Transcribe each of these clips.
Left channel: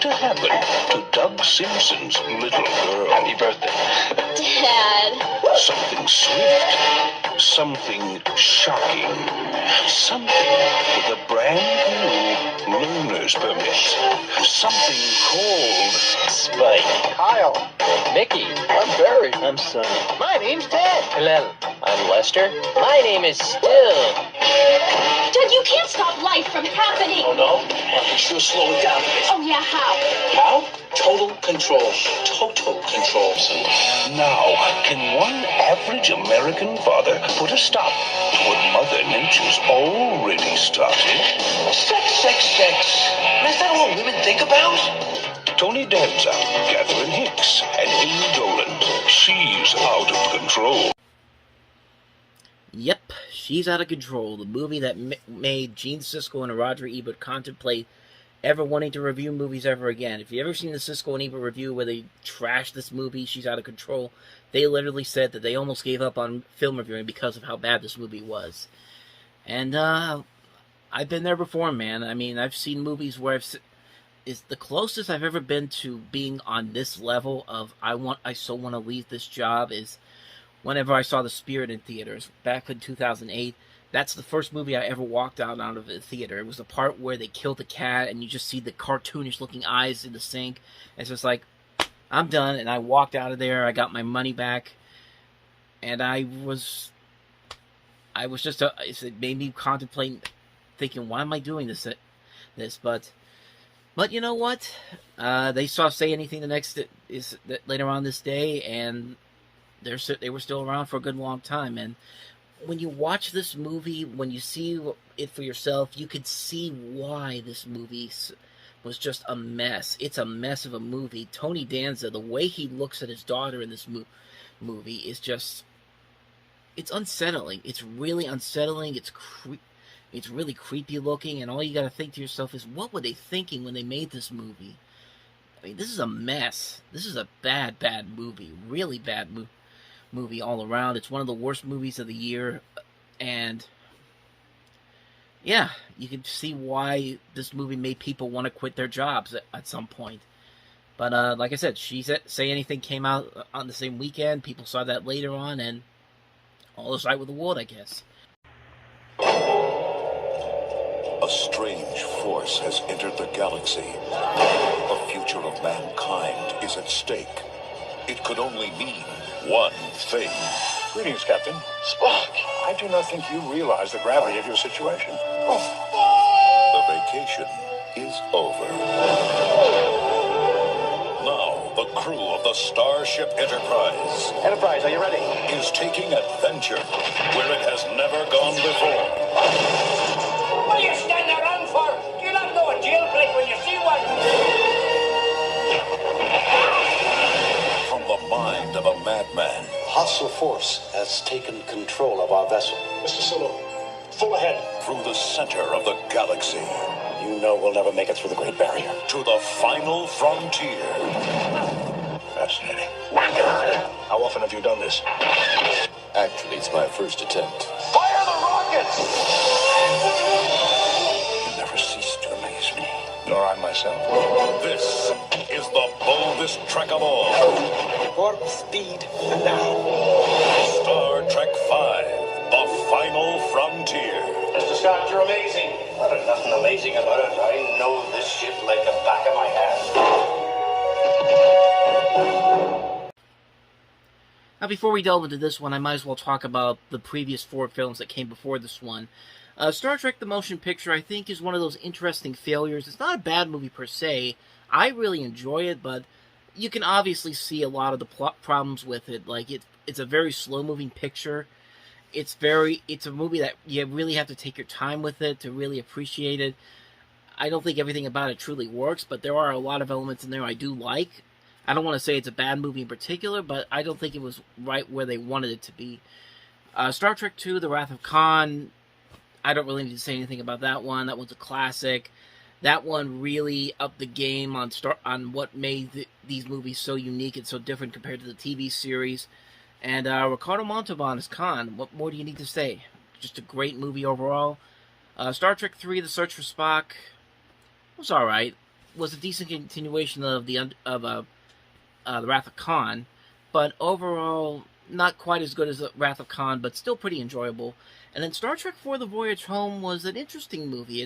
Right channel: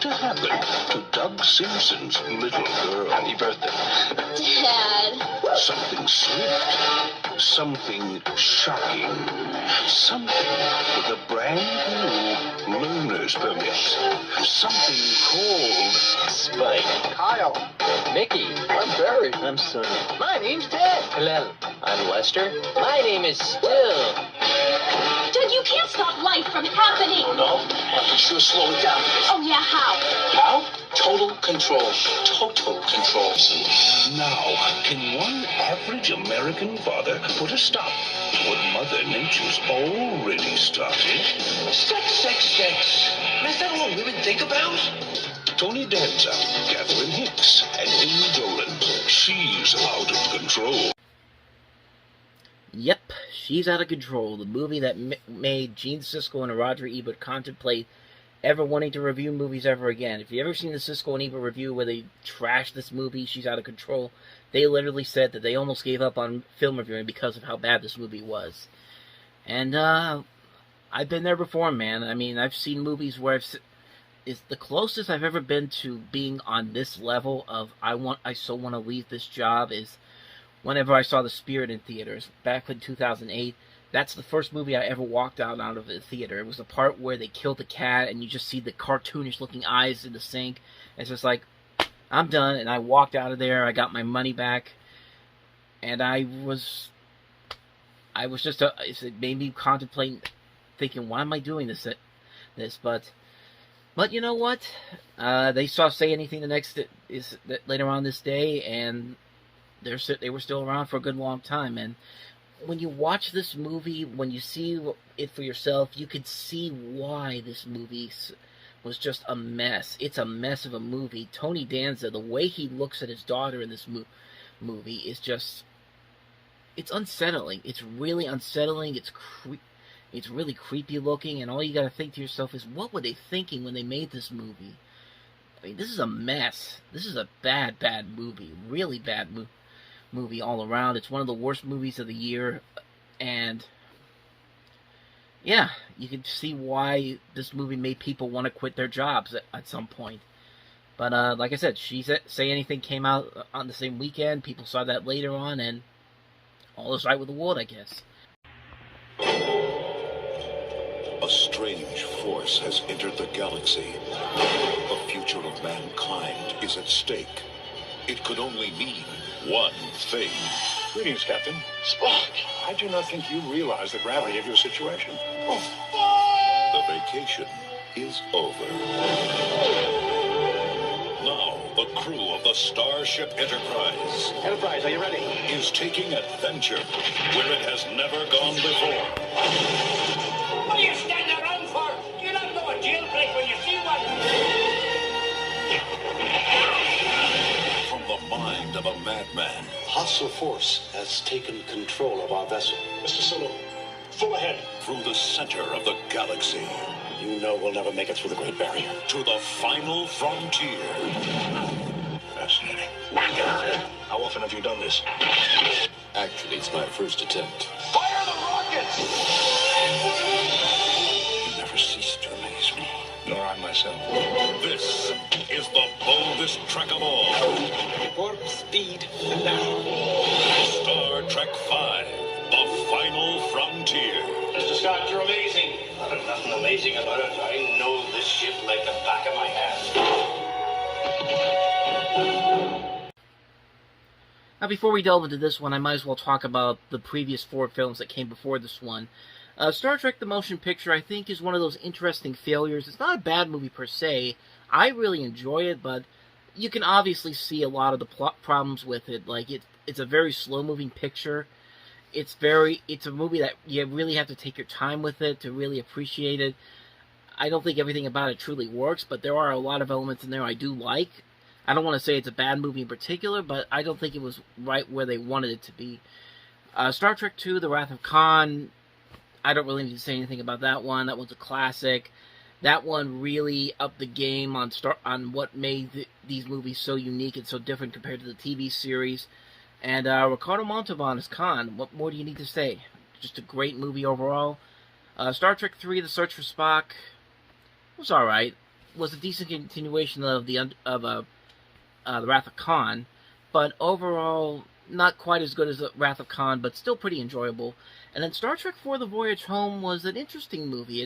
to happen to Doug Simpson's little girl? Happy birthday. Dad. Something swift, something shocking, something with a brand new learner's permit, something called Spike. Kyle. Mickey. I'm Barry. I'm Sonny. My name's Ted. Hello. I'm Lester. My name is Still. Dad, you can't stop life from happening. Oh, no? I can sure slow it down. Oh, yeah, how? How? Total control. Total control. Now, can one average American father put a stop to what Mother Nature's already started? Sex. Is that all women think about? Tony Danza, Catherine Hicks, and Amy Dolan. She's out of control. Yep, She's Out of Control, the movie that made Gene Siskel and Roger Ebert contemplate ever wanting to review movies ever again. If you've ever seen the Siskel and Ebert review where they trashed this movie, She's Out of Control, they literally said that they almost gave up on film reviewing because of how bad this movie was. And, I've been there before, man. I mean, I've seen movies where it's the closest I've ever been to being on this level of I so want to leave this job is whenever I saw The Spirit in theaters back in 2008. That's the first movie I ever walked out of the theater. It was the part where they killed the cat and you just see the cartoonish looking eyes in the sink. It's just like, I'm done. And I walked out of there. I got my money back. And it made me contemplate, thinking, why am I doing this? But you know what? They saw Say Anything later on this day, and they were still around for a good long time. And when you watch this movie, when you see it for yourself, you could see why this movie was just a mess. It's a mess of a movie. Tony Danza, the way he looks at his daughter in this movie is just, it's unsettling. It's really unsettling. It's really creepy looking, and all you gotta think to yourself is, what were they thinking when they made this movie? I mean, this is a mess. This is a bad movie. Really bad movie all around. It's one of the worst movies of the year, and yeah, you can see why this movie made people want to quit their jobs at some point. But like I said, Say Anything came out on the same weekend. People saw that later on, and all is right with the world, I guess. A strange force has entered the galaxy. The future of mankind is at stake. It could only mean one thing. Greetings, Captain. Spock. I do not think you realize the gravity of your situation. The vacation is over. Now, the crew of the Starship Enterprise Are you ready? is taking adventure where it has never gone before. What are you standing around for? Do you not know a jailbreak when you see one? From the mind of a madman Hostile force has taken control of our vessel. Mr. Sulu, full ahead. through the center of the galaxy You know we'll never make it through the Great Barrier. to the final frontier. Fascinating. How often have you done this? Actually, it's my first attempt. Fire the rockets! You never cease to amaze me. Nor I myself. This is the boldest trek of all. Warp speed now. Star Trek V, the final frontier. Mr. Scott, you're amazing. Well, there's nothing amazing about it. I know this ship like the back of my hand. Now, before we delve into this one, I might as well talk about the previous 4 films that came before this one. Star Trek The Motion Picture, I think, is one of those interesting failures. It's not a bad movie per se. I really enjoy it, but you can obviously see a lot of the plot problems with it. Like, it's a very slow-moving picture. It's a movie that you really have to take your time with it to really appreciate it. I don't think everything about it truly works, but there are a lot of elements in there I do like. I don't want to say it's a bad movie in particular, but I don't think it was right where they wanted it to be. Star Trek II, The Wrath of Khan, I don't really need to say anything about that one. That one's a classic. That one really upped the game on what made these movies so unique and so different compared to the TV series. And Ricardo Montalban as Khan. What more do you need to say? Just a great movie overall. Star Trek III, The Search for Spock, was alright. was a decent continuation of the Wrath of Khan, but overall not quite as good as the Wrath of Khan, but still pretty enjoyable. And then Star Trek IV: The Voyage Home was an interesting movie.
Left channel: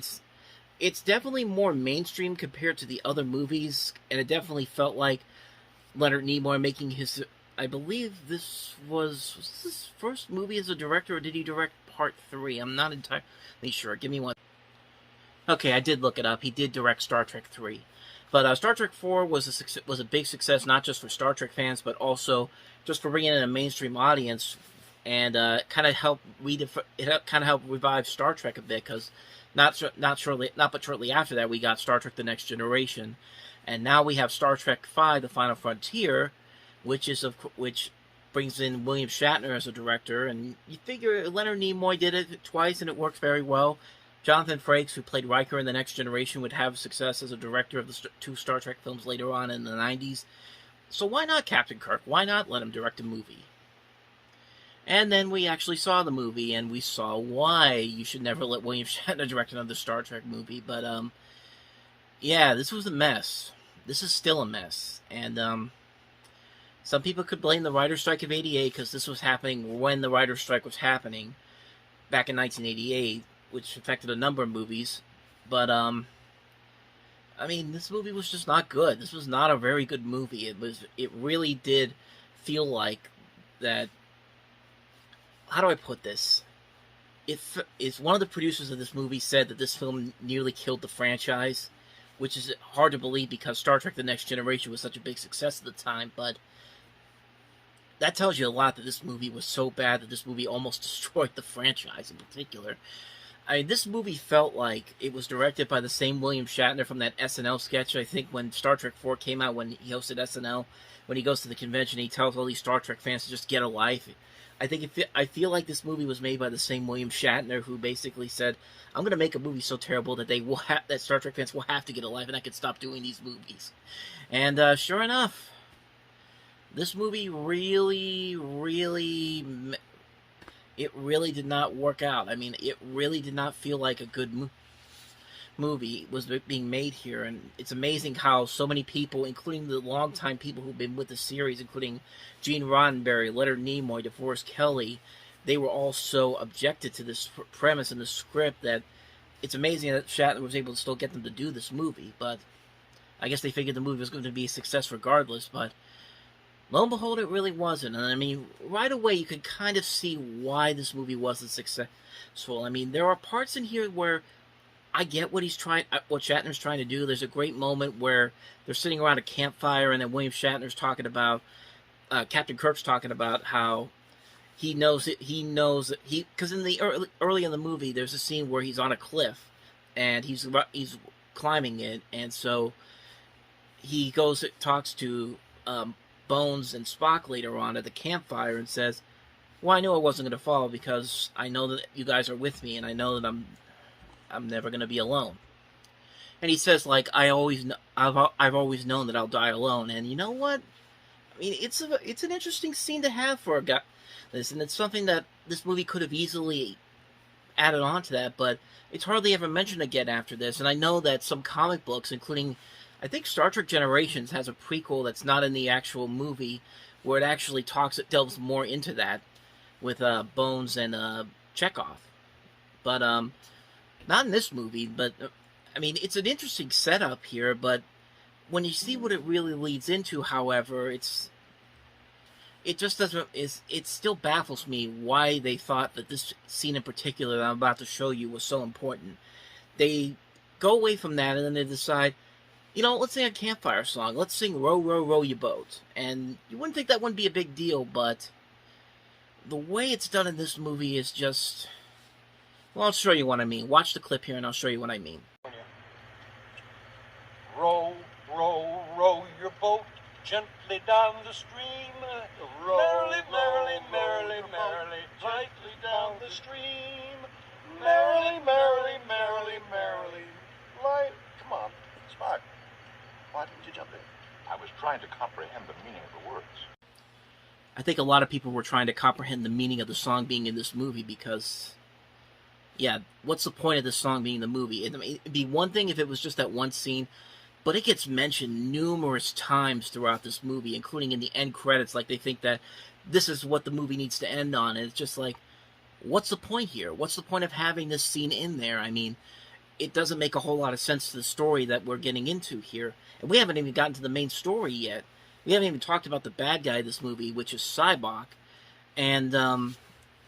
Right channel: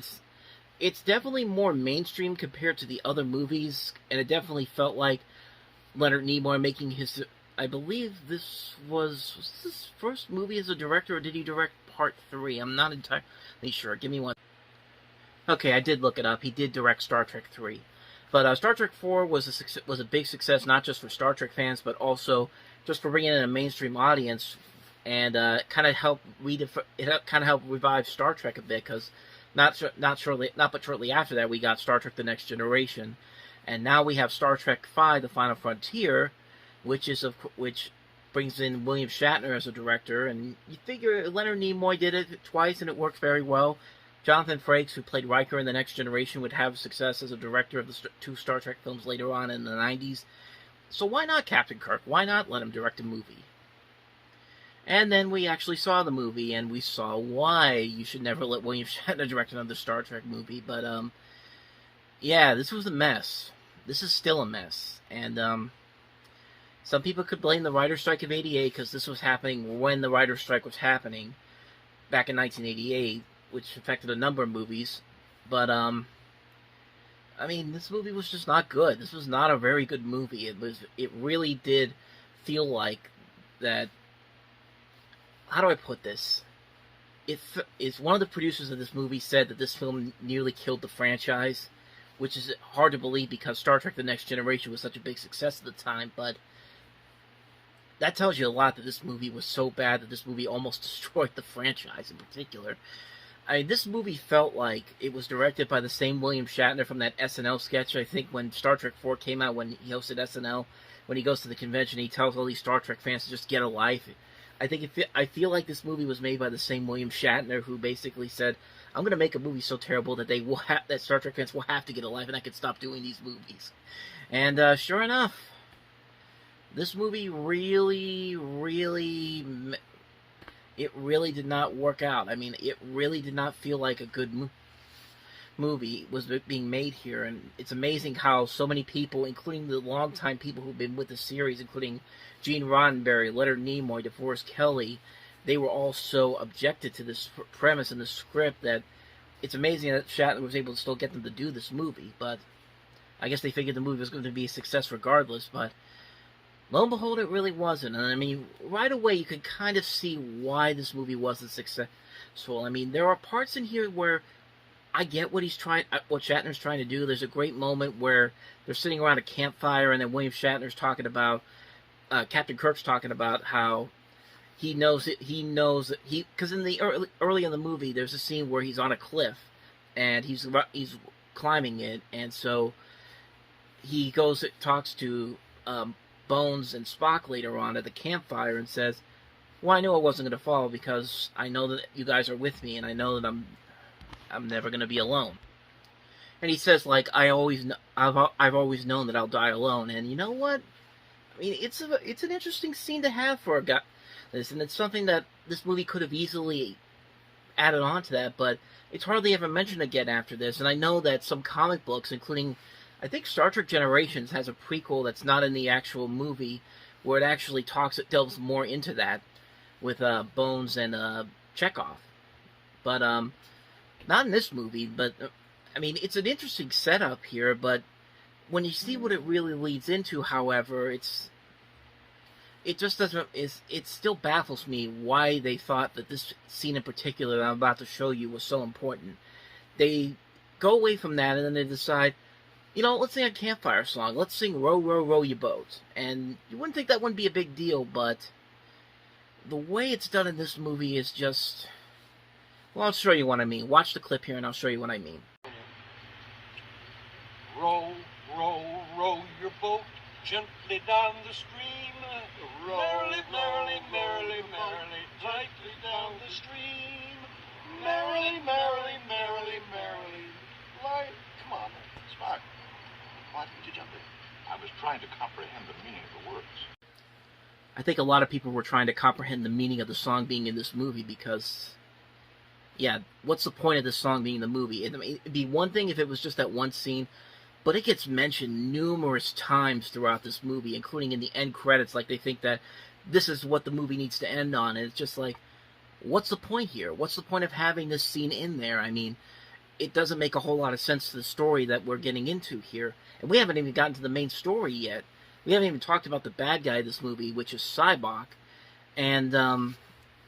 It's definitely more mainstream compared to the other movies, and it definitely felt like Leonard Nimoy making his... I believe this was this his first movie as a director, or did he direct Part 3? I'm not entirely sure. Give me one. Okay, I did look it up. He did direct Star Trek 3. But Star Trek 4 was a big success, not just for Star Trek fans, but also just for bringing in a mainstream audience, and kind of helped revive Star Trek a bit, because not but shortly after that we got Star Trek: The Next Generation, and now we have Star Trek V: The Final Frontier, which brings in William Shatner as a director, and you figure Leonard Nimoy did it twice and it worked very well. Jonathan Frakes, who played Riker in The Next Generation, would have success as a director of the 2 Star Trek films later on in the 90s. So why not Captain Kirk? Why not let him direct a movie? And then we actually saw the movie, and we saw why you should never let William Shatner direct another Star Trek movie. But, yeah, this was a mess. This is still a mess. And, some people could blame the writer's strike of '88, because this was happening when the writer's strike was happening, back in 1988, which affected a number of movies. But, I mean, this movie was just not good. This was not a very good movie. It really did feel like that... How do I put this? It's one of the producers of this movie said that this film nearly killed the franchise, which is hard to believe because Star Trek: The Next Generation was such a big success at the time, but that tells you a lot, that this movie was so bad that this movie almost destroyed the franchise in particular. I mean, this movie felt like it was directed by the same William Shatner from that SNL sketch, I think, when Star Trek 4 came out, when he hosted SNL. When he goes to the convention, he tells all these Star Trek fans to just get a life. I feel like this movie was made by the same William Shatner, who basically said, I'm going to make a movie so terrible that that Star Trek fans will have to get a life, and I can stop doing these movies. And sure enough, this movie really did not work out. I mean, it really did not feel like a good movie was being made here, and it's amazing how so many people, including the longtime people who've been with the series, including Gene Roddenberry, Leonard Nimoy, DeForest Kelley, they were all so objected to this premise and the script that it's amazing that Shatner was able to still get them to do this movie. But I guess they figured the movie was going to be a success regardless, but lo and behold, it really wasn't. And I mean, right away, you can kind of see why this movie wasn't successful. I mean, there are parts in here where I get what Shatner's trying to do. There's a great moment where they're sitting around a campfire, and then William Shatner's talking about, Captain Kirk's talking about how because in the early in the movie, there's a scene where he's on a cliff, and he's climbing it, and so he talks to Bones and Spock later on at the campfire and says, well, I knew I wasn't going to fall because I know that you guys are with me, and I know that I'm never going to be alone. And he says, like, I've always known that I'll die alone. And you know what? I mean, it's an interesting scene to have for a guy. And it's something that this movie could have easily added on to that, but it's hardly ever mentioned again after this. And I know that some comic books, including, I think Star Trek Generations has a prequel that's not in the actual movie, where it actually delves more into that with Bones and Chekhov. But not in this movie. But I mean, it's an interesting setup here. But when you see what it really leads into, however, it still baffles me why they thought that this scene in particular that I'm about to show you was so important. They go away from that, and then they decide, you know, let's sing a campfire song. Let's sing Row, Row, Row Your Boat. And you wouldn't think that wouldn't be a big deal, but the way it's done in this movie is just... Well, I'll show you what I mean. Watch the clip here, and I'll show you what I mean. Row, row, row your boat gently down the stream. Row, merrily, merrily, merrily, merrily, gently down the stream. Merrily, merrily, merrily, merrily. Light, come on, Spock. Why didn't you jump in? I was trying to comprehend the meaning of the words. I think a lot of people were trying to comprehend the meaning of the song being in this movie because, yeah, what's the point of this song being in the movie? It'd be one thing if it was just that one scene, but it gets mentioned numerous times throughout this movie, including in the end credits. Like, they think that this is what the movie needs to end on, and it's just like, what's the point here? What's the point of having this scene in there? I mean, it doesn't make a whole lot of sense to the story that we're getting into here, and we haven't even gotten to the main story yet. We haven't even talked about the bad guy of this movie, which is Sybok. And the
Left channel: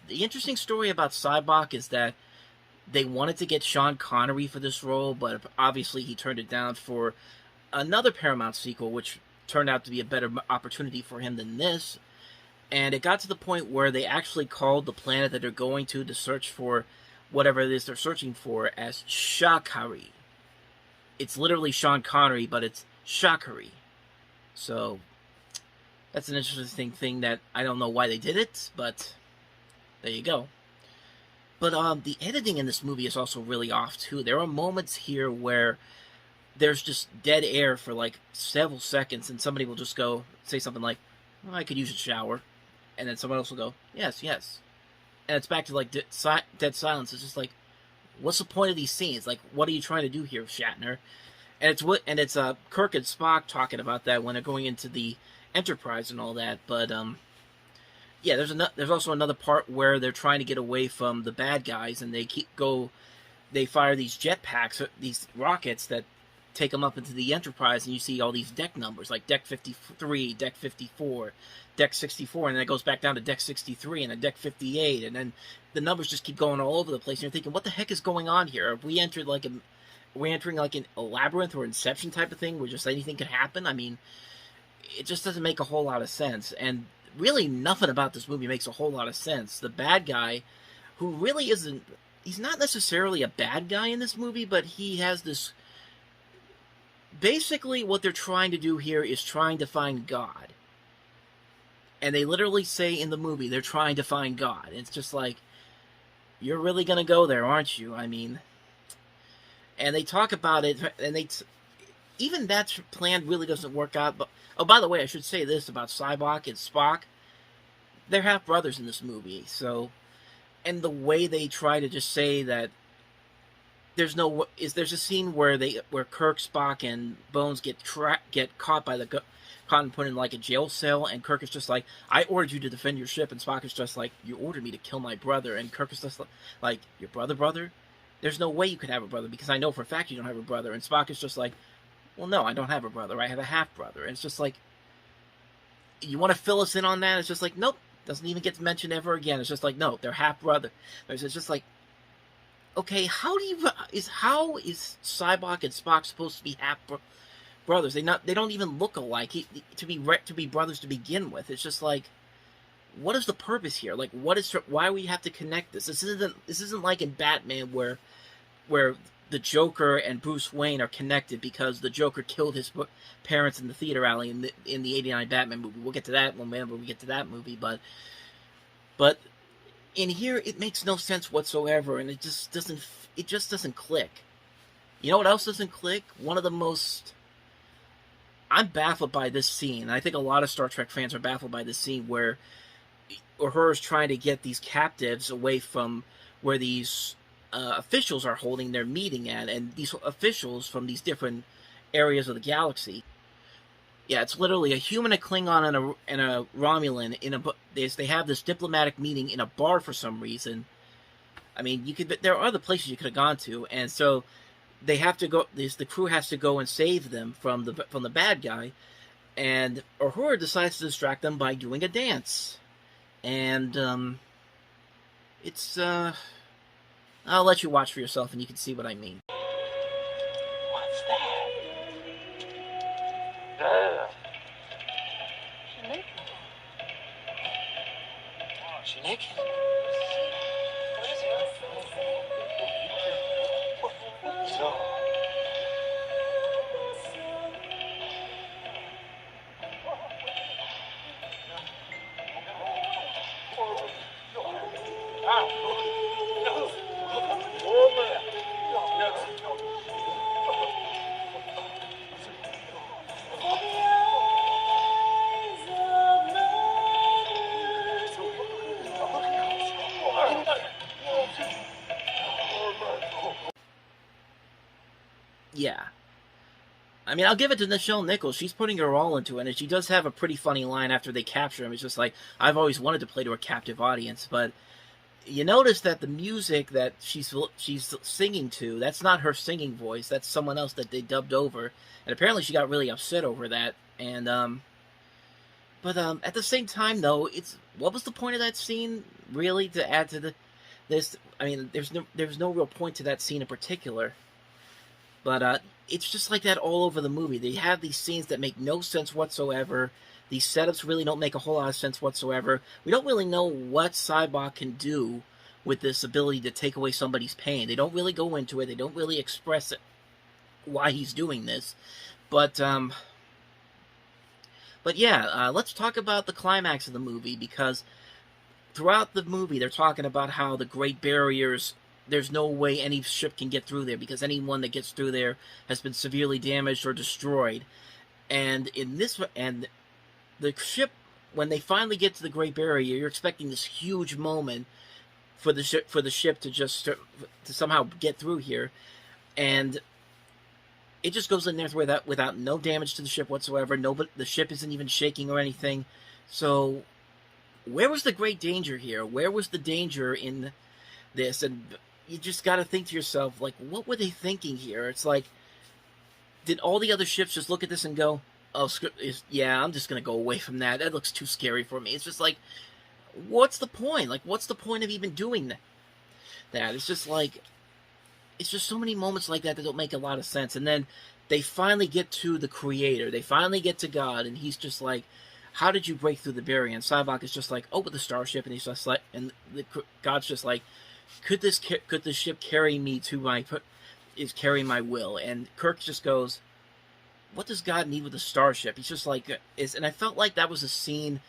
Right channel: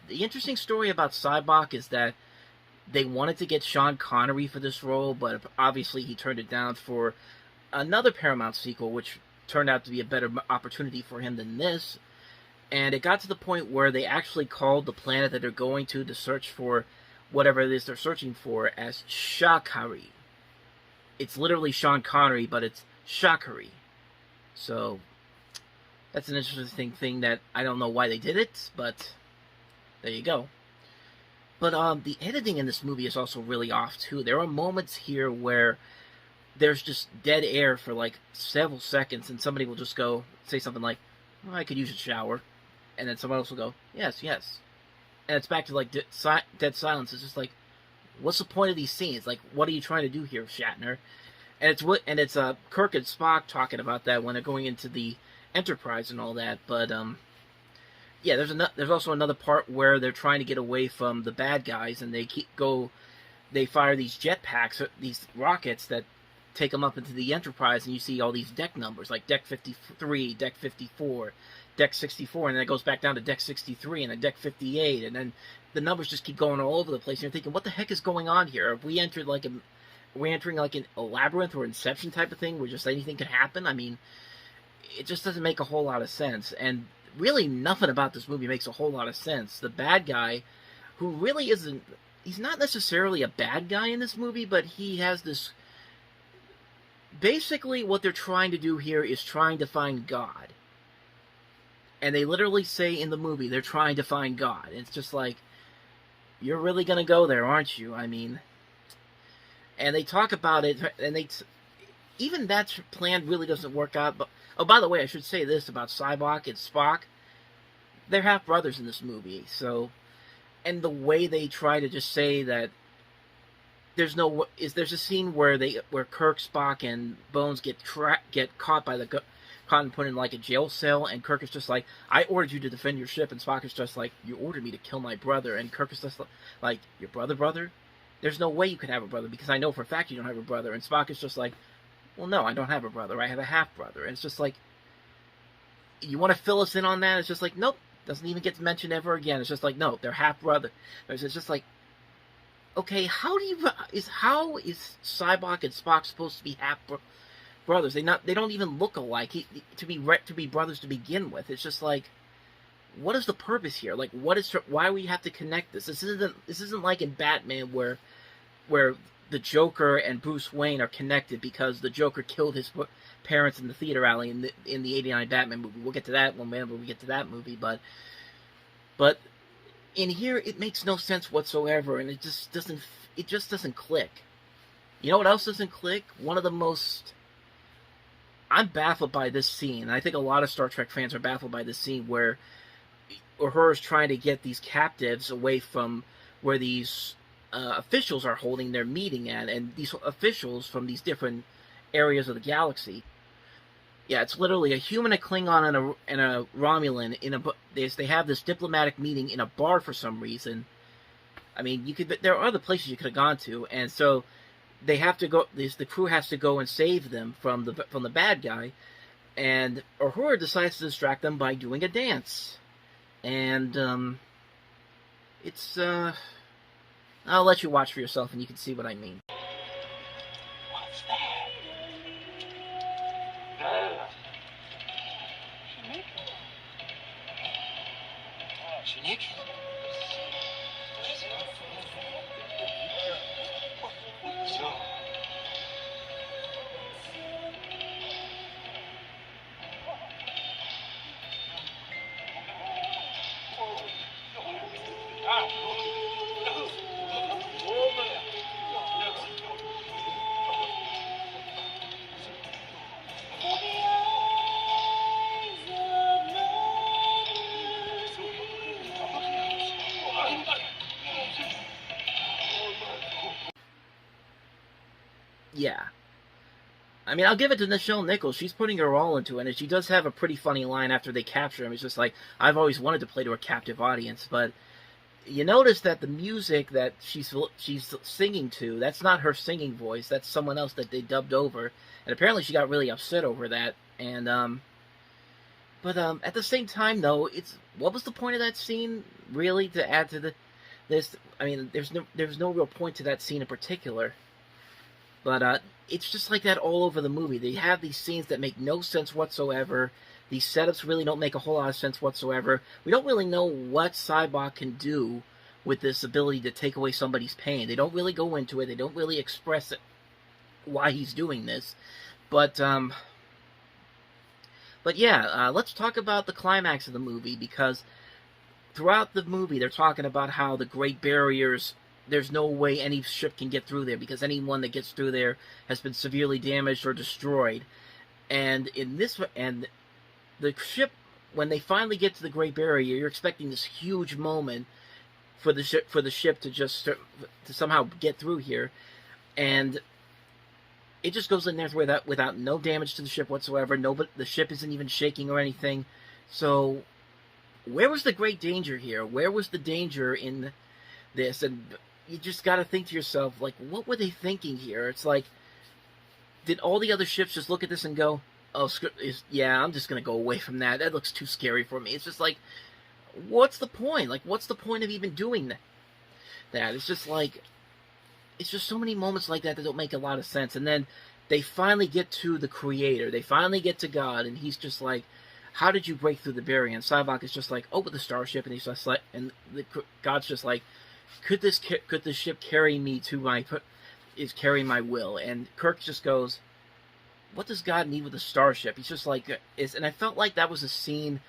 interesting story about Sybok is that they wanted to get Sean Connery for this role, but obviously he turned it down for another Paramount sequel, which turned out to be a better opportunity for him than this. And it got to the point where they actually called the planet that they're going to search for whatever it is they're searching for as Shakari. It's literally Sean Connery, but it's Shakari. So, that's an interesting thing that I don't know why they did it, but there you go. But the editing in this movie is also really off, too. There are moments here where there's just dead air for, like, several seconds, and somebody will just go, say something like, oh, I could use a shower. And then someone else will go, yes, yes. And it's back to, like, dead silence. It's just like, what's the point of these scenes? Like, what are you trying to do here, Shatner? And it's Kirk and Spock talking about that when they're going into the Enterprise and all that. But yeah, there's also another part where they're trying to get away from the bad guys, and they fire these jetpacks, these rockets that take them up into the Enterprise, and you see all these deck numbers, like Deck 53, Deck 54, Deck 64, and then it goes back down to Deck 63, and then Deck 58, and then the numbers just keep going all over the place, and you're thinking, what the heck is going on here? Have we entered like we're entering like a labyrinth or Inception type of thing where just anything can happen? I mean, it just doesn't make a whole lot of sense. And really nothing about this movie makes a whole lot of sense. The bad guy, who really isn't, he's not necessarily a bad guy in this movie, but he has this, basically what they're trying to do here is trying to find God. And they literally say in the movie, they're trying to find God. And it's just like, you're really going to go there, aren't you? I mean, and they talk about it, and even that plan really doesn't work out. But oh, by the way, I should say this about Sybok and Spock. They're half brothers in this movie. So, and the way they try to just say that there's a scene where Kirk, Spock, and Bones get caught by the caught and put in like a jail cell, and Kirk is just like, I ordered you to defend your ship, and Spock is just like, you ordered me to kill my brother, and Kirk is just like, your brother? There's no way you could have a brother, because I know for a fact you don't have a brother. And Spock is just like, well, no, I don't have a brother. I have a half-brother. And it's just like, you want to fill us in on that? It's just like, nope, doesn't even get mentioned ever again. It's just like, no, they're half-brother. It's just like, okay, how is Sybok and Spock supposed to be half-brothers? They don't even look alike to be brothers to begin with. It's just like, what is the purpose here? Like, why we have to connect this? This isn't like in Batman where the Joker and Bruce Wayne are connected because the Joker killed his parents in the theater alley in the '89 Batman movie. We'll get to that whenever we get to that movie, but in here it makes no sense whatsoever, and it just doesn't click. You know what else doesn't click? I'm baffled by this scene. I think a lot of Star Trek fans are baffled by this scene where Uhura's trying to get these captives away from where these officials are holding their meeting at, and these officials from these different areas of the galaxy. Yeah, it's literally a human, a Klingon, and a Romulan they have this diplomatic meeting in a bar for some reason. I mean, there are other places you could have gone to, and so they have to go. The crew has to go and save them from the bad guy, and Uhura decides to distract them by doing a dance. And it's I'll let you watch for yourself, and you can see what I mean. What's that? Nicking. It's Nick. So. Yeah. I mean, I'll give it to Nichelle Nichols. She's putting her all into it, and she does have a pretty funny line after they capture him. It's just like, I've always wanted to play to a captive audience, but you notice that the music that she's singing to, that's not her singing voice. That's someone else that they dubbed over. And apparently she got really upset over that. And, but at the same time, though, what was the point of that scene, really, to add to this? I mean, there's no real point to that scene in particular. But it's just like that all over the movie. They have these scenes that make no sense whatsoever. These setups really don't make a whole lot of sense whatsoever. We don't really know what Cybok can do with this ability to take away somebody's pain. They don't really go into it. They don't really express it, why he's doing this. But yeah, let's talk about the climax of the movie, because throughout the movie they're talking about how the Great Barriers, there's no way any ship can get through there, because anyone that gets through there has been severely damaged or destroyed. And the ship, when they finally get to the Great Barrier, you're expecting this huge moment for the ship to just to somehow get through here, and it just goes in there without no damage to the ship whatsoever. The ship isn't even shaking or anything. So, where was the great danger here? Where was the danger in this? And you just got to think to yourself, like, what were they thinking here? It's like, did all the other ships just look at this and go, oh, yeah, I'm just going to go away from that. That looks too scary for me. It's just like, what's the point? Like, what's the point of even doing that? It's just like, it's just so many moments like that don't make a lot of sense. And then they finally get to the Creator. They finally get to God, and he's just like, how did you break through the barrier? And Cybok is just like, oh, with the starship. And he's just like, and God's just like, could this ship carry me to carry my will? And Kirk just goes, what does God need with a starship? He's just like, and I felt like that was a scene,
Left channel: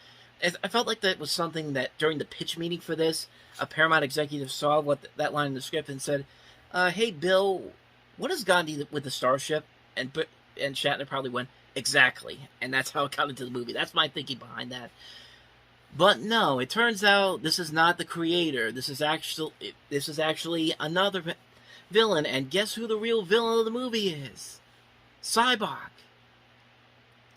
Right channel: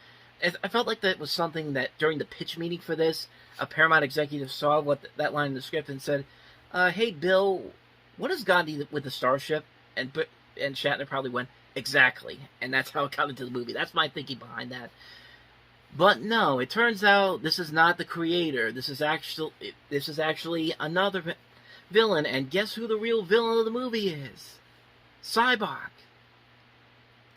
I felt like that was something that during the pitch meeting for this, a Paramount executive saw that line in the script and said, hey, Bill, what does God need with the starship? And Shatner probably went, exactly. And that's how it got into the movie. That's my thinking behind that. But no, it turns out this is not the Creator. This is actually another villain. And guess who the real villain of the movie is? Cybok.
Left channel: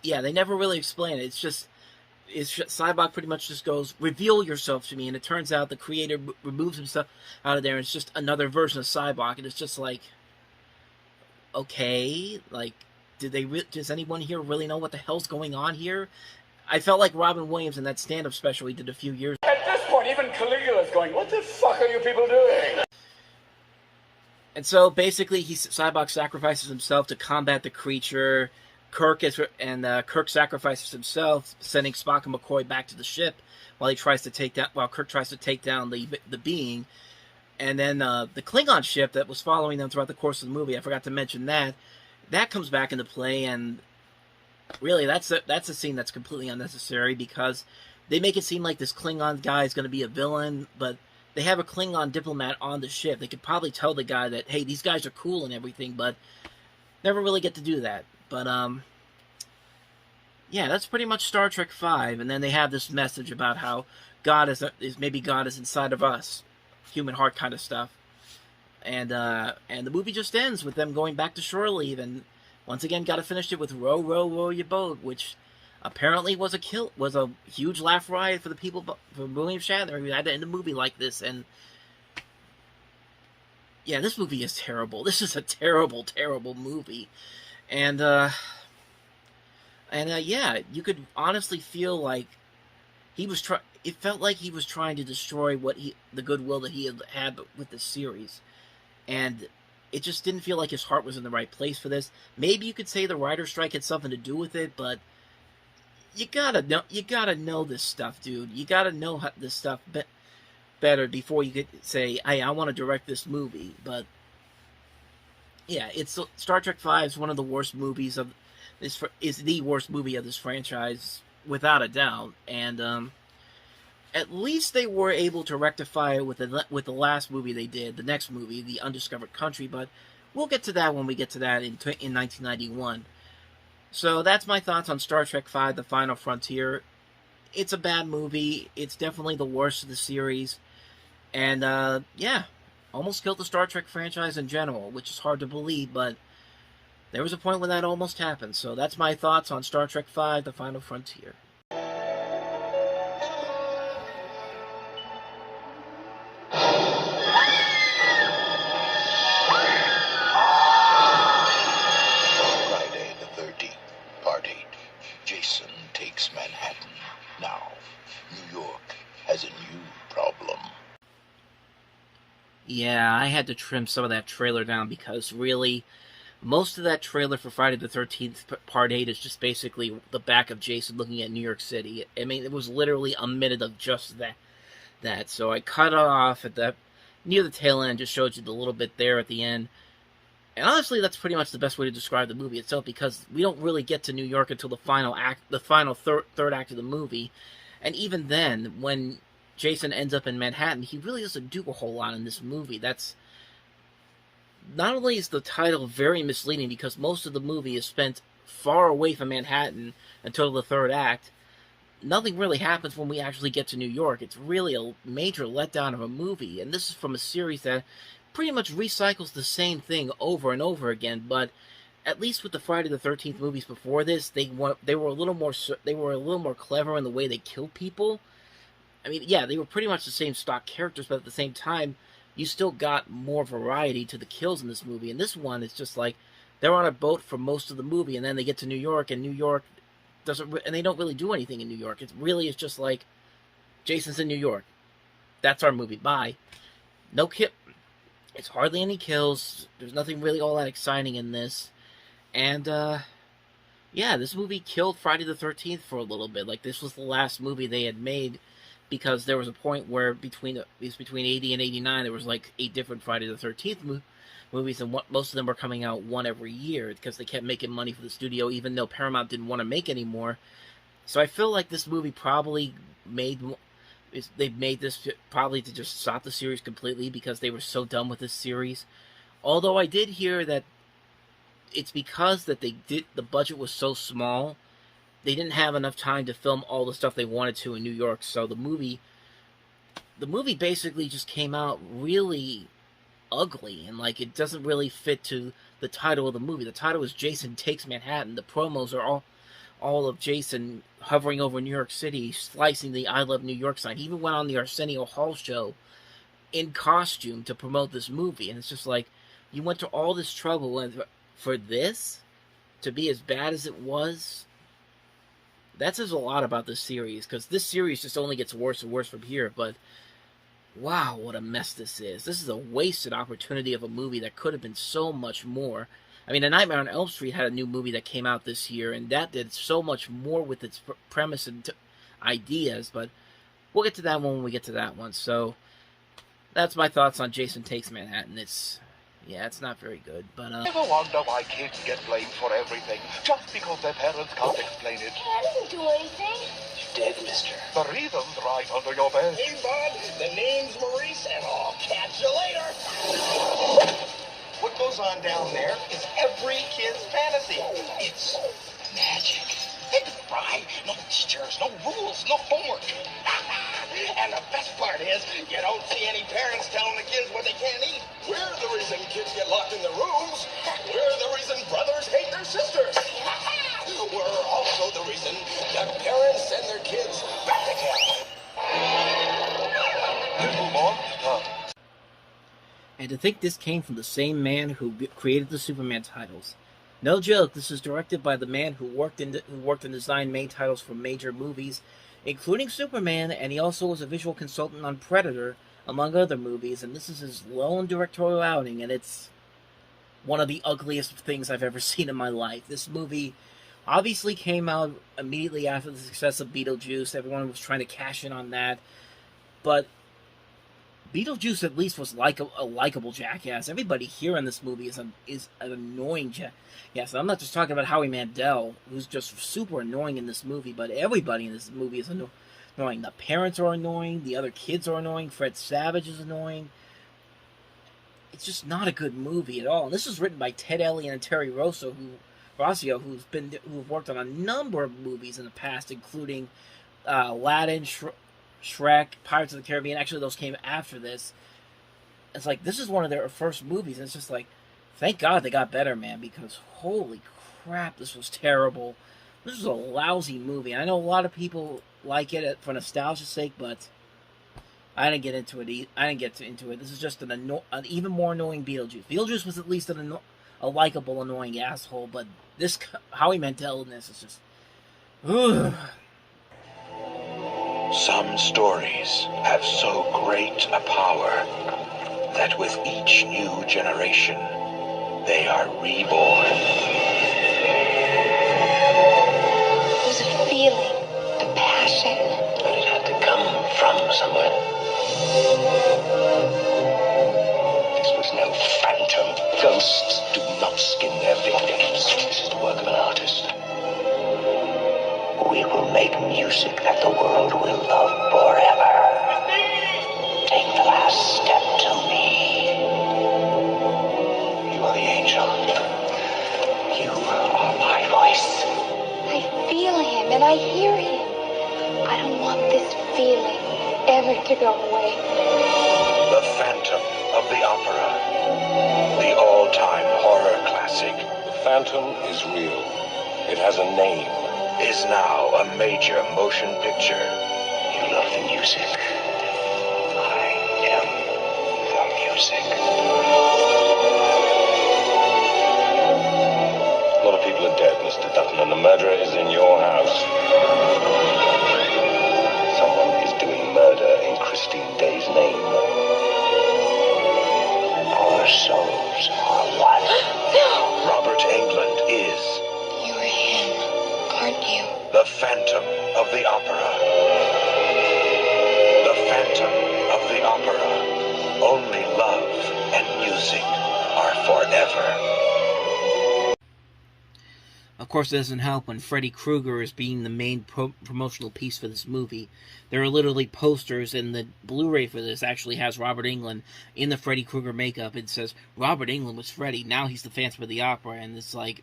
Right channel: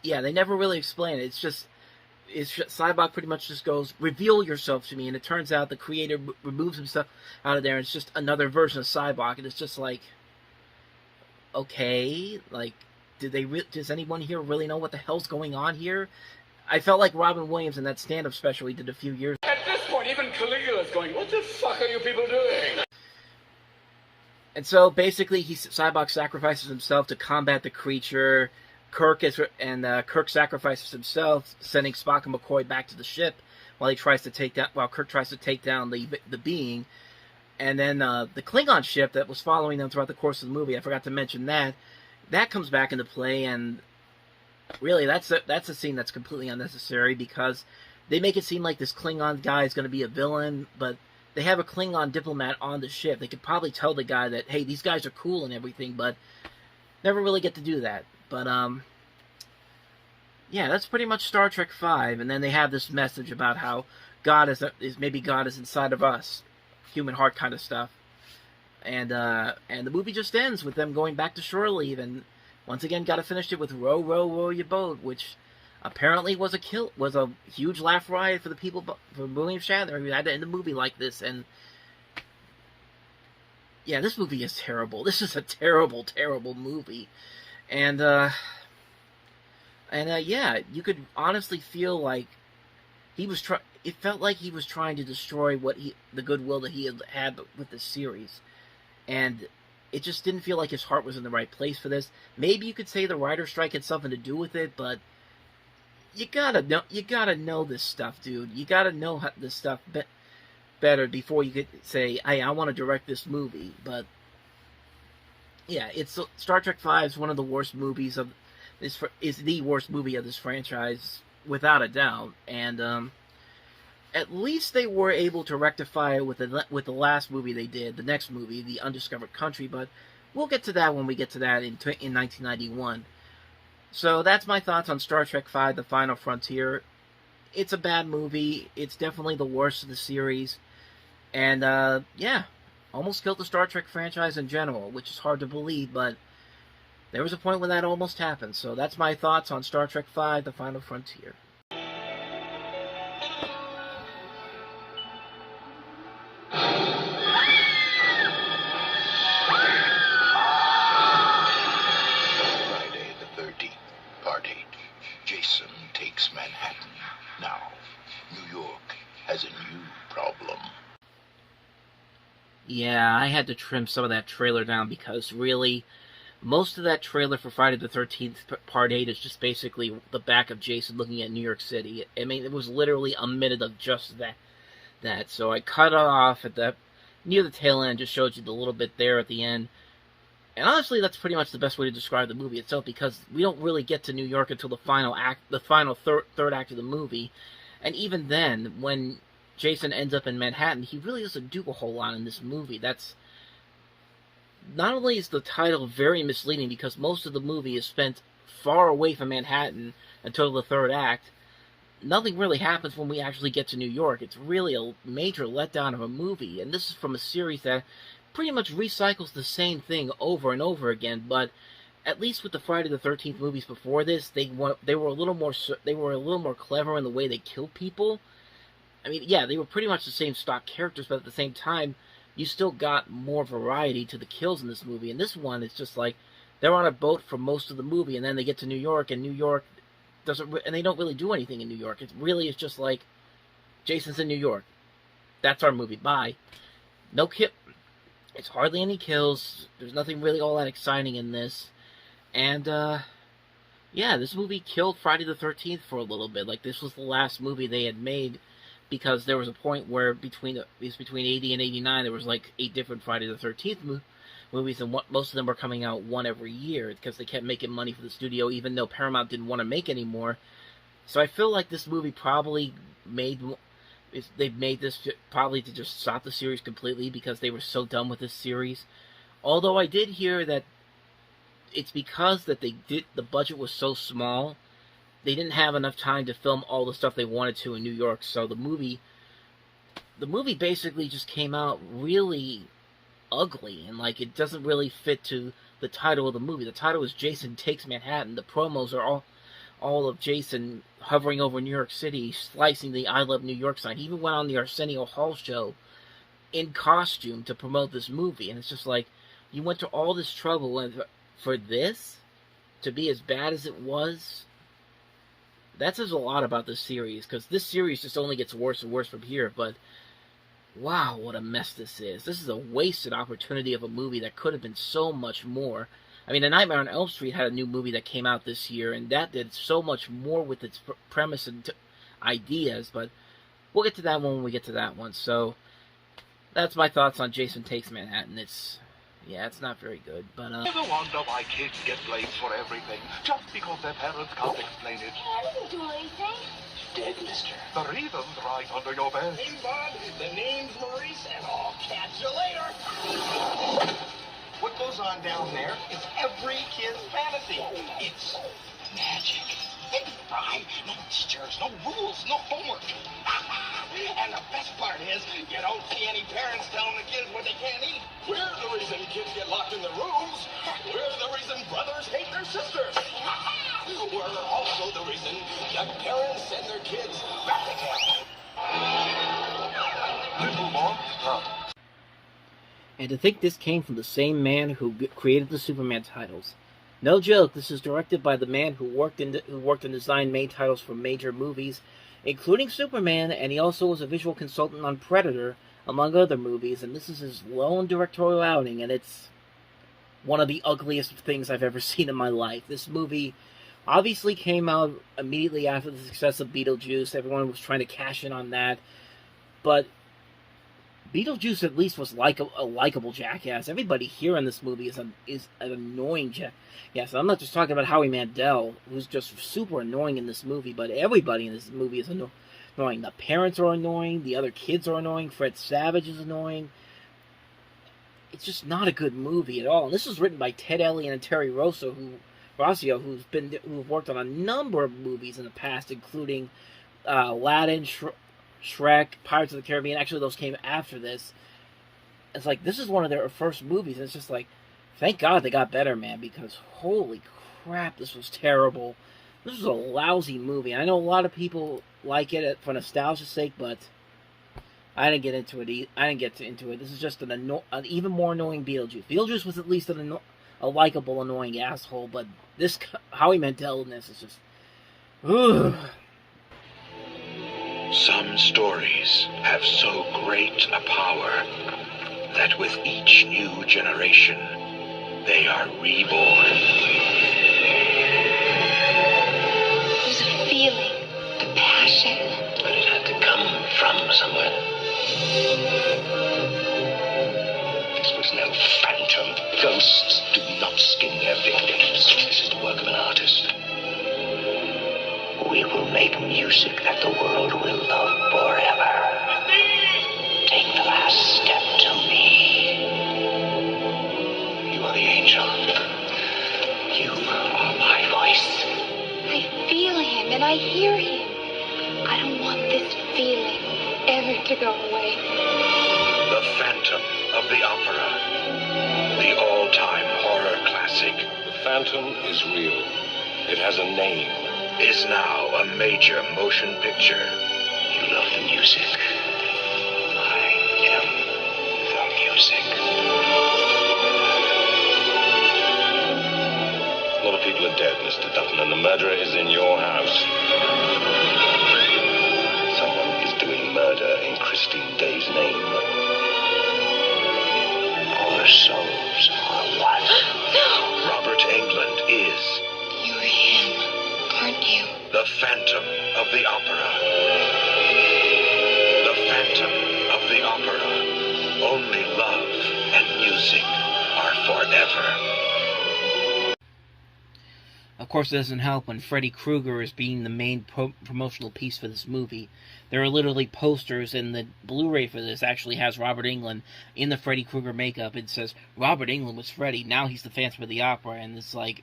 Yeah, they never really explain it. Cybok pretty much just goes, reveal yourself to me, and it turns out the Creator removes himself out of there, and it's just another version of Cybok, and it's just like, okay, like, does anyone here really know what the hell's going on here? I felt like Robin Williams in that stand-up special he did a few years ago. At this point, even Caligula's going, what the fuck are you people doing? And so, basically, Cybok sacrifices himself to combat the creature. Kirk sacrifices himself, sending Spock and McCoy back to the ship while Kirk tries to take down the being. And then the Klingon ship that was following them throughout the course of the movie, I forgot to mention that comes back into play, and really that's a scene that's completely unnecessary, because they make it seem like this Klingon guy is going to be a villain, but they have a Klingon diplomat on the ship. They could probably tell the guy that, hey, these guys are cool and everything, but never really get to do that. But, yeah, that's pretty much Star Trek V. And then they have this message about how maybe God is inside of us. Human heart kind of stuff. And the movie just ends with them going back to shore leave. And once again, got to finish it with row, row, row your boat, which apparently was a huge laugh riot for the people, for William Shatner, who had to end the movie like this. And yeah, this movie is terrible. This is a terrible, terrible movie. And yeah, you could honestly feel like it felt like he was trying to destroy the goodwill that he had with this series. And it just didn't feel like his heart was in the right place for this. Maybe you could say the writer's strike had something to do with it, but you gotta know this stuff, dude. You gotta know this stuff better before you could say, hey, I want to direct this movie. But yeah, Star Trek V is one of the worst movies of this. Is the worst movie of this franchise, without a doubt. And at least they were able to rectify it with the last movie they did, the next movie, The Undiscovered Country. But we'll get to that when we get to that in 1991. So that's my thoughts on Star Trek V: The Final Frontier. It's a bad movie. It's definitely the worst of the series. And yeah, almost killed the Star Trek franchise in general, which is hard to believe, but there was a point when that almost happened. So that's my thoughts on Star Trek V, The Final Frontier. Friday the 13th, Part 8. Jason takes Manhattan. Now, New York has a new problem. Yeah, I had to trim some of that trailer down because really, most of that trailer for Friday the 13th Part 8 is just basically the back of Jason looking at New York City. I mean, it was literally a minute of just that. So I cut it off at near the tail end, just showed you the little bit there at the end. And honestly, that's pretty much the best way to describe the movie itself, because we don't really get to New York until the final third act of the movie. And even then, when Jason ends up in Manhattan, he really doesn't do a whole lot in this movie. That's not only is the title very misleading because most of the movie is spent far away from Manhattan until the third act, nothing really happens when we actually get to New York. It's really a major letdown of a movie, and this is from a series that pretty much recycles the same thing over and over again. But at least with the Friday the 13th movies before this, they were a little more clever in the way they killed people. I mean, yeah, they were pretty much the same stock characters, but at the same time, you still got more variety to the kills in this movie. And this one is just like, they're on a boat for most of the movie, and then they get to New York, and New York and they don't really do anything in New York. It really is just like, Jason's in New York. That's our movie. Bye. No kill. It's hardly any kills. There's nothing really all that exciting in this. And, yeah, this movie killed Friday the 13th for a little bit. Like, this was the last movie they had made, because there was a point where between 80 and 89, there was like 8 different Friday the 13th movies, and most of them were coming out one every year, because they kept making money for the studio, even though Paramount didn't want to make any more. So I feel like this movie probably they made this probably to just stop the series completely, because they were so done with this series. Although I did hear that it's because that the budget was so small, they didn't have enough time to film all the stuff they wanted to in New York. So the movie basically just came out really ugly, and like, it doesn't really fit to the title of the movie. The title is Jason Takes Manhattan. The promos are all of Jason hovering over New York City, slicing the I Love New York sign. He even went on the Arsenio Hall show in costume to promote this movie, and it's just like, you went to all this trouble and for this to be as bad as it was. That says a lot about this series, because this series just only gets worse and worse from here. But wow, what a mess this is. This is a wasted opportunity of a movie that could have been so much more. I mean, A Nightmare on Elm Street had a new movie that came out this year, and that did so much more with its premise and ideas. But we'll get to that one when we get to that one. So that's my thoughts on Jason Takes Manhattan. It's not very good, but Ever wonder why kids get blamed for everything just because their parents can't explain it? I didn't do anything. You did, mister. The reason's right under your bed. Hey, bud, the name's Maurice, and I'll catch you later. What goes on down there is every kid's fantasy. It's magic. Think of it, Brian. No teachers, no rules, no homework. And the best part is, you don't see any parents telling the kids what they can't eat. We're the reason kids get locked in their rooms. We're the reason brothers hate their sisters. We're also the reason that parents send their kids back to camp. Little monster. and to think this came from the same man who created the Superman titles. No joke, this is directed by the man who worked and designed main titles for major movies, including Superman, and he also was a visual consultant on Predator, among other movies, and this is his lone directorial outing, and it's one of the ugliest things I've ever seen in my life. This movie obviously came out immediately after the success of Beetlejuice. Everyone was trying to cash in on that, but Beetlejuice at least was a likable jackass. Everybody here in this movie is an annoying jackass. I'm not just talking about Howie Mandel, who's just super annoying in this movie, but everybody in this movie is annoying. The parents are annoying, the other kids are annoying, Fred Savage is annoying. It's just not a good movie at all. And this was written by Ted Elliott and Terry Rossio, who've worked on a number of movies in the past, including Aladdin, Shrek, Pirates of the Caribbean. Actually, those came after this. It's like, this is one of their first movies, and it's just like, Thank God they got better, man, because holy crap, this was terrible. This was a lousy movie. I know a lot of people like it for nostalgia's sake, but I didn't get into it. I didn't get into it. This is just an even more annoying Beetlejuice. Beetlejuice was at least a likable, annoying asshole, but this Howie Mandelness is just... Ugh. Some stories have so great a power that with each new generation, they are reborn. There's a feeling, a passion. But it had to come from somewhere. This was no phantom. Ghosts do not skin their victims. This is the work of an artist. We will make music that the world will love forever. Take the last step to me. You are the angel. You are my voice. I feel him and I hear him. I don't want this feeling ever to go away. The Phantom of the Opera. The all-time horror classic. The Phantom is real. It has a name. Is now a major motion picture. You love the music. I am the music. A lot of people are dead, Mr. Dutton, and the murderer is in your house. Someone is doing murder in Christine Day's name. Our souls are one. No! Robert Englund is... You're him, aren't you? The Phantom of the Opera. The Phantom of the Opera. Only love and music are forever. Of course, it doesn't help when Freddy Krueger is being the main promotional piece for this movie. There are literally posters, and the Blu-ray for this actually has Robert Englund in the Freddy Krueger makeup. It says, Robert Englund was Freddy, now he's the Phantom of the Opera, and it's like,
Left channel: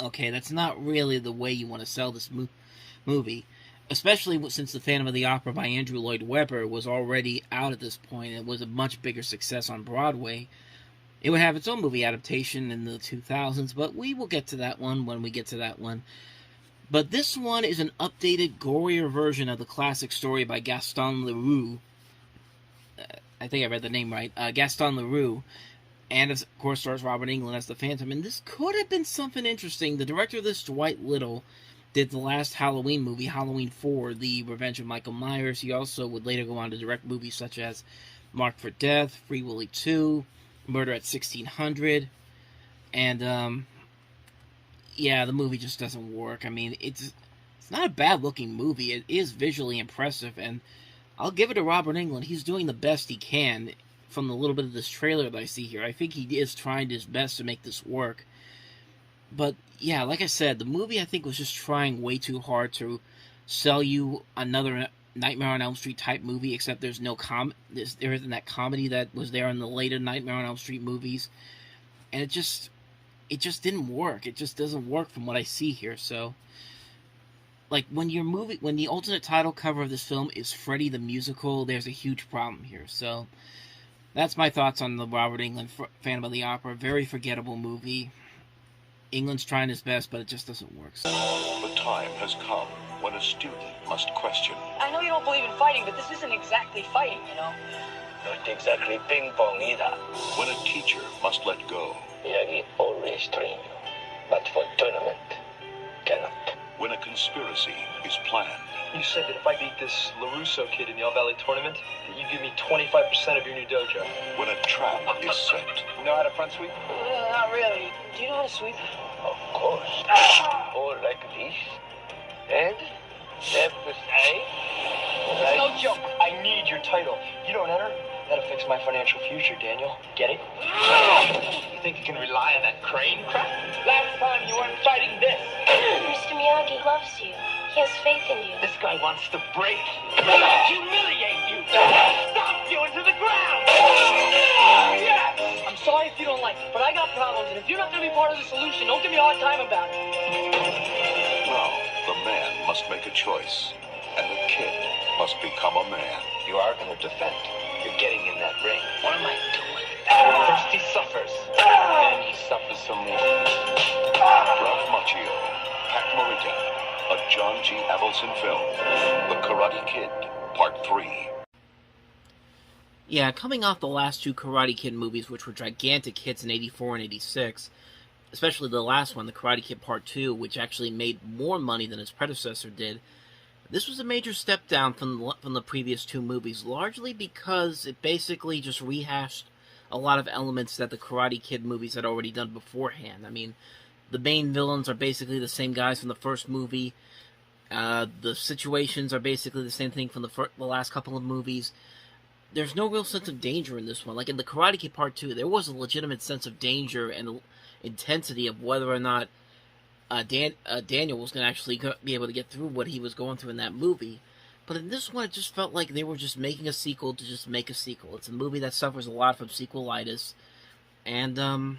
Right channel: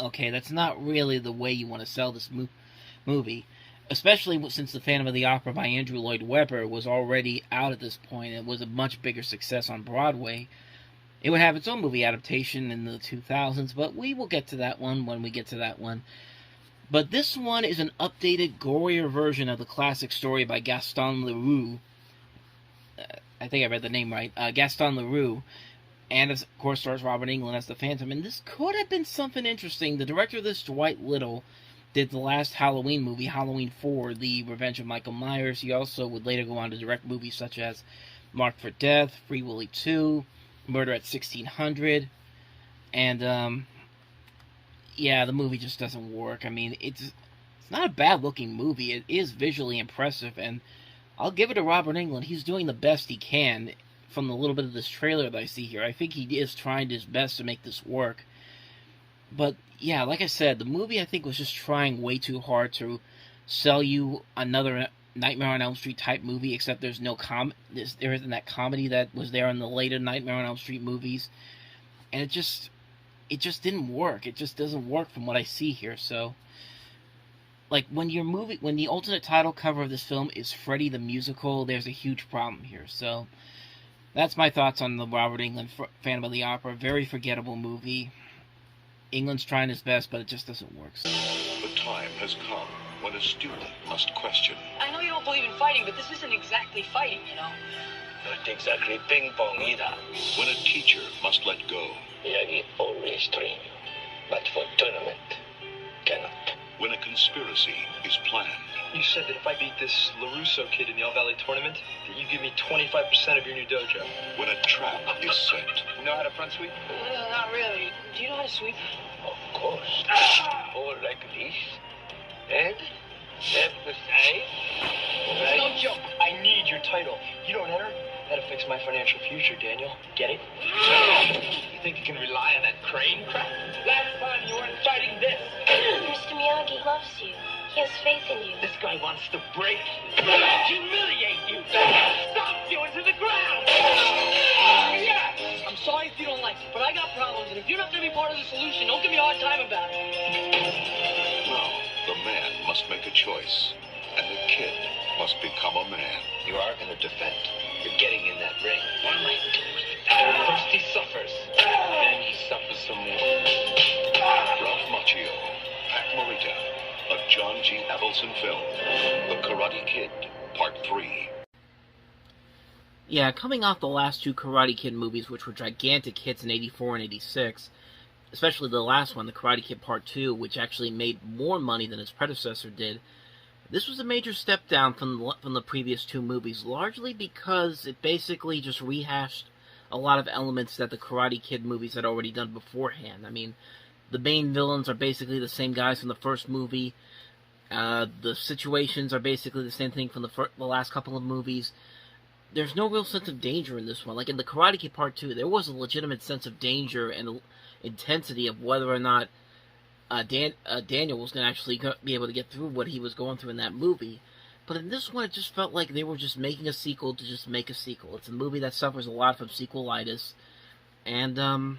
okay, that's not really the way you want to sell this movie. Especially since the Phantom of the Opera by Andrew Lloyd Webber was already out at this point, and it was a much bigger success on Broadway. It would have its own movie adaptation in the 2000s, but we will get to that one when we get to that one. But this one is an updated, gorier version of the classic story by Gaston Leroux. I think I read the name right. Gaston Leroux. And, of course, stars Robert Englund as the Phantom. And this could have been something interesting. The director of this, Dwight Little, did the last Halloween movie, Halloween 4, The Revenge of Michael Myers. He also would later go on to direct movies such as Marked for Death, Free Willy 2, Murder at 1600, and, yeah, the movie just doesn't work. I mean, it's not a bad-looking movie. It is visually impressive, and I'll give it to Robert Englund. He's doing the best he can from the little bit of this trailer that I see here. I think he is trying his best to make this work. But, yeah, like I said, the movie, I think, was just trying way too hard to sell you another Nightmare on Elm Street type movie, except there's no there isn't that comedy that was there in the later Nightmare on Elm Street movies, and it just didn't work. It just doesn't work from what I see here. So, like, when the alternate title cover of this film is Freddy the Musical, there's a huge problem here. So, that's my thoughts on the Robert Englund Phantom of the Opera. Very forgettable movie. England's trying his best, but it just doesn't work. So. The time has come when a student must question. I know you don't believe in fighting, but this isn't exactly fighting, you know? Not exactly ping pong either. When a teacher must let go. Miyagi always train you, but for tournament, cannot. When a conspiracy is planned. You said that if I beat this LaRusso kid in the All Valley tournament, that you give me 25% of your new dojo. When a trap is set. You know how to front sweep? Not really. Do you know how to sweep? Of course. Or like this. And left the side. Right. No joke. I need your title. You don't enter, that affects my financial future, Daniel. Get it? You think you can rely on that crane crap? Last time you weren't fighting this. Mr. Miyagi loves you. He has faith in you. This guy wants to break. Humiliate you. Stomp you into the ground. Yes! I'm sorry if you don't like it, but I got problems, and if you're not going to be part of the solution, don't give me a hard time about it. Now, the man must make a choice, and the kid must become a man. You are going to defend. You're getting in that ring. What am I doing? First he suffers, then he suffers some more. Ralph Macchio, Pat Morita, a John G. Avildsen film, The Karate Kid, Part 3. Yeah, coming off the last two Karate Kid movies, which were gigantic hits in 84 and 86, especially the last one, The Karate Kid Part 2, which actually made more money than its predecessor did, this was a major step down from the previous two movies, largely because it basically just rehashed a lot of elements that the Karate Kid movies had already done beforehand. I mean, the main villains are basically the same guys from the first movie. The situations are basically the same thing from the last couple of movies. There's no real sense of danger in this one. Like in the Karate Kid Part 2, there was a legitimate sense of danger and intensity of whether or not Daniel was going to actually be able to get through what he was going through in that movie. But in this one, it just felt like they were just making a sequel to just make a sequel. It's a movie that suffers a lot from sequelitis. And,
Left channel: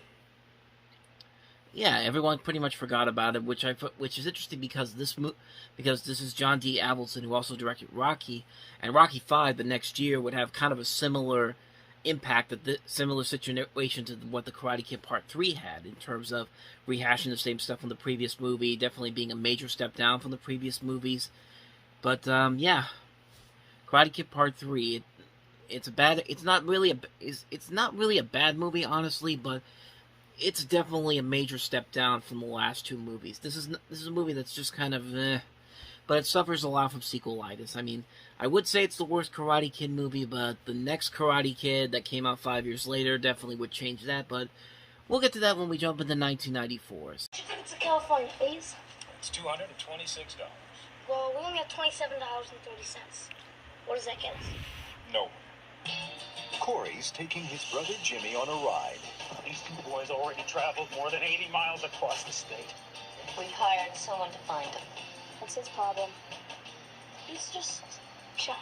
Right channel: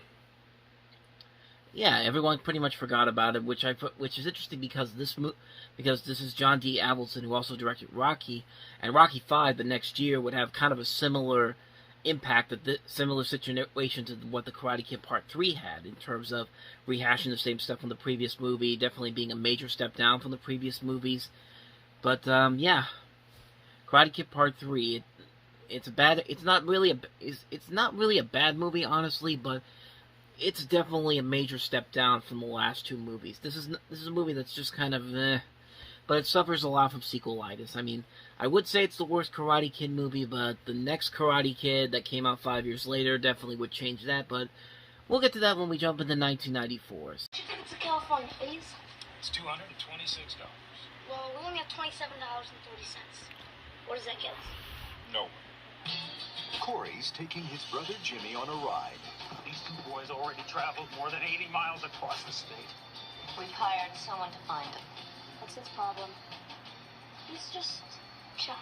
yeah, everyone pretty much forgot about it, which is interesting because this is John D. Avildsen, who also directed Rocky, and Rocky V the next year would have kind of a similar impact, similar situation to what the Karate Kid Part 3 had, in terms of rehashing the same stuff from the previous movie, definitely being a major step down from the previous movies. But, yeah, Karate Kid Part 3, it's not really a bad movie, honestly, but it's definitely a major step down from the last two movies. This is a movie that's just kind of but it suffers a lot from sequelitis. I mean, I would say it's the worst Karate Kid movie, but the next Karate Kid that came out 5 years later definitely would change that, but we'll get to that when we jump into 1994. Two tickets to California, please. It's $226. Well, we only have $27.30. What does that get us? No. Corey's taking his brother Jimmy on a ride. These two boys already traveled more than 80 miles across the state. We hired someone to find him. What's his problem? He's just shy.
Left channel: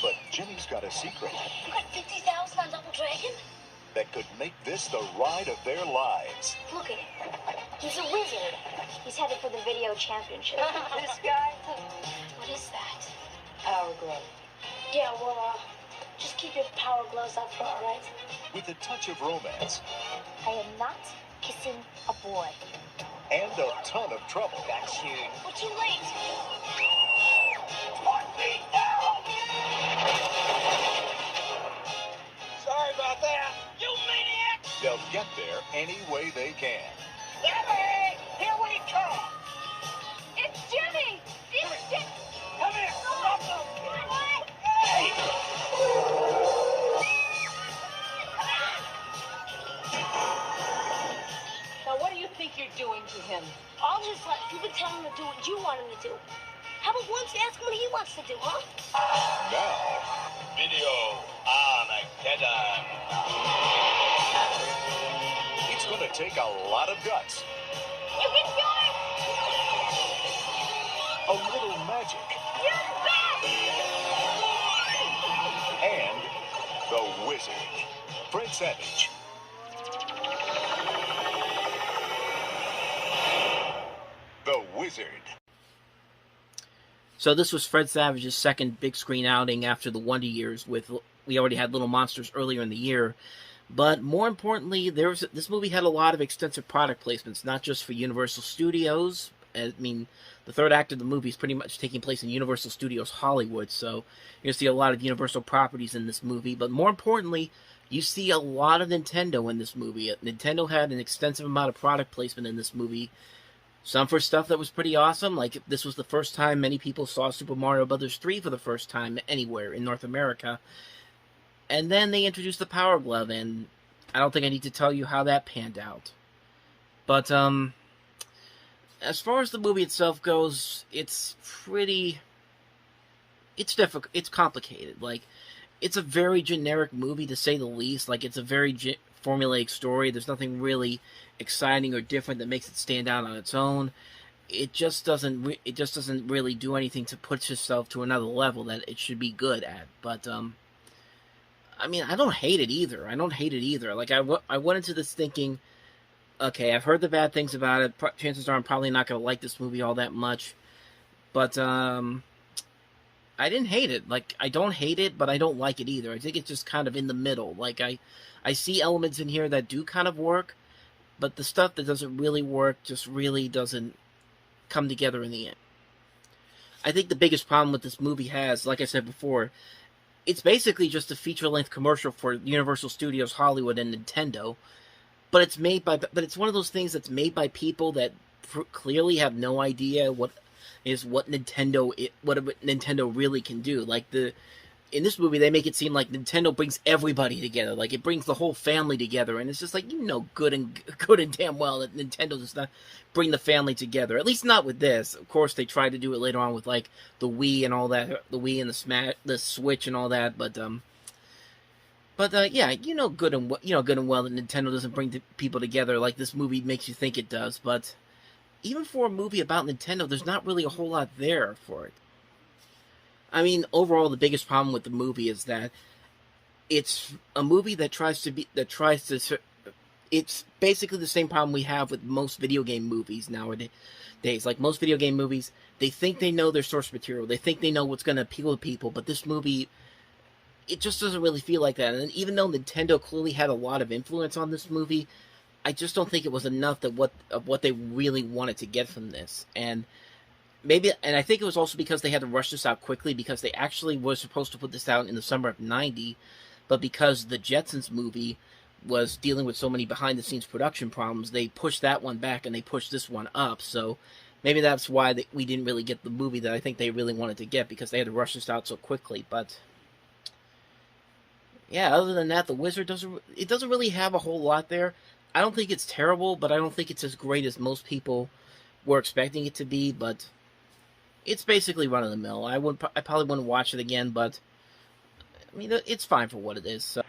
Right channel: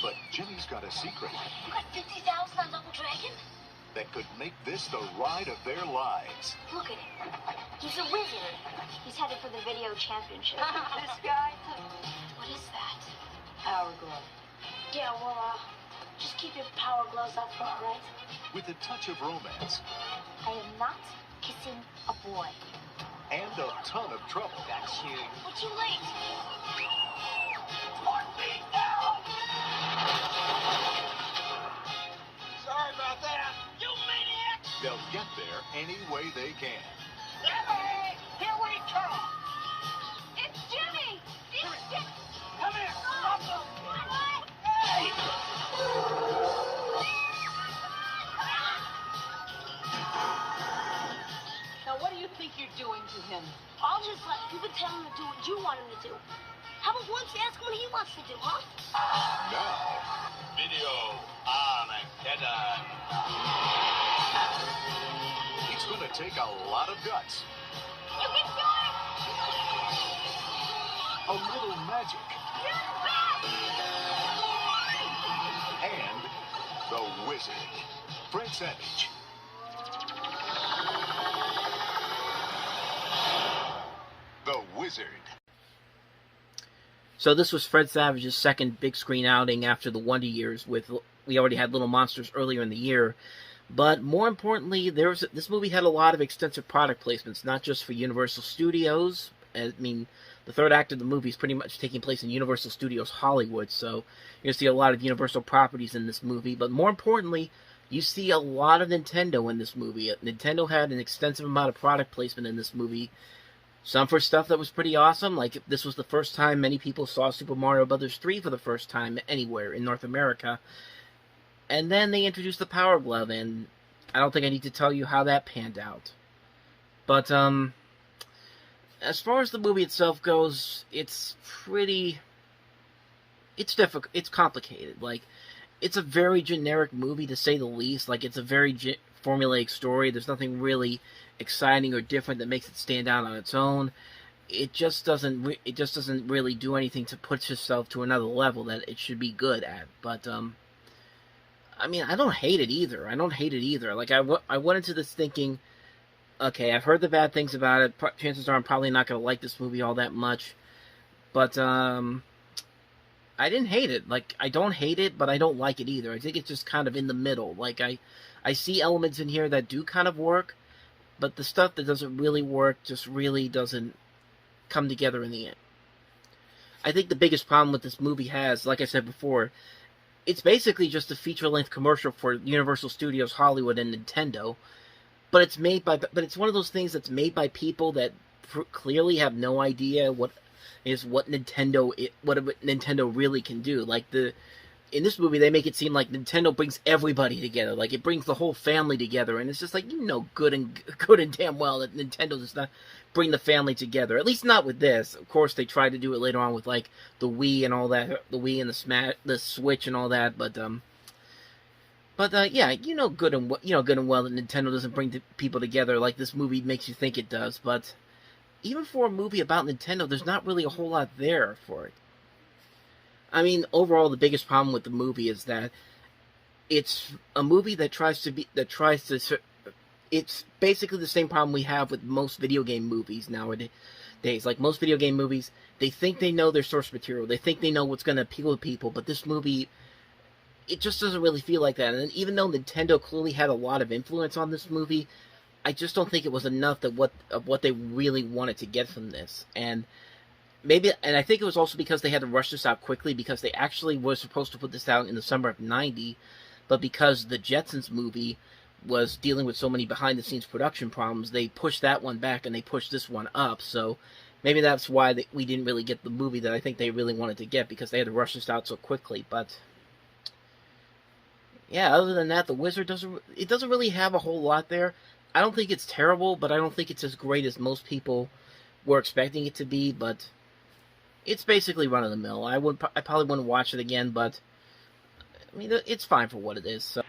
But Jimmy's got a secret You got 50,000 on Double Dragon? that could make this the ride of their lives. Look at him. He's a wizard. He's headed for the video championship. This guy? What is that? Power glove. Yeah, well, just keep your power gloves up front, right? With a touch of romance I am not kissing a boy. and a ton of trouble. That's huge. We're too late. 4 feet down! Sorry about that. You maniac! They'll get there any way they can. Hey, here we come! It's Jimmy! It's Jimmy! Come here! Stop them! Hey! Now, what do you think you're doing to him? I'll just let you tell him to do what you want him to do. How about once ask him what he wants to do, huh? Now, Video Armageddon. it's going to take a lot of guts, You can do it! a little magic, You're back! and the wizard, Fred Savage. The Wizard. So this was Fred Savage's second big screen outing after the Wonder Years. We already had Little Monsters earlier in the year, but more importantly, this movie had a lot of extensive product placements, not just for Universal Studios. I mean, the third act of the movie is pretty much taking place in Universal Studios Hollywood, so you're going to see a lot of Universal properties in this movie, but more importantly, you see a lot of Nintendo in this movie. Nintendo had an extensive amount of product placement in this movie. Some for stuff that was pretty awesome, like this was the first time many people saw Super Mario Bros. 3 for the first time anywhere in North America. And then they introduced the Power Glove, and I don't think I need to tell you how that panned out. But, as far as the movie itself goes, it's difficult, it's complicated. Like, it's a very generic movie, to say the least. Like, it's a very formulaic story. There's nothing really exciting or different that makes it stand out on its own. It just doesn't really do anything to push itself to another level that it should be good at. But I mean, I don't hate it either. Like, I went into this thinking, okay, I've heard the bad things about it. Chances are I'm probably not going to like this movie all that much. But I didn't hate it. Like, I don't hate it, but I don't like it either. I think it's just kind of in the middle. Like, I see elements in here that do kind of work, but the stuff that doesn't really work just really doesn't come together in the end. I think the biggest problem with this movie has, like I said before, it's basically just a feature-length commercial for Universal Studios Hollywood and Nintendo, but it's one of those things that's made by people that clearly have no idea what Nintendo really can do. Like in this movie, they make it seem like Nintendo brings everybody together, like it brings the whole family together, and it's just like, good and damn well that Nintendo does not bring the family together. At least not with this. Of course, they tried to do it later on with like the Wii and all that, the Wii and the Switch and all that, but yeah, good and well that Nintendo doesn't bring people together like this movie makes you think it does. But even for a movie about Nintendo, there's not really a whole lot there for it. I mean, overall, the biggest problem with the movie is that it's a movie it's basically the same problem we have with most video game movies nowadays. Like most video game movies, they think they know their source material. They think they know what's going to appeal to people, but this movie, it just doesn't really feel like that. And even though Nintendo clearly had a lot of influence on this movie, I just don't think it was enough of what they really wanted to get from this. And I think it was also because they had to rush this out quickly, because they actually were supposed to put this out in the summer of '90, but because the Jetsons movie was dealing with so many behind-the-scenes production problems, they pushed that one back and they pushed this one up. So maybe that's why we didn't really get the movie that I think they really wanted to get, because they had to rush this out so quickly. But yeah, other than that, The Wizard doesn't really have a whole lot there. I don't think it's terrible, but I don't think it's as great as most people were expecting it to be. But it's basically run-of-the-mill. I probably wouldn't watch it again, but I mean, it's fine for what it is. So.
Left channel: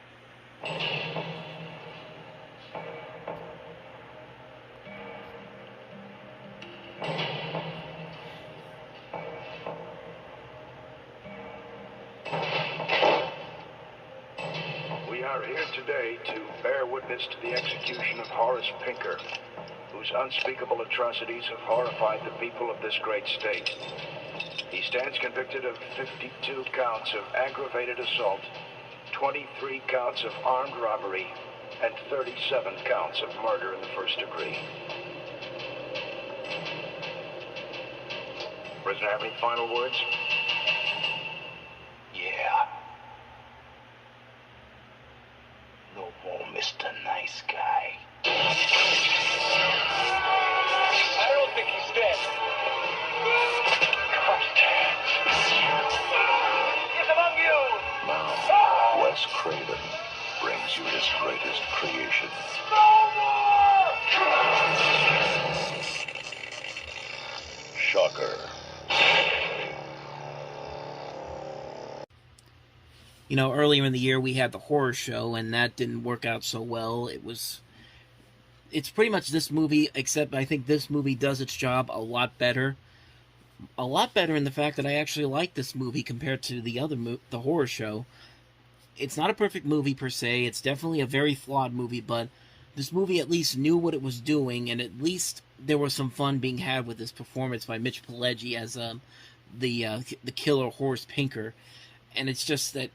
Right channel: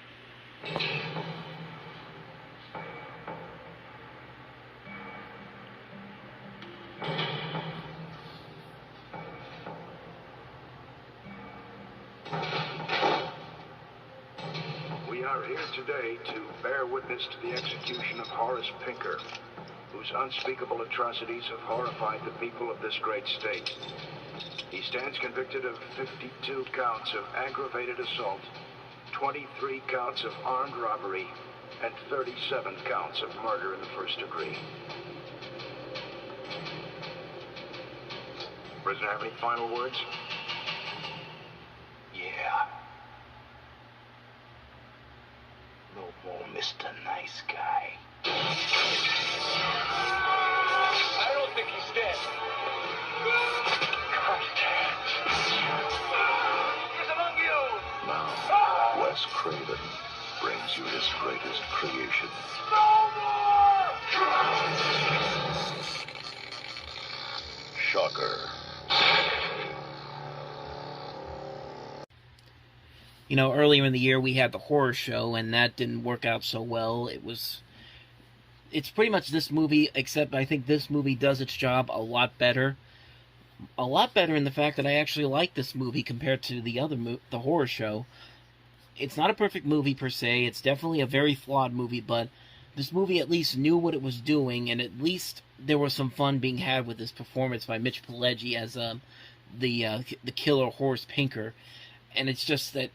We are here today to bear witness to the execution of Horace Pinker, whose unspeakable atrocities have horrified the people of this great state. He stands convicted of 52 counts of aggravated assault, 23 counts of armed robbery, and 37 counts of murder in the first degree. Prisoner, have any final words? Yeah. No more Mr. Nice Guy. I don't think he's dead. He's among you! Now, Wes Craven brings you his greatest creation. Shocker. Earlier in the year we had the horror show, and that didn't work out so well. It's pretty much this movie, except I think this movie does its job a lot better. A lot better in the fact that I actually like this movie compared to the horror show. It's not a perfect movie per se. It's definitely a very flawed movie, but this movie at least knew what it was doing, and at least there was some fun being had with this performance by Mitch Pileggi as the killer Horace Pinker. And it's just that,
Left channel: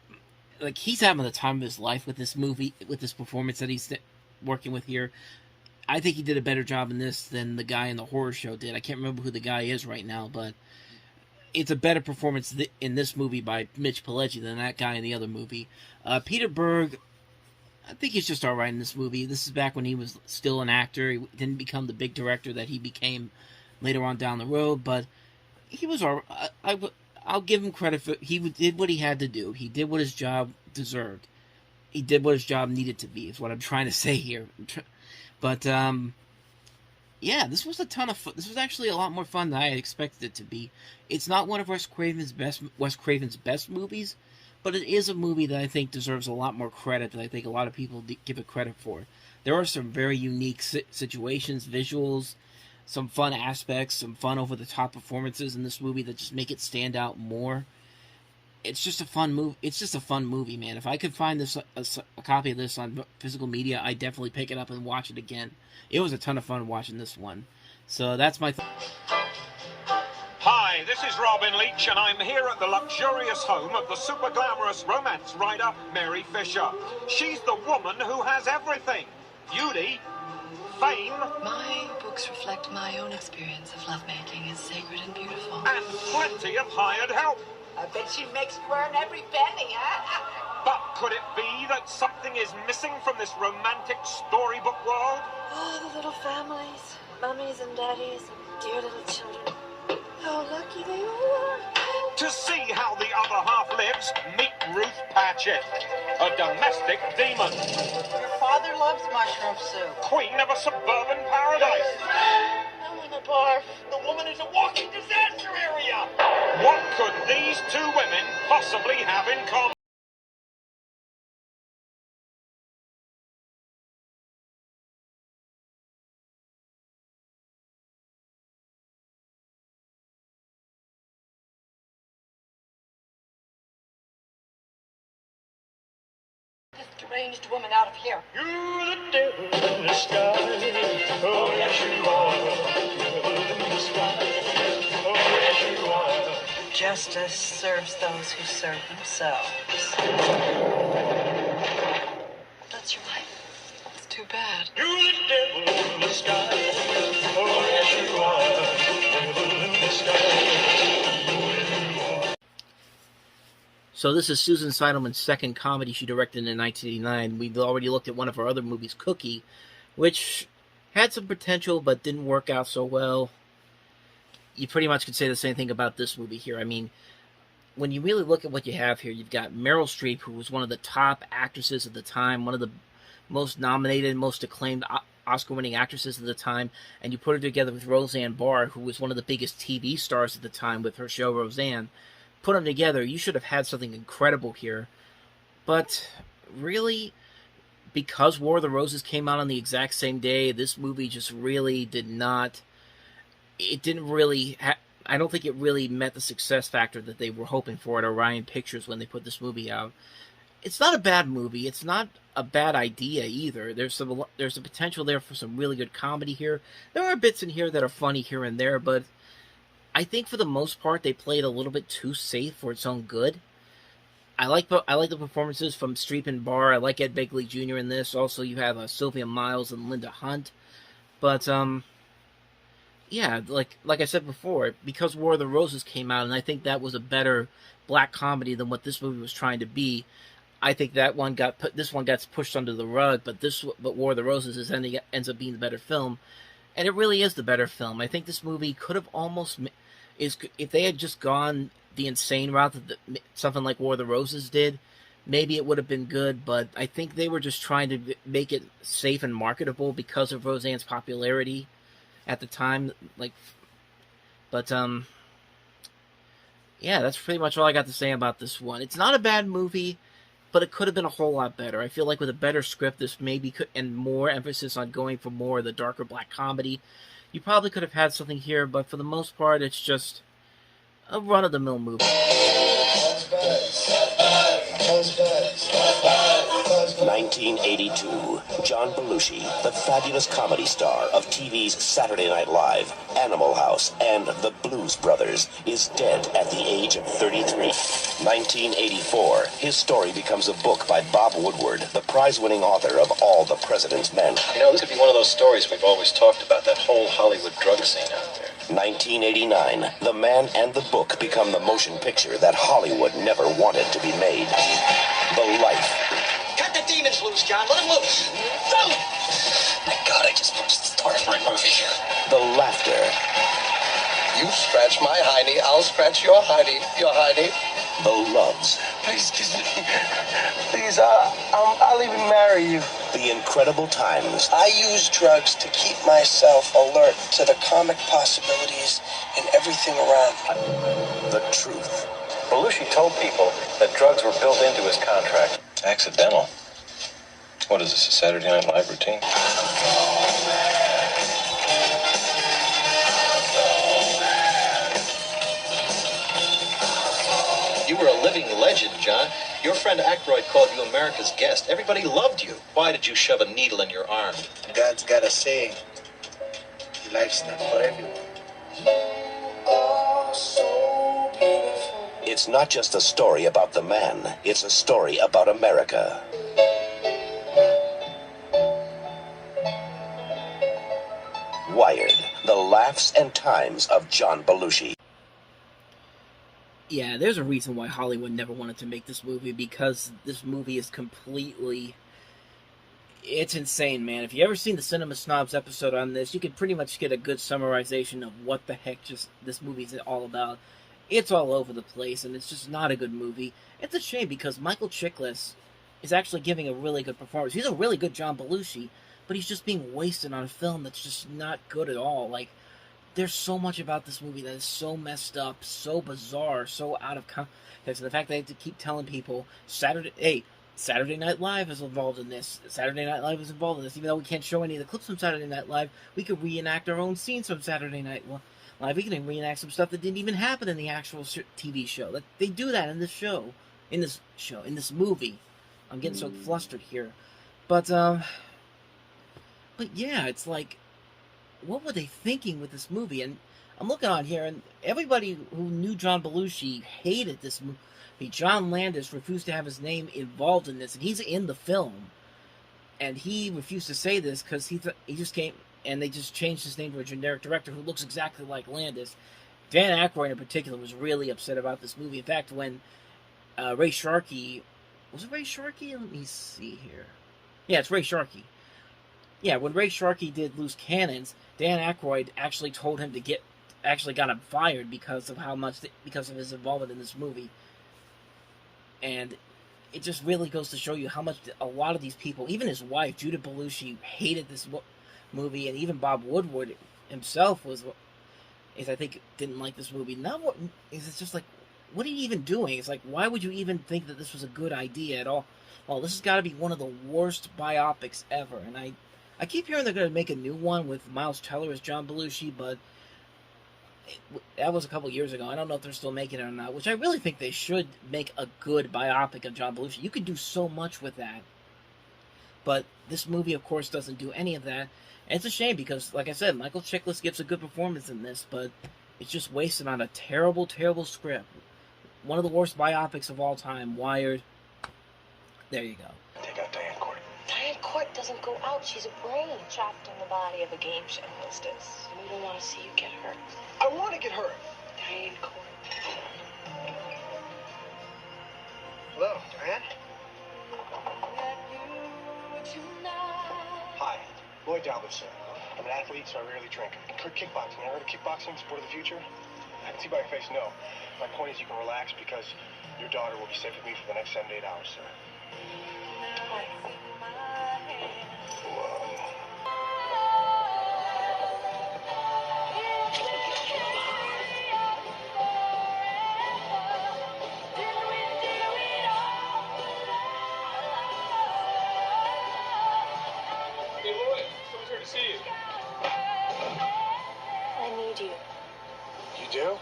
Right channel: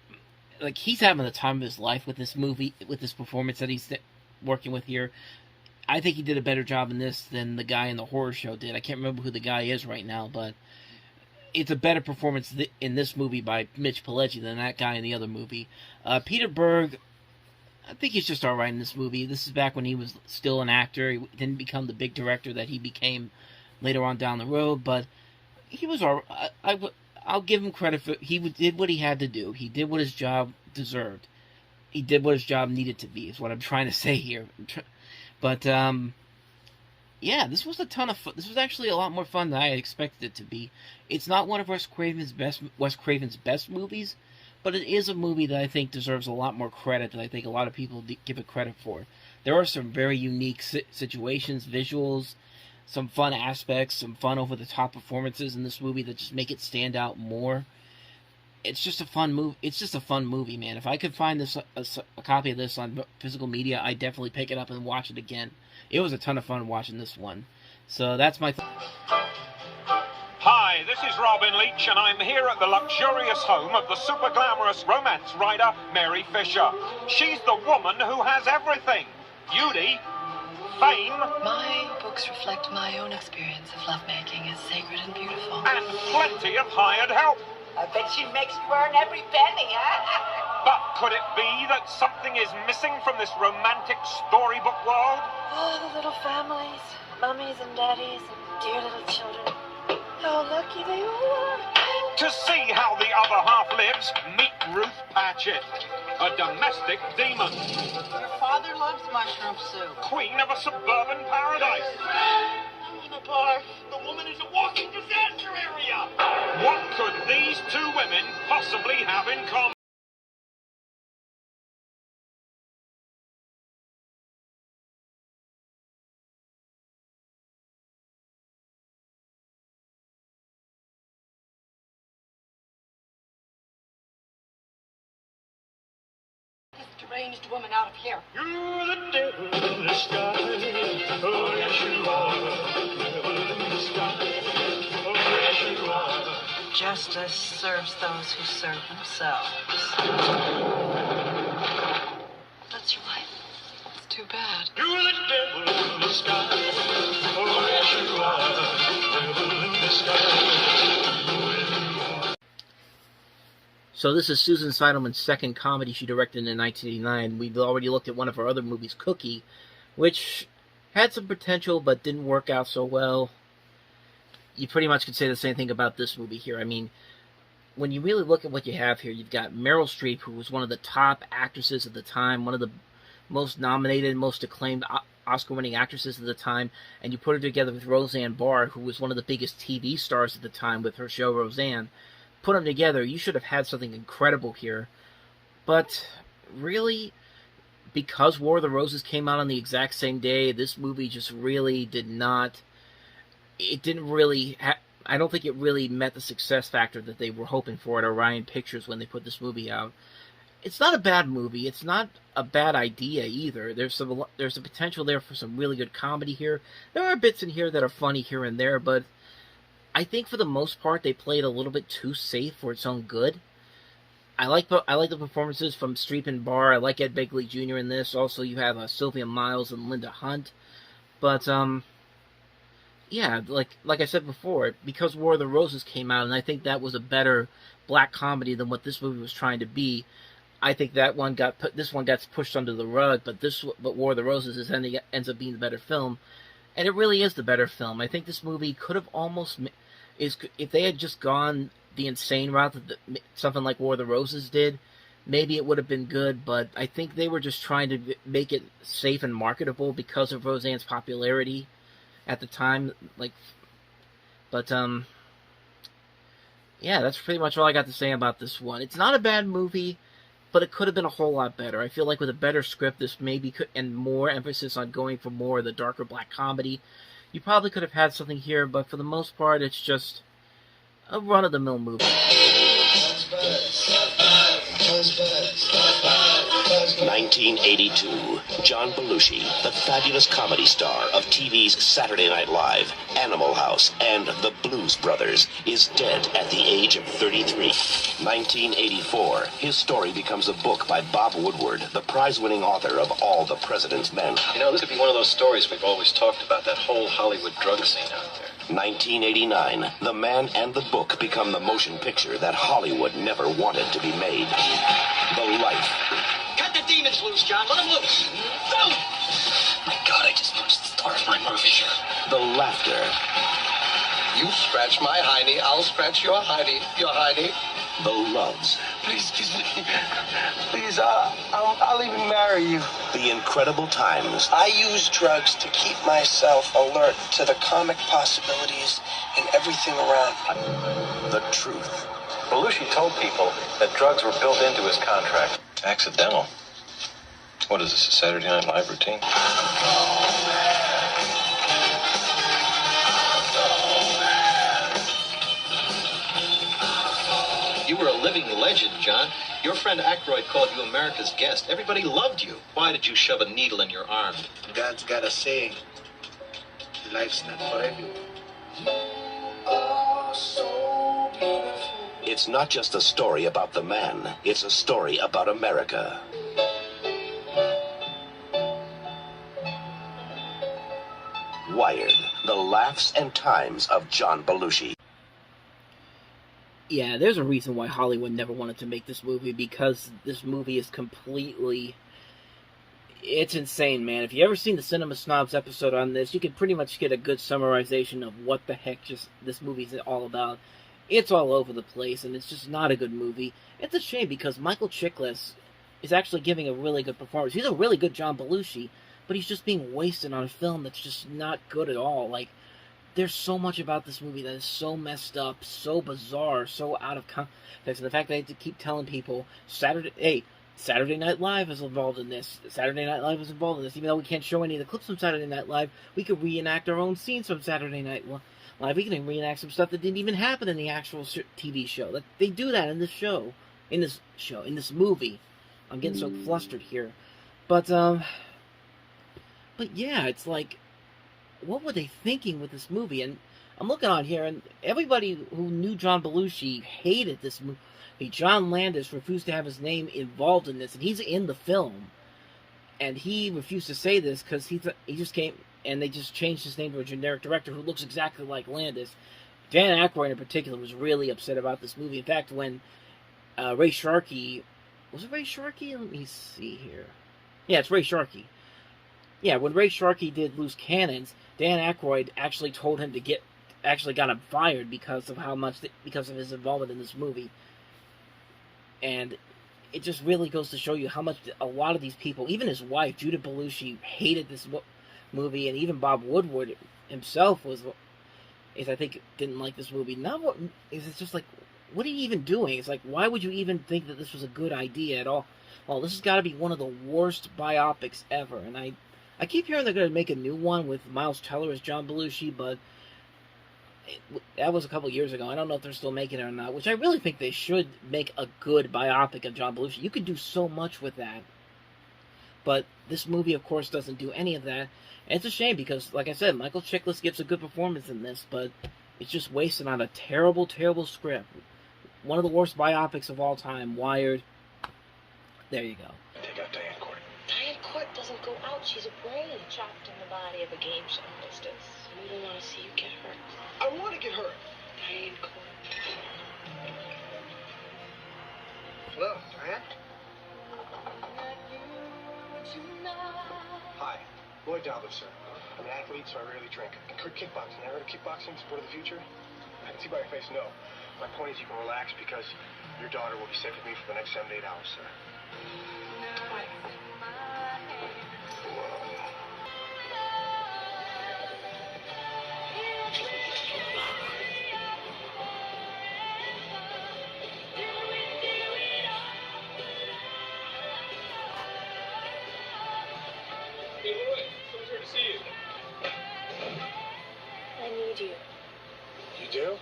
like, he's having the time of his life with this movie, with this performance that he's working with here. I think he did a better job in this than the guy in the horror show did. I can't remember who the guy is right now, but it's a better performance in this movie by Mitch Pileggi than that guy in the other movie. Peter Berg, I think he's just alright in this movie. This is back when he was still an actor. He didn't become the big director that he became later on down the road, but he was alright. I'll give him credit for he did what he had to do. He did what his job deserved. He did what his job needed to be, is what I'm trying to say here. But, yeah, this was a ton of fun. This was actually a lot more fun than I had expected it to be. It's not one of Wes Craven's best movies, but it is a movie that I think deserves a lot more credit than I think a lot of people give it credit for. There are some very unique situations, visuals, some fun aspects, some fun over-the-top performances in this movie that just make it stand out more. It's just a fun movie. It's just a fun movie, man. If I could find this a copy of this on physical media, I'd definitely pick it up and watch it again. It was a ton of fun watching this one. So that's my... Hi, Hi, this is Robin Leach, and I'm here at the luxurious home of the super glamorous romance writer, Mary Fisher. She's the woman who has everything. Beauty, fame... My books reflect my own experience of lovemaking as sacred and beautiful. And plenty of hired help. I bet she makes you earn every penny, huh? But could it be that something is missing from this romantic storybook world? Oh, the little families, mummies and daddies, and dear little children. How lucky they are. To see how the other half lives, meet Ruth Patchett, a domestic demon. Your father loves mushroom soup. Queen of a suburban paradise. I'm in a bar. The woman is a walking disaster area. What could these two women possibly have in common? This deranged woman out of here. You're the devil in the sky. Oh, yes, you are. Devil in the sky. Oh, yes, you are. Justice serves those who serve themselves. That's your life. It's too bad. You're the devil in the sky. Oh, yes, you are. Devil in the sky. So this is Susan Seidelman's second comedy she directed in 1989. We've already looked at one of her other movies, Cookie, which had some potential but didn't work out so well. You pretty much could say the same thing about this movie here. I mean, when you really look at what you have here, you've got Meryl Streep, who was one of the top actresses at the time, one of the most nominated, most acclaimed Oscar-winning actresses at the time, and you put her together with Roseanne Barr, who was one of the biggest TV stars at the time with her show Roseanne. Put them together, you should have had something incredible here. But really, because War of the Roses came out on the exact same day, this movie just really did not... It didn't really... I don't think it really met the success factor that they were hoping for at Orion Pictures when they put this movie out. It's not a bad movie. It's not a bad idea either. There's a potential there for some really good comedy here. There are bits in here that are funny here and there, but I think for the most part they played a little bit too safe for its own good. I like the performances from Streep and Barr. I like Ed Begley Jr. in this. Also, you have Sylvia Miles and Linda Hunt. But yeah, like I said before, because War of the Roses came out, and I think that was a better black comedy than what this movie was trying to be. I think that one this one got pushed under the rug, but War of the Roses ends up being the better film, and it really is the better film. I think this movie could have almost if they had just gone the insane route that something like War of the Roses did, maybe it would have been good, but I think they were just trying to make it safe and marketable because of Roseanne's popularity at the time. Yeah, that's pretty much all I got to say about this one. It's not a bad movie, but it could have been a whole lot better. I feel like with a better script, this maybe could, and more emphasis on going for more of the darker black comedy, you probably could have had something here, but for the most part, it's just a run-of-the-mill movie. 1982, John Belushi, the fabulous comedy star of TV's Saturday Night Live, Animal House, and The Blues Brothers, is dead at the age of 33. 1984, his story becomes a book by Bob Woodward, the prize-winning author of All the President's Men. You know, this could be one of those stories we've always talked about, that whole Hollywood drug scene out there. 1989, The Man and the Book become the motion picture that Hollywood never wanted to be made. The Life. Cut the demons loose, John. Let them loose. No! My God, I just watched the start of my movie. The Laughter. You scratch my hiney, I'll scratch your hiney. The Loves. Please kiss me. Please, I'll even marry you. The Incredible Times. I use drugs to keep myself alert to the comic possibilities and everything around me. The Truth. Belushi told people that drugs were built into his contract. Accidental. What is this, a Saturday Night Live routine? You were a living legend, John. Your friend Aykroyd called you America's guest. Everybody loved you. Why did you shove a needle in your arm? God's got a saying. Life's not for everyone. It's not just a story about the man, it's a story about America. Wired, the laughs and times of John Belushi. Yeah, there's a reason why Hollywood never wanted to make this movie, because this movie is completely... It's insane, man. If you ever seen the Cinema Snobs episode on this, you could pretty much get a good summarization of what the heck just this movie's all about. It's all over the place, and it's just not a good movie. It's a shame, because Michael Chiklis is actually giving a really good performance. He's a really good John Belushi, but he's just being wasted on a film that's just not good at all. Like, there's so much about this movie that is so messed up, so bizarre, so out of context. And the fact that I have to keep telling people, Saturday Night Live is involved in this. Saturday Night Live is involved in this. Even though we can't show any of the clips from Saturday Night Live, we could reenact our own scenes from Saturday Night Live. We can reenact some stuff that didn't even happen in the actual TV show. They do that in this movie. I'm getting so flustered here. But yeah, it's like, what were they thinking with this movie? And I'm looking on here, and everybody who knew John Belushi hated this movie. John Landis refused to have his name involved in this, and he's in the film. And he refused to say this because he just came, and they just changed his name to a generic director who looks exactly like Landis. Dan Aykroyd in particular was really upset about this movie. In fact, when Ray Sharkey... Was it Ray Sharkey? Let me see here. Yeah, it's Ray Sharkey. Yeah, when Ray Sharkey did Loose Cannons, Dan Aykroyd actually told him to got him fired because of because of his involvement in this movie. And it just really goes to show you how much a lot of these people, even his wife, Judith Belushi, hated this movie, and even Bob Woodward himself I think, didn't like this movie. It's just like, what are you even doing? It's like, why would you even think that this was a good idea at all? Well, this has got to be one of the worst biopics ever, and I keep hearing they're going to make a new one with Miles Teller as John Belushi, but that was a couple years ago. I don't know if they're still making it or not, which I really think they should make a good biopic of John Belushi. You could do so much with that. But this movie, of course, doesn't do any of that. And it's a shame because, like I said, Michael Chiklis gives a good performance in this, but it's just wasted on a terrible, terrible script. One of the worst biopics of all time, Wired. There you go. Take out Diane Court. Diane Court doesn't go out. She's a brain trapped in the body of a game show hostess. We don't want to see you get hurt. I want to get hurt. Diane Court. Hello, Diane? Hi, Lloyd Dalbert, sir. I'm an athlete, so I rarely drink. Kickboxing. I heard of kickboxing, sport of the future? I can see by your face, no. My point is you can relax because your daughter will be safe with me for the next 7 to 8 hours, sir. Why? Hey, Lloyd, someone's here to see you. I need you. You do?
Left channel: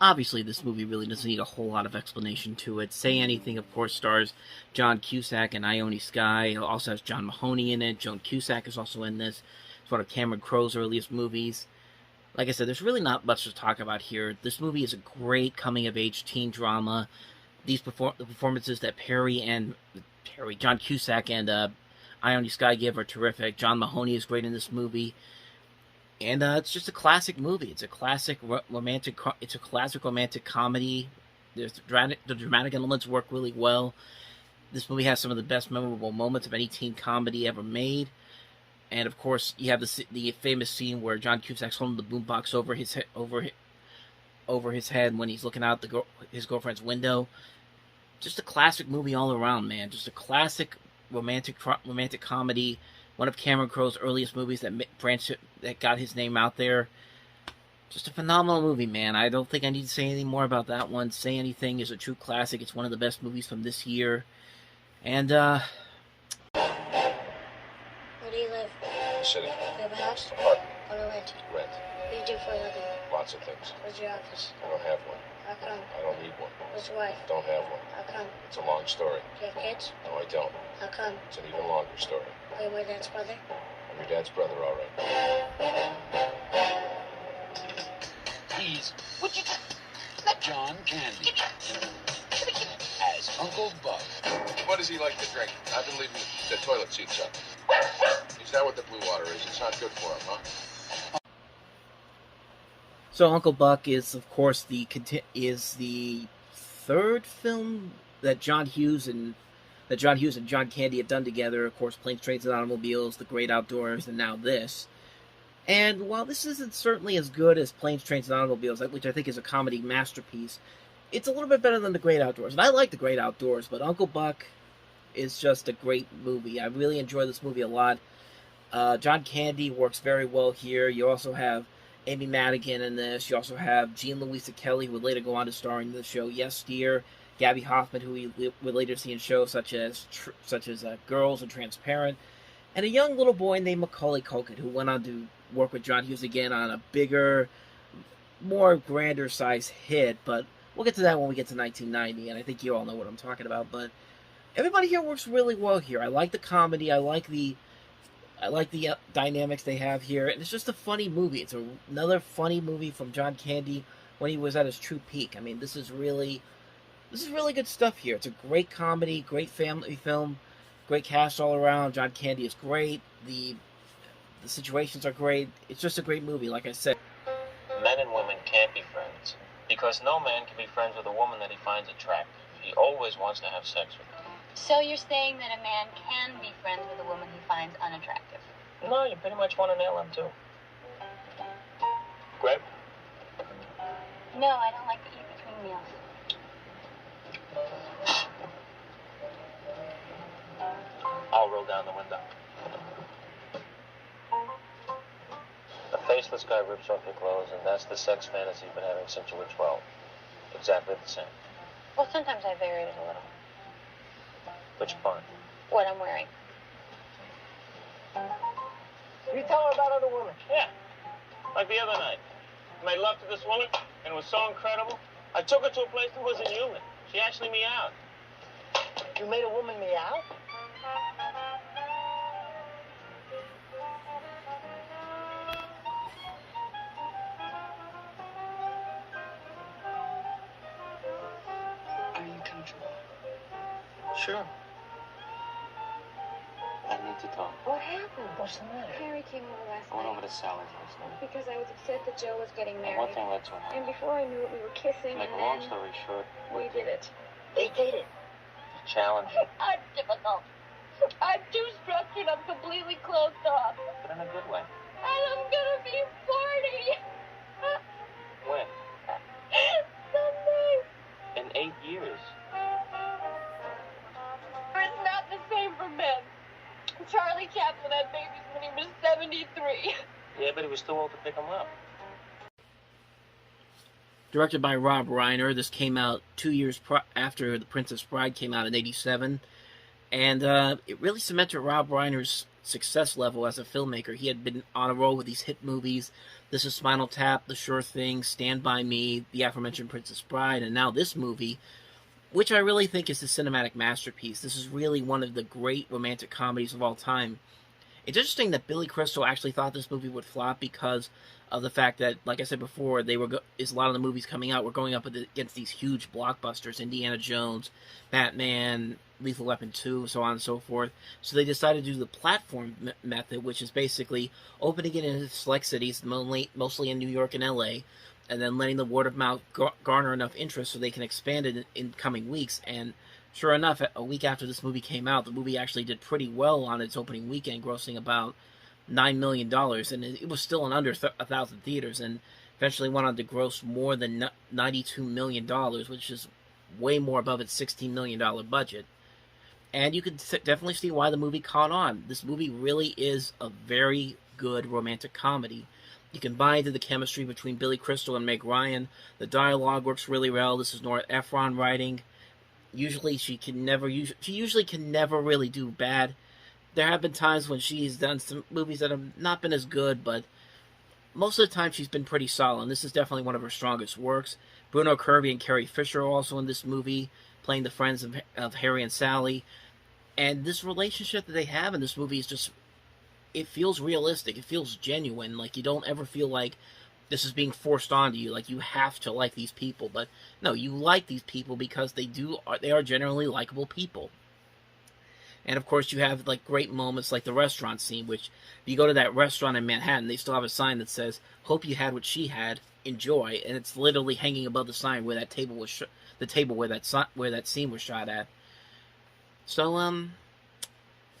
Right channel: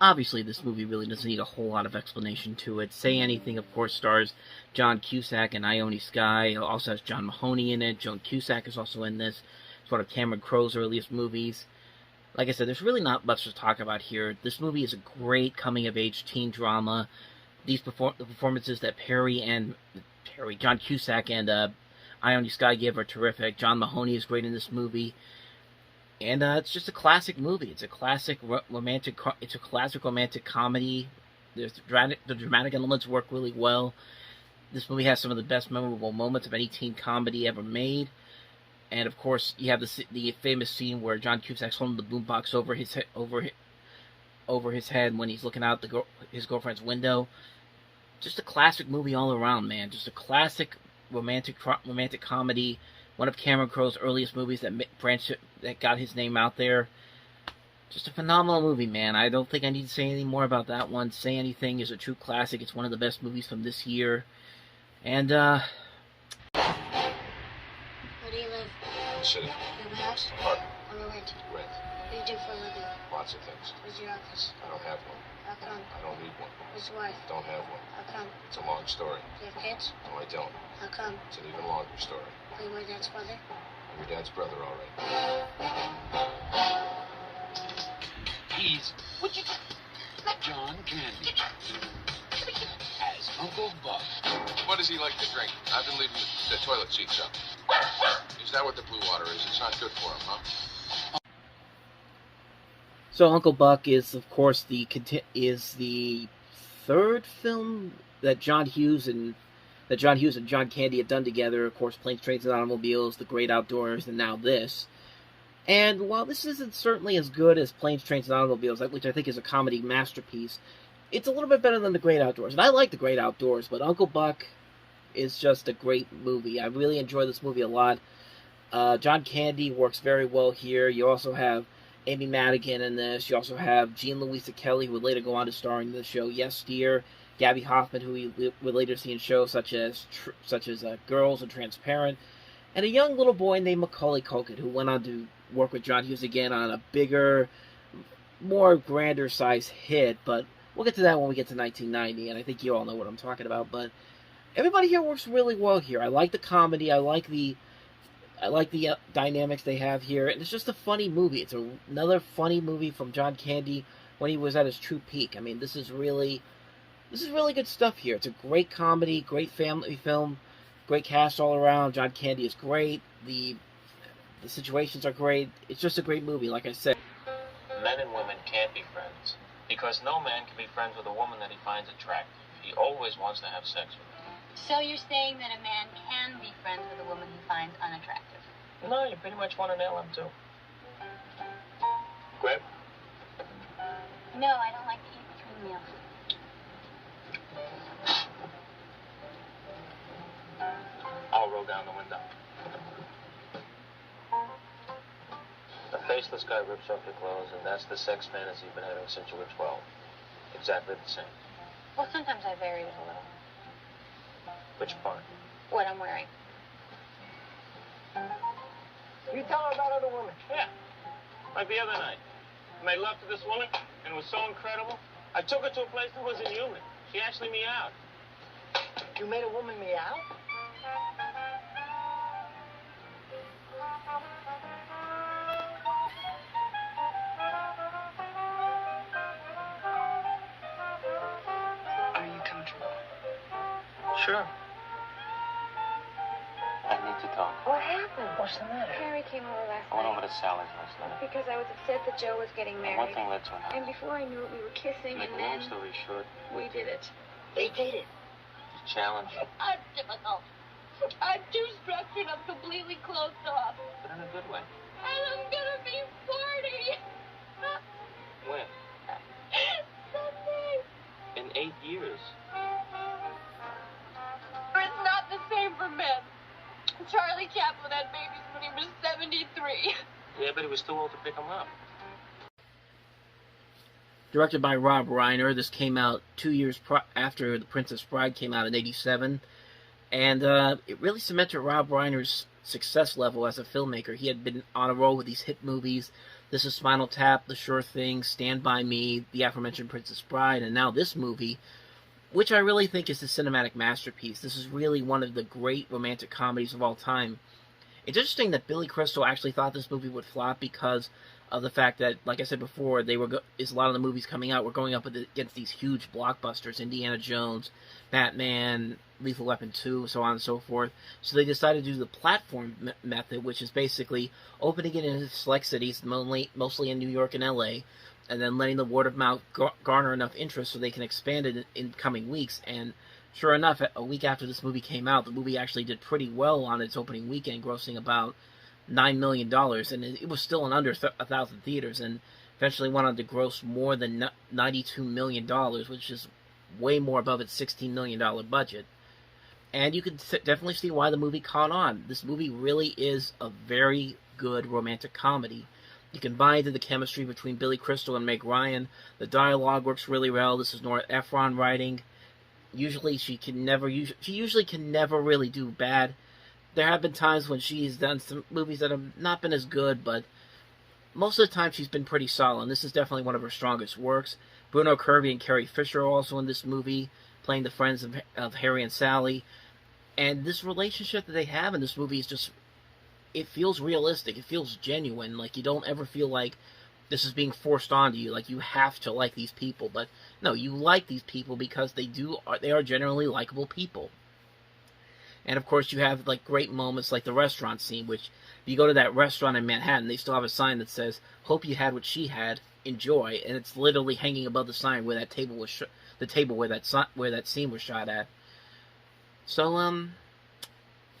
Obviously, this movie really doesn't need a whole lot of explanation to it. Say Anything, of course, stars John Cusack and Ione Skye. It also has John Mahoney in it. Joan Cusack is also in this. It's one of Cameron Crowe's earliest movies. Like I said, there's really not much to talk about here. This movie is a great coming-of-age teen drama. The performances that John Cusack and Ione Skye give are terrific. John Mahoney is great in this movie. And it's just a classic movie. It's a classic romantic comedy. The dramatic elements work really well. This movie has some of the best memorable moments of any teen comedy ever made. And of course, you have the famous scene where John Cusack's holding the boombox over his head when he's looking out his girlfriend's window. Just a classic movie all around, man. Just a classic romantic comedy. One of Cameron Crowe's earliest movies that got his name out there. Just a phenomenal movie, man. I don't think I need to say anything more about that one. Say Anything is a true classic. It's one of the best movies from this year. And, Where do you live? City. You have a house? Apartment. want to rent. Rent. What do you do for a living? Lots of things. Where's your office? I don't have one. How come? I don't need one. Where's your wife? Don't have one. How come? It's a long story. Do you have kids? No, I don't. How come? It's an even longer story. Are you my dad's brother? I'm your dad's brother, all right. He's John Candy as Uncle Buck. What does he like to drink? I've been leaving the toilet seats up. Is that what the blue water is? It's not good for him, huh? So Uncle Buck is, of course, the third film that John Hughes and John Candy have done together. Of course, Planes, Trains, and Automobiles, The Great Outdoors, and now this. And while this isn't certainly as good as Planes, Trains, and Automobiles, which I think is a comedy masterpiece, it's a little bit better than The Great Outdoors. And I like The Great Outdoors, but Uncle Buck is just a great movie. I really enjoy this movie a lot. John Candy works very well here. You also have Amy Madigan in this. You also have Jean Louisa Kelly, who would later go on to star in the show Yes Dear. Gabby Hoffman, who we would later see in shows such as Girls and Transparent. And a young little boy named Macaulay Culkin, who went on to work with John Hughes again on a bigger, more grander size hit. But we'll get to that when we get to 1990, and I think you all know what I'm talking about. But everybody here works really well here. I like the comedy. I like the dynamics they have here, and it's just a funny movie. It's another funny movie from John Candy when he was at his true peak. I mean, this is really good stuff here. It's a great comedy, great family film, great cast all around. John Candy is great. The situations are great. It's just a great movie, like I said. Men and women can't be friends because no man can be friends with a woman that he finds attractive. He always wants to have sex with her. So you're saying that a man can be friends with a woman he finds unattractive? No, you pretty much want to nail him, too. Grab? No, I don't like to eat between meals. I'll roll down the window. A faceless guy rips off your clothes, and that's the sex fantasy you've been having since you were 12. Exactly the same. Well, sometimes I varied it a little. Which part? What I'm wearing. You tell her about other women. Yeah. Like the other night. I made love to this woman, and it was so incredible. I took her to a place that wasn't human. She actually meowed. You made a woman meow? Are you comfortable? Sure. I need to talk. What happened? What's the matter? Harry came over last I went night over to Sally's last night. because I was upset that Joe was getting And married. one thing led to another. And before I knew it, we were kissing, Make a and long then story short, we did it. They dated. challenging, I'm difficult. I'm too structured. I'm completely closed off. but in a good way. And I'm gonna be 40. When? Someday. In 8 years. It's not the same for men. Charlie Chaplin had babies when he was 73. Yeah, but he was too old to pick them up. Directed by Rob Reiner, this came out 2 years after The Princess Bride came out in '87, and it really cemented Rob Reiner's success level as a filmmaker. He had been on a roll with these hit movies, This Is Spinal Tap, The Sure Thing, Stand By Me, the aforementioned Princess Bride, and now this movie, which I really think is a cinematic masterpiece. This is really one of the great romantic comedies of all time. It's interesting that Billy Crystal actually thought this movie would flop because of the fact that, like I said before, a lot of the movies coming out were going up against these huge blockbusters, Indiana Jones, Batman, Lethal Weapon 2, so on and so forth. So they decided to do the platform method, which is basically opening it in select cities, mostly in New York and LA, and then letting the word of mouth garner enough interest so they can expand it in coming weeks. And sure enough, a week after this movie came out, the movie actually did pretty well on its opening weekend, grossing about $9 million, and it was still in under 1,000 theaters, and eventually went on to gross more than $92 million, which is way more above its $16 million budget. And you can definitely see why the movie caught on. This movie really is a very good romantic comedy. You can buy into the chemistry between Billy Crystal and Meg Ryan. The dialogue works really well. This is Nora Ephron writing. Usually she usually can never really do bad. There have been times when she's done some movies that have not been as good, but most of the time she's been pretty solid. And this is definitely one of her strongest works. Bruno Kirby and Carrie Fisher are also in this movie, playing the friends of Harry and Sally. And this relationship that they have in this movie is just, it feels realistic. It feels genuine. Like, you don't ever feel like this is being forced onto you, like you have to like these people. But no, you like these people because they are generally likable people. And of course you have like great moments like the restaurant scene, which if you go to that restaurant in Manhattan, they still have a sign that says, "Hope you had what she had, enjoy," and it's literally hanging above the sign where that table was the table where that scene was shot at. So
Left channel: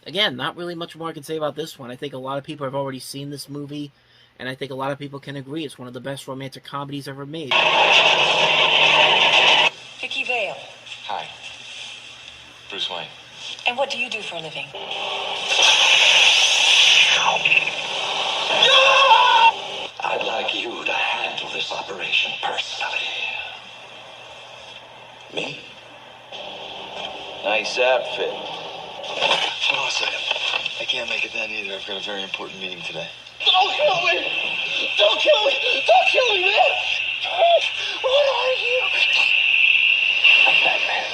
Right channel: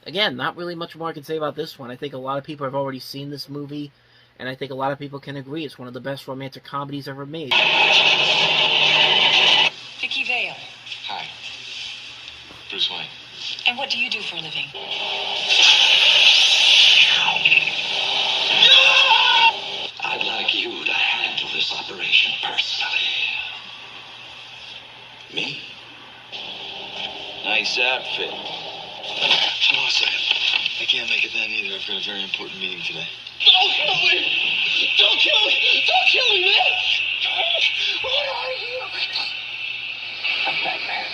again, not really much more I can say about this one. I think a lot of people have already seen this movie, and I think a lot of people can agree it's one of the best romantic comedies ever made. Vicky Vale. Hi. Bruce Wayne. And what do you do for a living? I'd like you to handle this operation personally. Me? Nice outfit. Hold on a second. I can't make it then either. I've got a very important meeting today. Don't kill me! Don't kill me! Don't kill me, man! What are you? I'm Batman.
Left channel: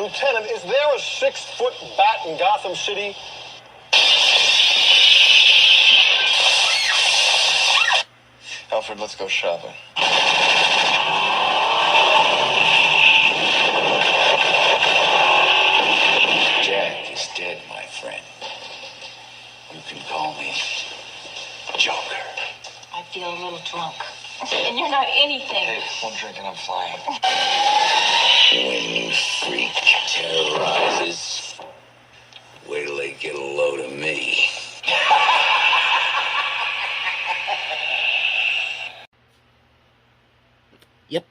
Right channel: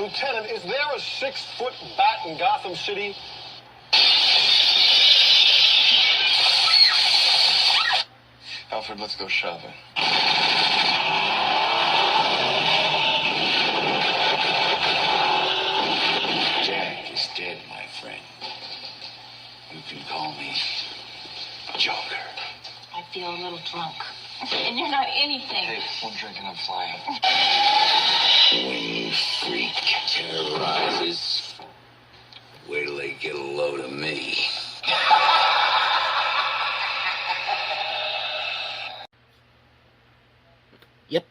Lieutenant, is there a 6-foot bat in Gotham City? Alfred, let's go shopping. Jack is dead, my friend. You can call me Joker. I feel a little drunk. And you're not anything. Hey, one drink and I'm flying. When you freak terrorizes, wait till they get a load of me. Yep.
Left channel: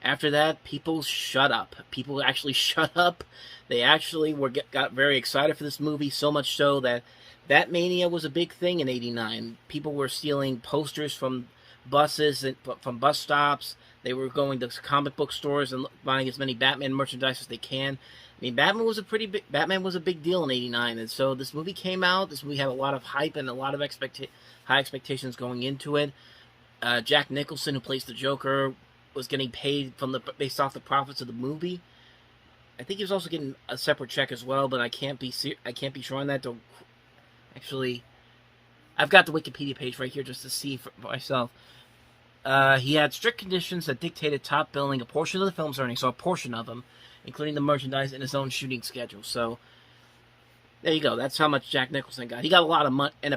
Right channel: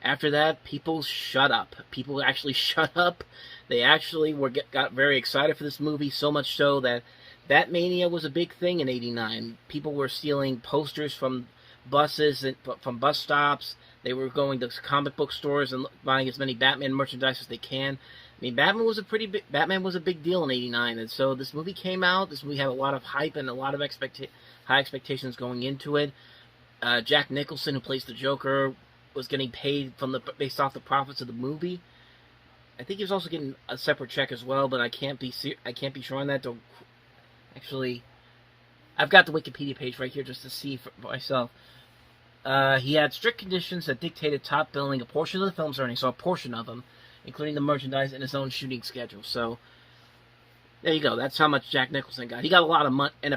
After that, people shut up. People actually shut up. They actually got very excited for this movie, so much so that Batmania was a big thing in '89. People were stealing posters from buses and from bus stops. They were going to comic book stores and buying as many Batman merchandise as they can. I mean, Batman was a big deal in '89, and so this movie came out. This movie had a lot of hype and a lot of high expectations going into it. Jack Nicholson, who plays the Joker, was getting paid based off the profits of the movie. I think he was also getting a separate check as well, but I can't be sure on that. Actually, I've got the Wikipedia page right here just to see for myself. He had strict conditions that dictated top billing a portion of the film's earnings, so a portion of them, including the merchandise and his own shooting schedule. So there you go. That's how much Jack Nicholson got. He got a lot of money, and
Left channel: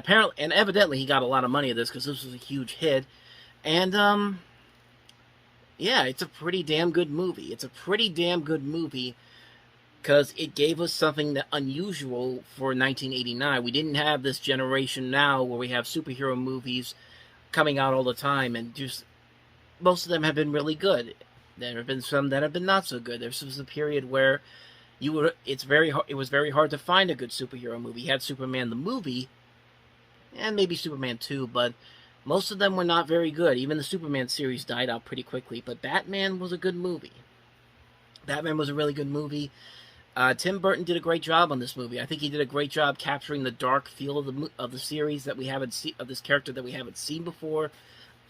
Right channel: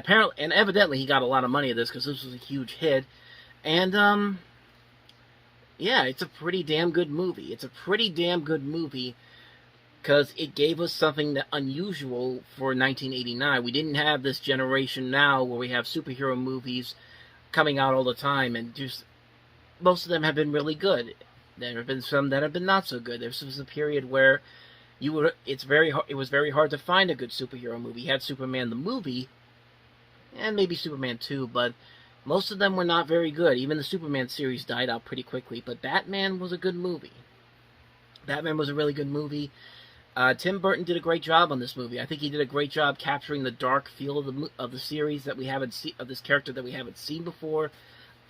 evidently he got a lot of money of this because this was a huge hit. And yeah, it's a pretty damn good movie. It's a pretty damn good movie because it gave us something unusual for 1989. We didn't have this generation now where we have superhero movies coming out all the time, and just most of them have been really good. There have been some that have been not so good. There was a period where it was very hard to find a good superhero movie. You had Superman the movie, and maybe Superman 2, but most of them were not very good. Even the Superman series died out pretty quickly, but Batman was a good movie. Batman was a really good movie. Tim Burton did a great job on this movie. I think he did a great job capturing the dark feel of the series that we haven't seen, of this character that we haven't seen before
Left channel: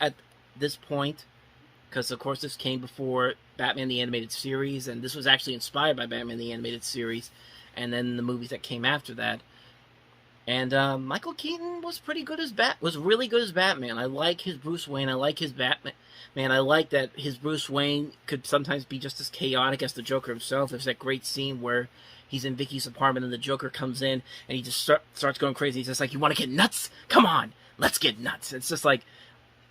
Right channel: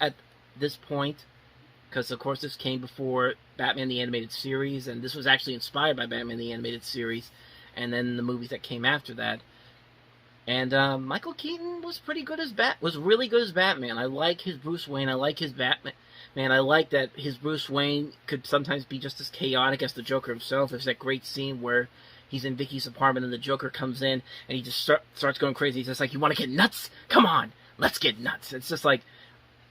at this point. Because, of course, this came before Batman the Animated Series, and this was actually inspired by Batman the Animated Series, and then the movies that came after that. And Michael Keaton was really good as Batman. I like his Bruce Wayne. I like his Batman. Man, I like that his Bruce Wayne could sometimes be just as chaotic as the Joker himself. There's that great scene where he's in Vicky's apartment and the Joker comes in and he just starts going crazy. He's just like, "You want to get nuts? Come on, let's get nuts." It's just like,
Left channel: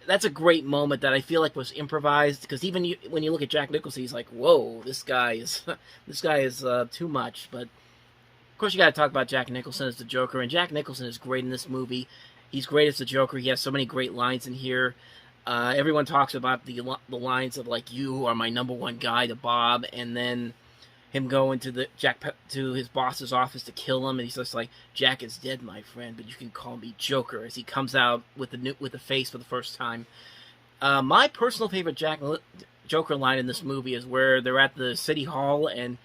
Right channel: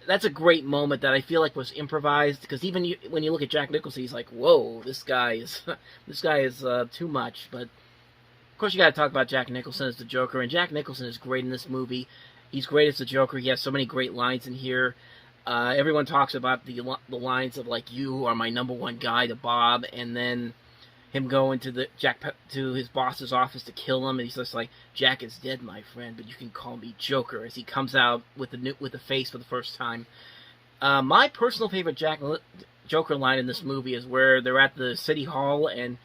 that's a great moment that I feel like was improvised, because even when you look at Jack Nicholson, he's like, "Whoa, this guy is too much." But of course, you got to talk about Jack Nicholson as the Joker, and Jack Nicholson is great in this movie. He's great as the Joker. He has so many great lines in here. Everyone talks about the lines of, like, "You are my number one guy" to Bob, and then him going to his boss's office to kill him, and he's just like, "Jack is dead, my friend, but you can call me Joker," as he comes out with the face for the first time. My personal favorite Joker line in this movie is where they're at the city hall, and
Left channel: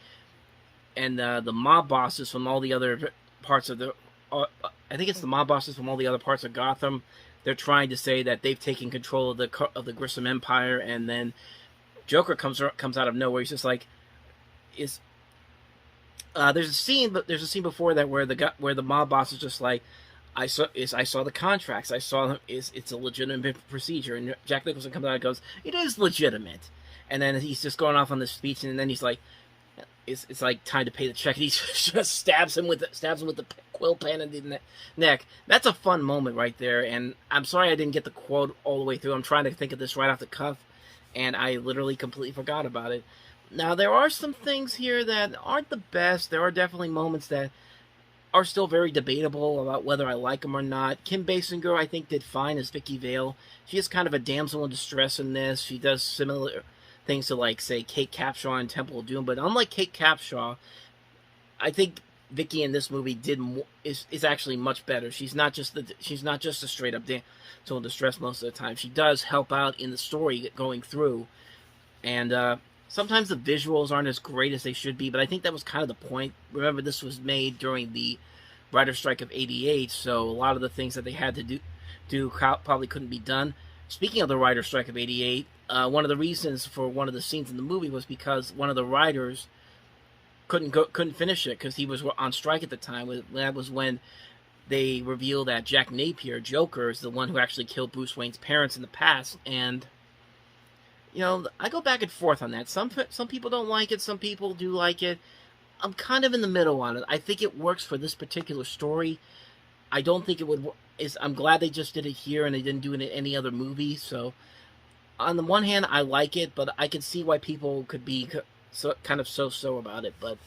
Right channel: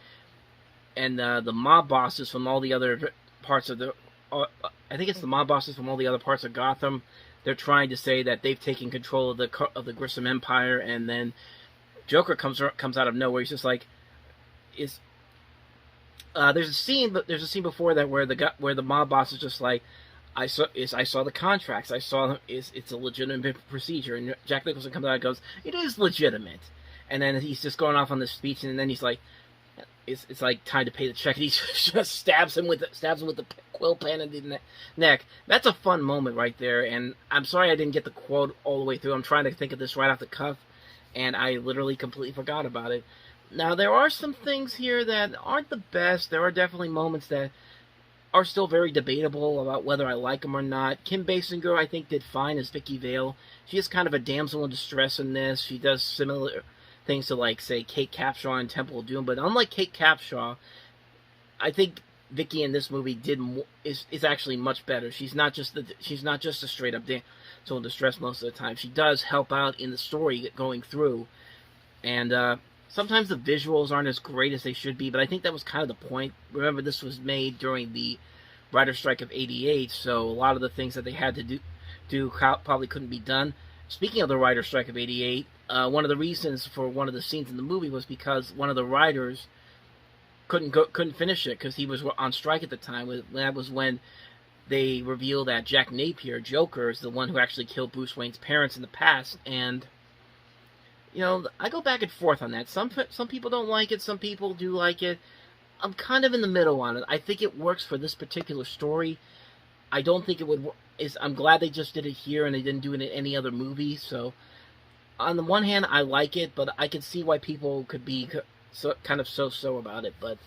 the mob bosses from all the other parts of I think it's the mob bosses from all the other parts of Gotham. they're trying to say that they've taken control of the Grissom Empire, and then Joker comes out of nowhere. He's just like, there's a scene before that where the mob boss is just like, I saw the contracts. I saw it's a legitimate procedure, and Jack Nicholson comes out and goes, it is legitimate, and then he's just going off on this speech, and then he's like, it's like time to pay the check, and he just stabs him with the quill pen in the neck. That's a fun moment right there, and I'm sorry I didn't get the quote all the way through. I'm trying to think of this right off the cuff, and I literally completely forgot about it. Now, there are some things here that aren't the best. There are definitely moments that are still very debatable about whether I like them or not. Kim Basinger, I think, did fine as Vicky Vale. She is kind of a damsel in distress in this. She does similar things to, like, say, Kate Capshaw in Temple of Doom. But unlike Kate Capshaw, I think Vicky in this movie is actually much better. She's not just a straight up damsel in distress most of the time. She does help out in the story going through, and sometimes the visuals aren't as great as they should be, but I think that was kind of the point. Remember, this was made during the writer's strike of '88, so a lot of the things that they had to do probably couldn't be done. Speaking of the writer's strike of '88, one of the reasons for one of the scenes in the movie was because one of the writers couldn't finish it because he was on strike at the time. That was when they revealed that Jack Napier, Joker, is the one who actually killed Bruce Wayne's parents in the past, and you know, I go back and forth on that. Some people don't like it, some people do like it. I'm kind of in the middle on it. I think it works for this particular story. I don't think it would. I'm glad they just did it here and they didn't do it in any other movie. So, on the one hand, I like it, but I can see why people could be kind of so about it. But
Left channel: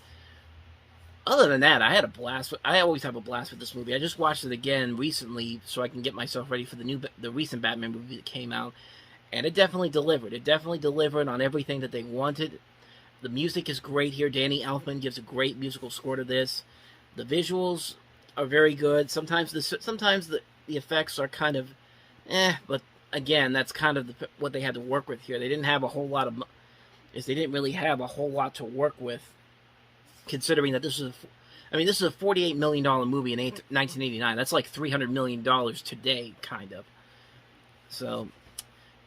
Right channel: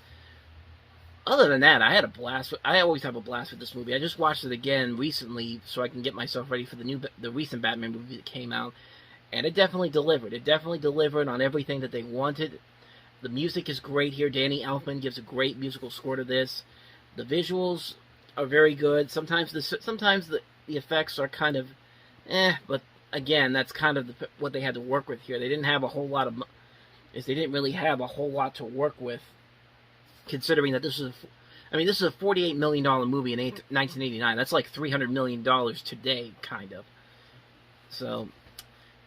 other than that, I had a blast. I always have a blast with this movie. I just watched it again recently so I can get myself ready for the recent Batman movie that came out. And it definitely delivered. It definitely delivered on everything that they wanted. The music is great here. Danny Elfman gives a great musical score to this. The visuals are very good. Sometimes the effects are kind of but again, that's kind of what they had to work with here. They didn't have a whole lot of they didn't really have a whole lot to work with, considering that this is a $48 million movie in 1989. That's like $300 million today, kind of. So,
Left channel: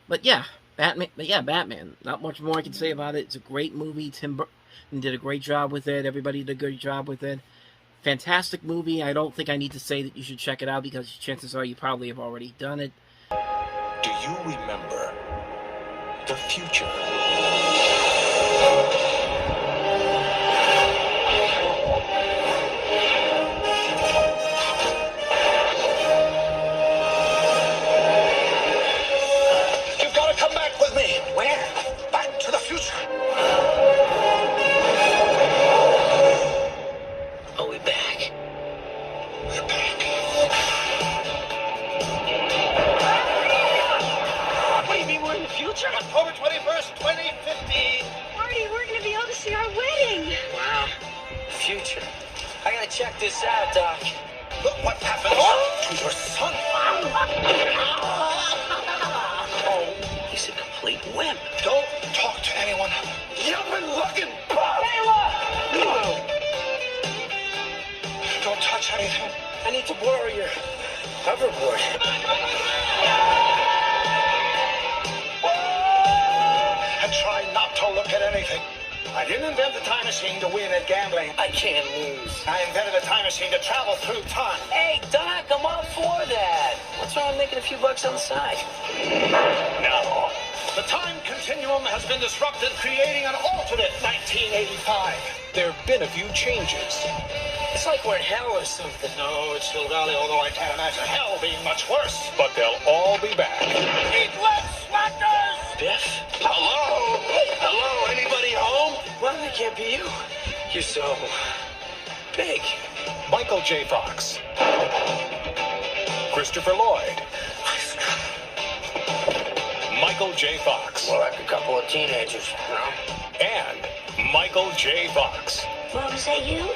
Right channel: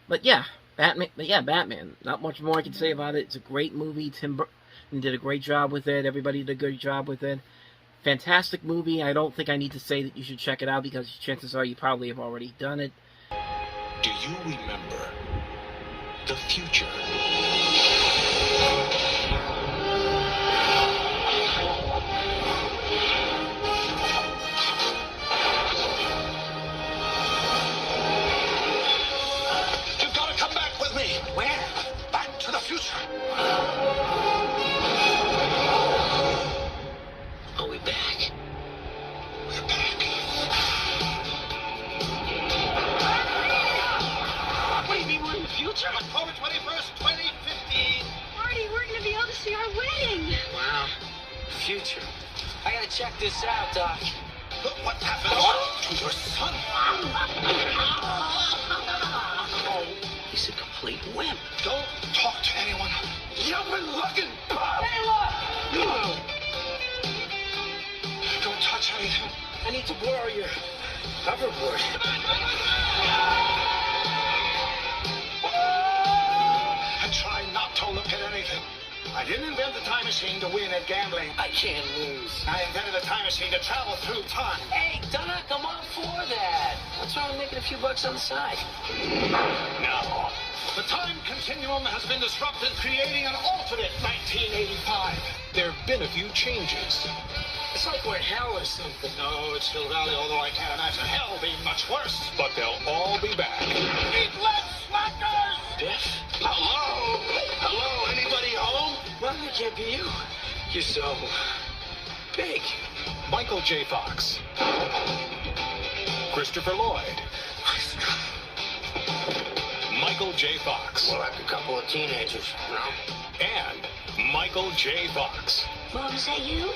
but yeah, Batman. Not much more I can say about it. It's a great movie. Tim Burton did a great job with it. Everybody did a good job with it. Fantastic movie. I don't think I need to say that you should check it out because chances are you probably have already done it. Do you remember the future? You've got to come back with me. Where? Back to the future. Are we back? We're back. What do you mean we're in the future? October 21st, 2015. Marty, we're going to be able to see our wedding. Wow. Future. I gotta check this out, Doc. Look what happened to your son. Oh, he's a complete wimp. Don't talk to anyone. You've been looking. Don't touch anything. I need to borrow your hoverboard. And try not to look at anything. I didn't invent the time machine to win at gambling. I can't lose. I invented a time machine to travel through time. Hey, Doc, I'm all for that. What's wrong with making a few bucks on the side? Now, the time continuum has been disrupted, creating an alternate 1985. There have been a few changes. It's like we're in hell or something. No, it's Hill Valley, although I can't imagine hell being much worse. But they'll all be back. Eat less, slackers! Biff? Hello? Hello, anybody home? Well, it can't be you. You're so big. Michael J. Fox. Christopher Lloyd. Michael J. Fox. More like a couple of teenagers, you know? And Michael J. Fox. Mom, is that you?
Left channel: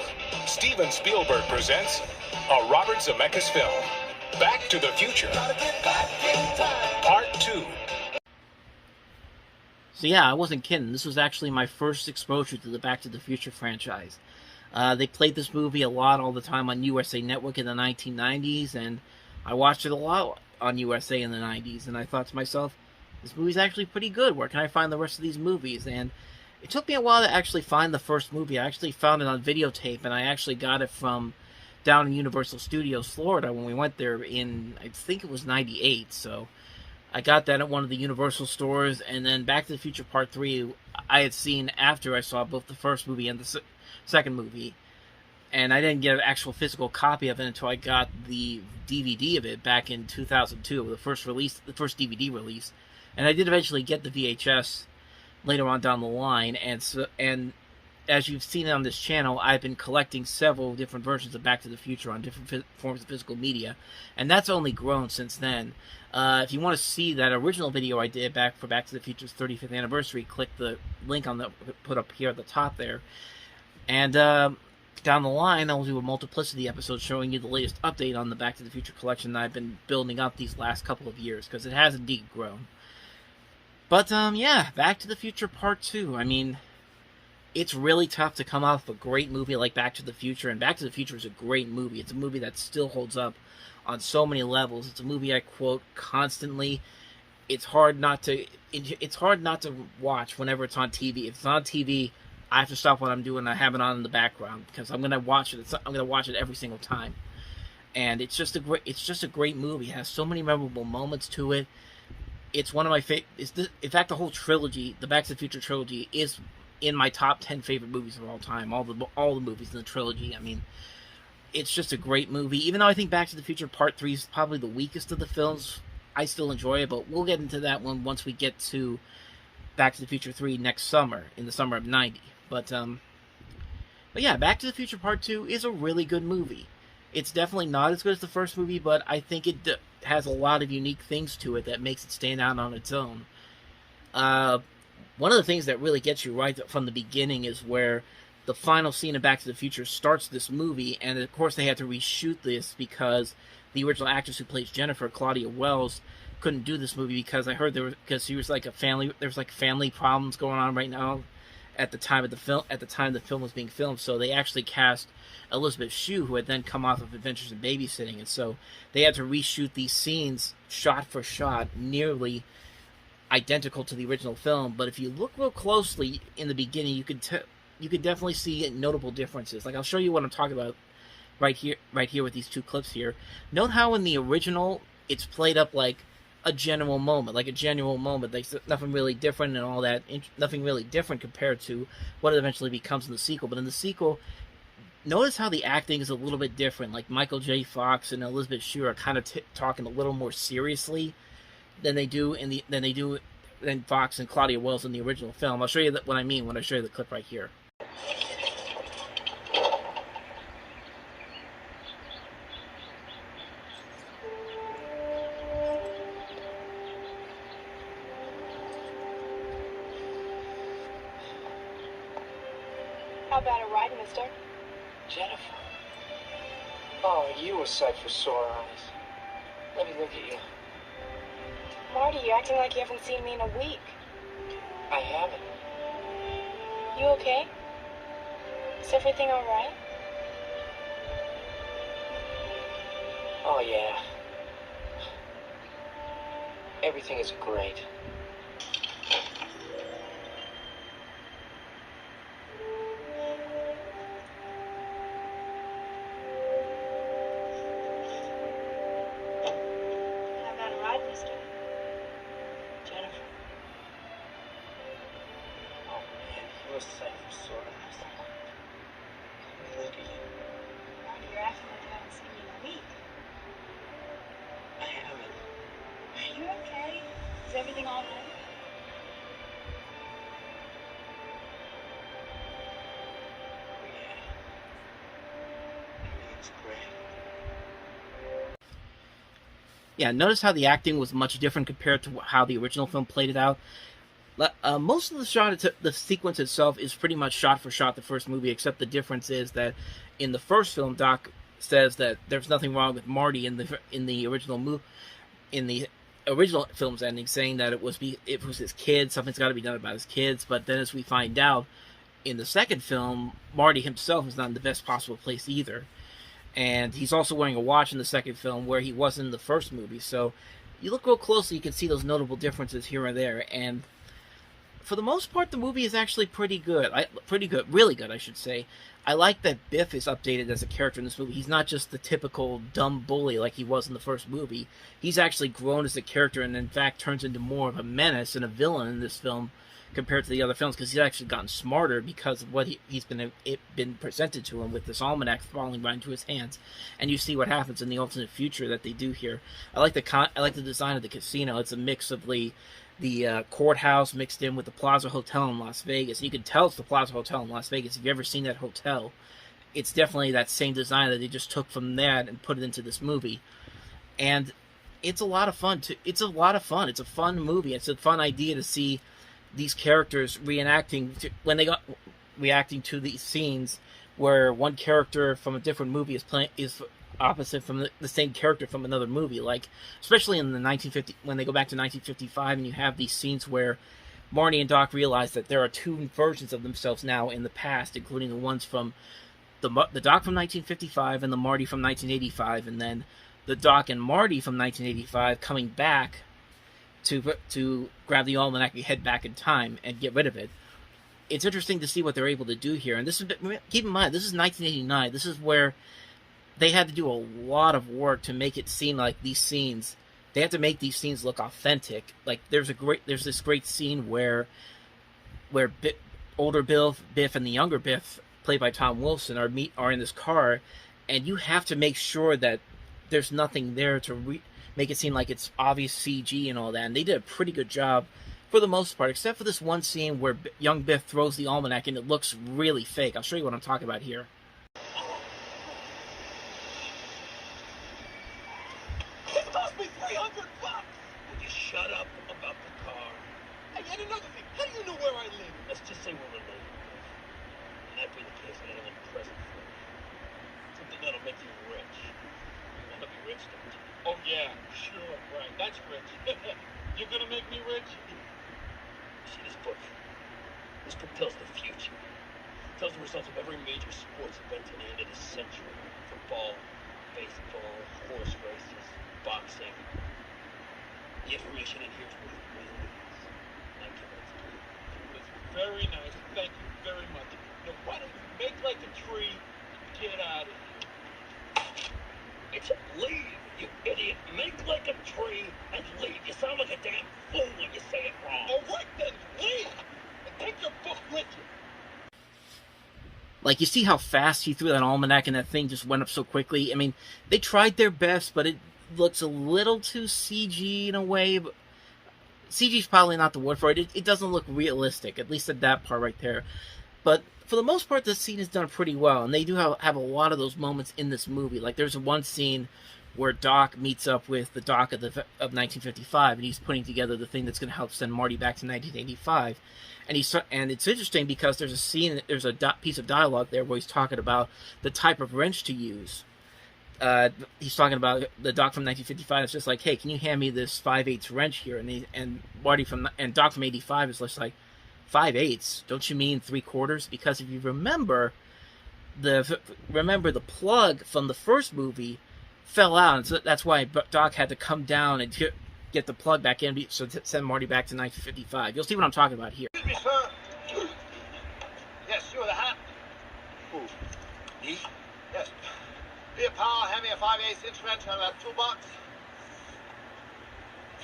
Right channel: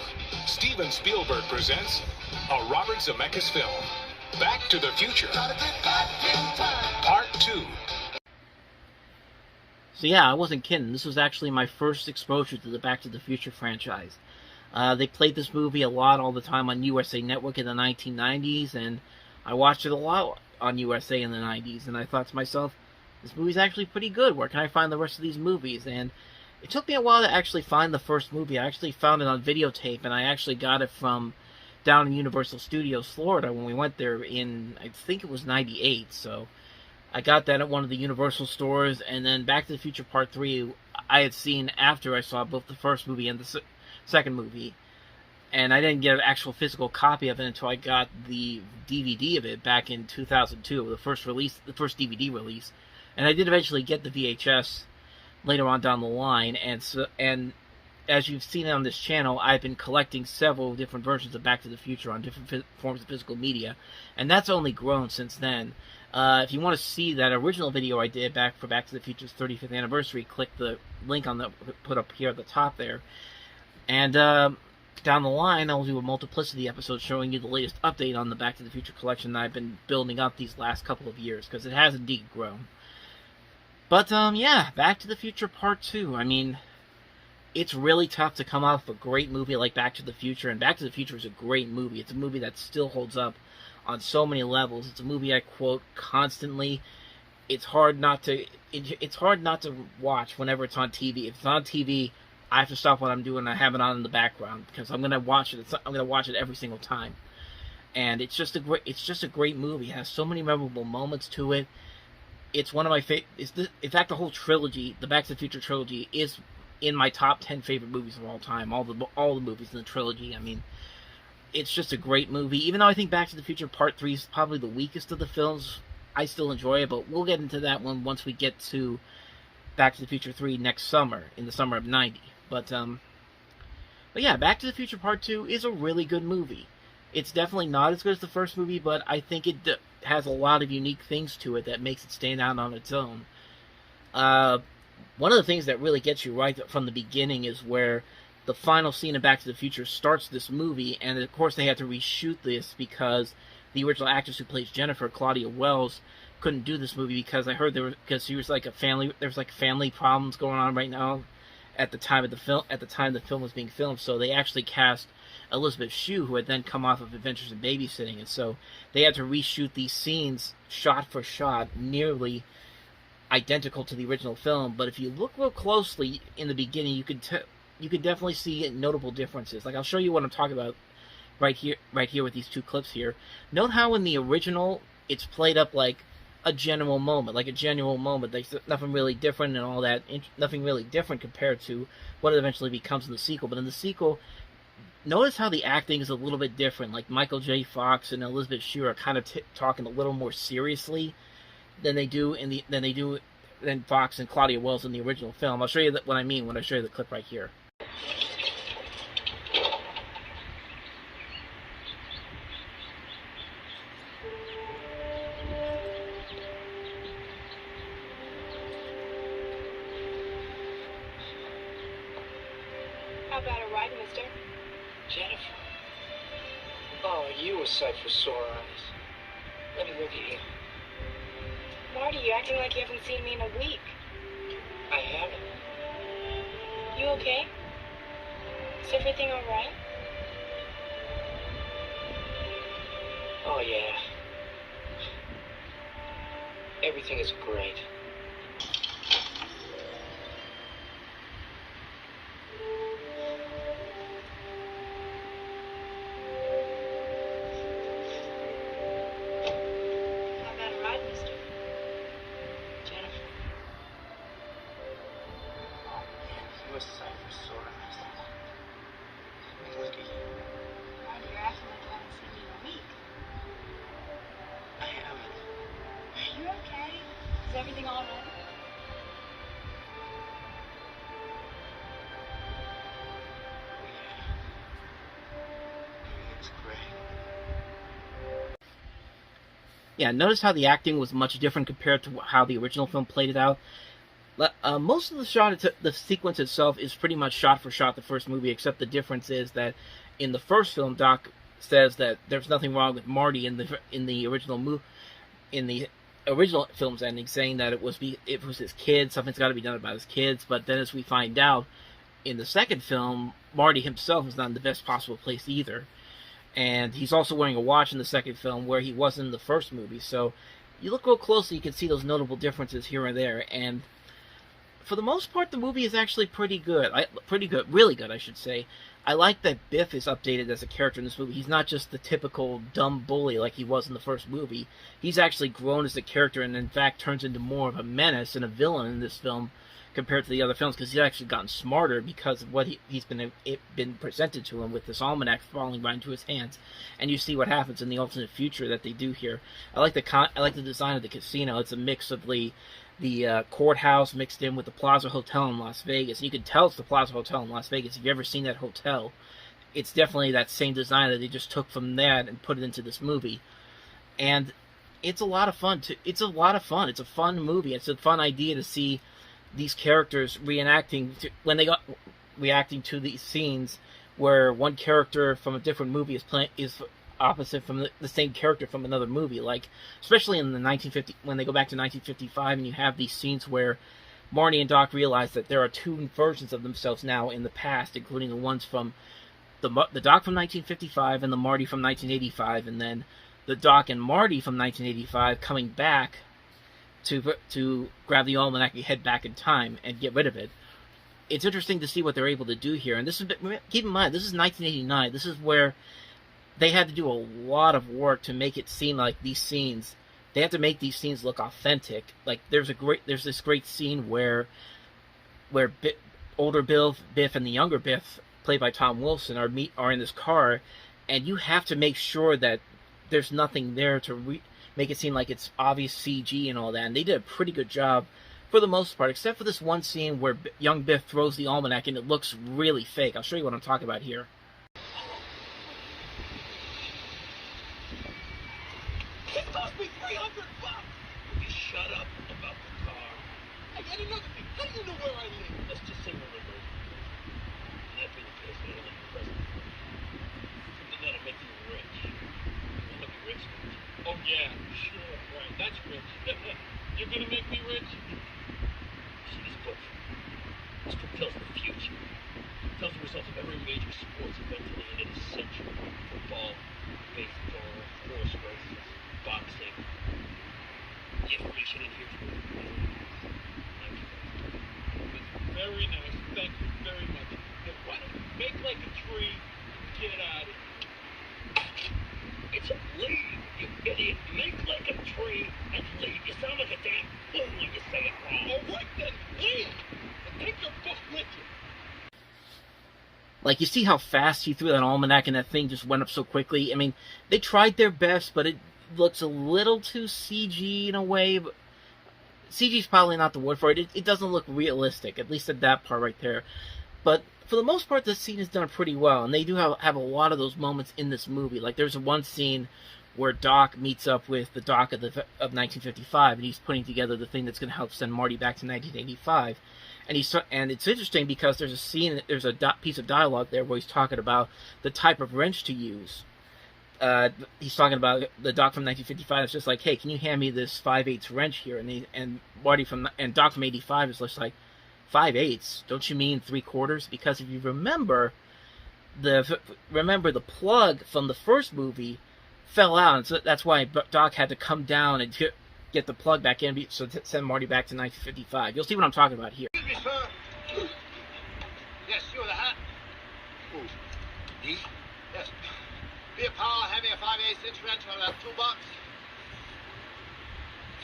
Steven Spielberg presents a Robert Zemeckis film, Back to the Future, Part 2. So yeah, I wasn't kidding. This was actually my first exposure to the Back to the Future franchise. They played this movie a lot all the time on USA Network in the 1990s, and I watched it a lot on USA in the 90s, and I thought to myself, this movie's actually pretty good. Where can I find the rest of these movies? And it took me a while to actually find the first movie. I actually found it on videotape, and I actually got it from down in Universal Studios, Florida, when we went there in, I think it was 98, so I got that at one of the Universal stores, and then Back to the Future Part 3 I had seen after I saw both the first movie and the second movie, and I didn't get an actual physical copy of it until I got the DVD of it back in 2002, the first DVD release, and I did eventually get the VHS later on down the line, and as you've seen on this channel, I've been collecting several different versions of Back to the Future on different forms of physical media, and that's only grown since then. If you want to see that original video I did for Back to the Future's 35th anniversary, click the link on the put up here at the top there. And down the line, I'll do a multiplicity episode showing you the latest update on the Back to the Future collection that I've been building up these last couple of years, because it has indeed grown. But, yeah, Back to the Future Part 2. I mean, it's really tough to come off a great movie like Back to the Future, and Back to the Future is a great movie. It's a movie that still holds up on so many levels. It's a movie I quote constantly. It's hard not to watch whenever it's on TV. If it's on TV, I have to stop what I'm doing and I have it on in the background, because I'm gonna watch it. I'm gonna watch it every single time. And it's just a great movie. It has so many memorable moments to it. It's one of my favorite. In fact, the whole trilogy, the Back to the Future trilogy, is in my top 10 favorite movies of all time. All the movies in the trilogy. I mean, it's just a great movie. Even though I think Back to the Future Part 3 is probably the weakest of the films, I still enjoy it. But we'll get into that one once we get to Back to the Future 3 next summer, in the summer of '90. But yeah, Back to the Future Part 2 is a really good movie. It's definitely not as good as the first movie, but I think it has a lot of unique things to it that makes it stand out on its own. One of the things that really gets you right from the beginning is where the final scene of Back to the Future starts this movie, and of course they had to reshoot this because the original actress who plays Jennifer, Claudia Wells, couldn't do this movie because I heard because there was family problems going on right now at the time the film was being filmed. So they actually cast Elizabeth Shue, who had then come off of Adventures in Babysitting, and so they had to reshoot these scenes shot for shot, nearly identical to the original film. But if you look real closely in the beginning, you could definitely see notable differences. Like, I'll show you what I'm talking about right here with these two clips here. Note how in the original it's played up like a genuine moment, There's nothing really different and all that. Nothing really different compared to what it eventually becomes in the sequel. But in the sequel, notice how the acting is a little bit different. Like, Michael J. Fox and Elizabeth Shue are kind of talking a little more seriously than Fox and Claudia Wells in the original film. I'll show you what I mean when I show you the clip right here. How about a ride, mister? Jennifer. Oh, you a sight for sore eyes. Let me look at you. Marty, you're acting like you haven't seen me in a week. I haven't. You okay? Is everything all right? Oh, yeah. Everything is great. How about a ride, mister? Jennifer. Oh, man, you a sight for sore eyes. Let me look at you. Marty, you're acting like you haven't seen me in a week. I haven't. Are you okay? Is everything all right? Everything's great. Yeah, notice how the acting was much different compared to how the original film played it out. Most of the sequence itself is pretty much shot for shot the first movie, except the difference is that in the first film, Doc says that there's nothing wrong with Marty in the original film's ending, saying that it was his kids, something's got to be done about his kids. But then, as we find out in the second film, Marty himself is not in the best possible place either. And he's also wearing a watch in the second film where he wasn't in the first movie. So you look real closely, you can see those notable differences here and there. And for the most part, the movie is actually pretty good. Really good, I should say. I like that Biff is updated as a character in this movie. He's not just the typical dumb bully like he was in the first movie. He's actually grown as a character and, in fact, turns into more of a menace and a villain in this film compared to the other films, because he's actually gotten smarter because of what he's been presented to him with this almanac falling right into his hands. And you see what happens in the alternate future that they do here. I like the design of the casino. It's a mix of the courthouse mixed in with the Plaza Hotel in Las Vegas. And you can tell it's the Plaza Hotel in Las Vegas. If you've ever seen that hotel, it's definitely that same design that they just took from that and put it into this movie. And it's a lot of fun. It's a fun movie. It's a fun idea to see these characters reacting to these scenes where one character from a different movie is opposite from the same character from another movie. Like, especially in the 1950, when they go back to 1955 and you have these scenes where Marty and Doc realize that there are two versions of themselves now in the past, including the ones from the Doc from 1955 and the Marty from 1985, and then the Doc and Marty from 1985 coming back to grab the almanac and head back in time and get rid of it. It's interesting to see what they're able to do here. And keep in mind, this is 1989. This is where they had to do a lot of work to make it seem like these scenes, they have to make these scenes look authentic. Like, there's this great scene where older Biff and the younger Biff, played by Tom Wilson, are in this car, and you have to make sure that there's nothing there to make it seem like it's obvious CG and all that. And they did a pretty good job for the most part, except for this one scene where young Biff throws the almanac and it looks really fake. I'll show you what I'm talking about here. It cost me $300. Will you shut up about the car? Hey, and another thing, how do you know where I live? Let's just say we're related. And that being the case, I got a little present for you. Something that'll make you rich. You want to be rich, don't you? Oh, yeah, sure, right. That's rich. You're gonna make me rich? See this book? This book tells the future. It tells the results of every major sports event to the end of the century. Football, baseball, horse races, boxing. The information in here is worth millions. It's very nice. Thank you very much. Now, why don't you make like a tree and get out of here? It's a lead, you idiot. Make like a tree and lead. You sound like a damn fool when you say it wrong. All right, then, lead. And take your book with you. Like, you see how fast he threw that almanac and that thing just went up so quickly? I mean, they tried their best, but it looks a little too CG in a way. But CG's probably not the word for it. It doesn't look realistic, at least at that part right there. But for the most part, this scene is done pretty well, and they do have a lot of those moments in this movie. Like, there's one scene where Doc meets up with the Doc of 1955, and he's putting together the thing that's going to help send Marty back to 1985. And it's interesting because there's a piece of dialogue there where he's talking about the type of wrench to use. He's talking about the Doc from 1955. It's just like, hey, can you hand me this 5/8 wrench here? And Doc from 85 is just like, 5/8? Don't you mean 3/4? Because if you remember, the plug from the first movie fell out, and so that's why Doc had to come down and get the plug back in, so to send Marty back to 1955. You'll see what I'm talking about here. Excuse me, sir. Yes, you with a hat. Who? Me? Yes. Be a pal, hand me a 5/8 inch wrench out of that toolbox.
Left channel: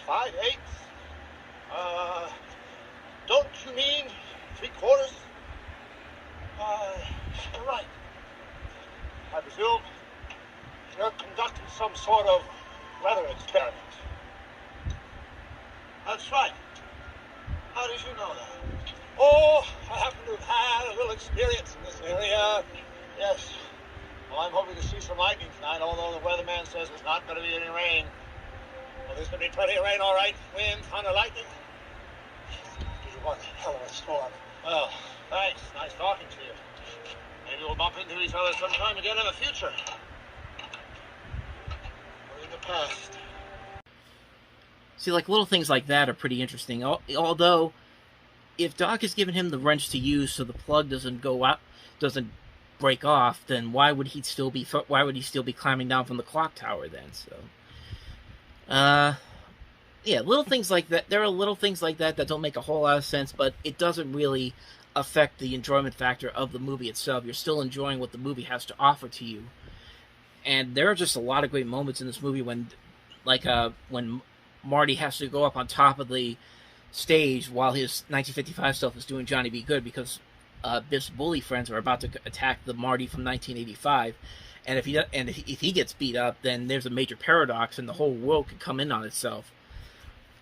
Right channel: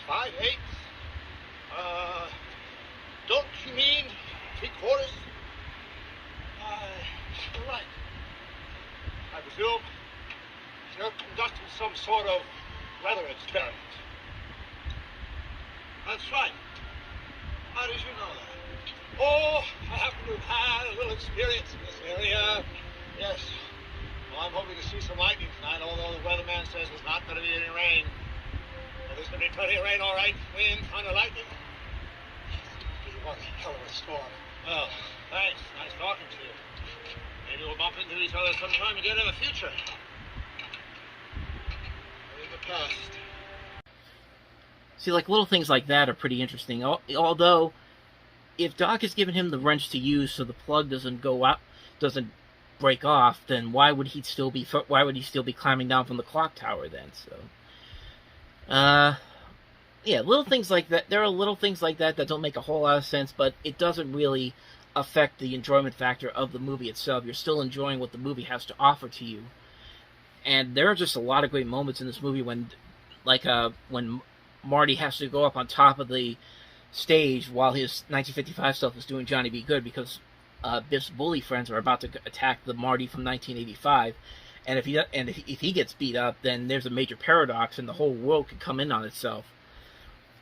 5/8? Don't you mean 3/4? You're right. I presume you're conducting some sort of weather experiment. That's right. How did you know that? Oh, I happen to have had a little experience in this area. Yes. Well, I'm hoping to see some lightning tonight, although the weatherman says there's not going to be any rain. Well, there's going to be plenty of rain, all right. Wind, thunder, lightning. What a hell of a storm. Well, thanks. Nice talking to you. Maybe we'll bump into each other sometime again in the future. Or in the past. See, like, little things like that are pretty interesting. Although, if Doc has given him the wrench to use so the plug doesn't go out, doesn't break off, then why would he still be climbing down from the clock tower then? So, yeah, little things like that. There are little things like that don't make a whole lot of sense, but it doesn't really affect the enjoyment factor of the movie itself. You're still enjoying what the movie has to offer to you. And there are just a lot of great moments in this movie when Marty has to go up on top of the stage while his 1955 stuff is doing Johnny Be Good, because Biff's bully friends are about to attack the Marty from 1985, and if he gets beat up, then there's a major paradox, and the whole world could come in on itself.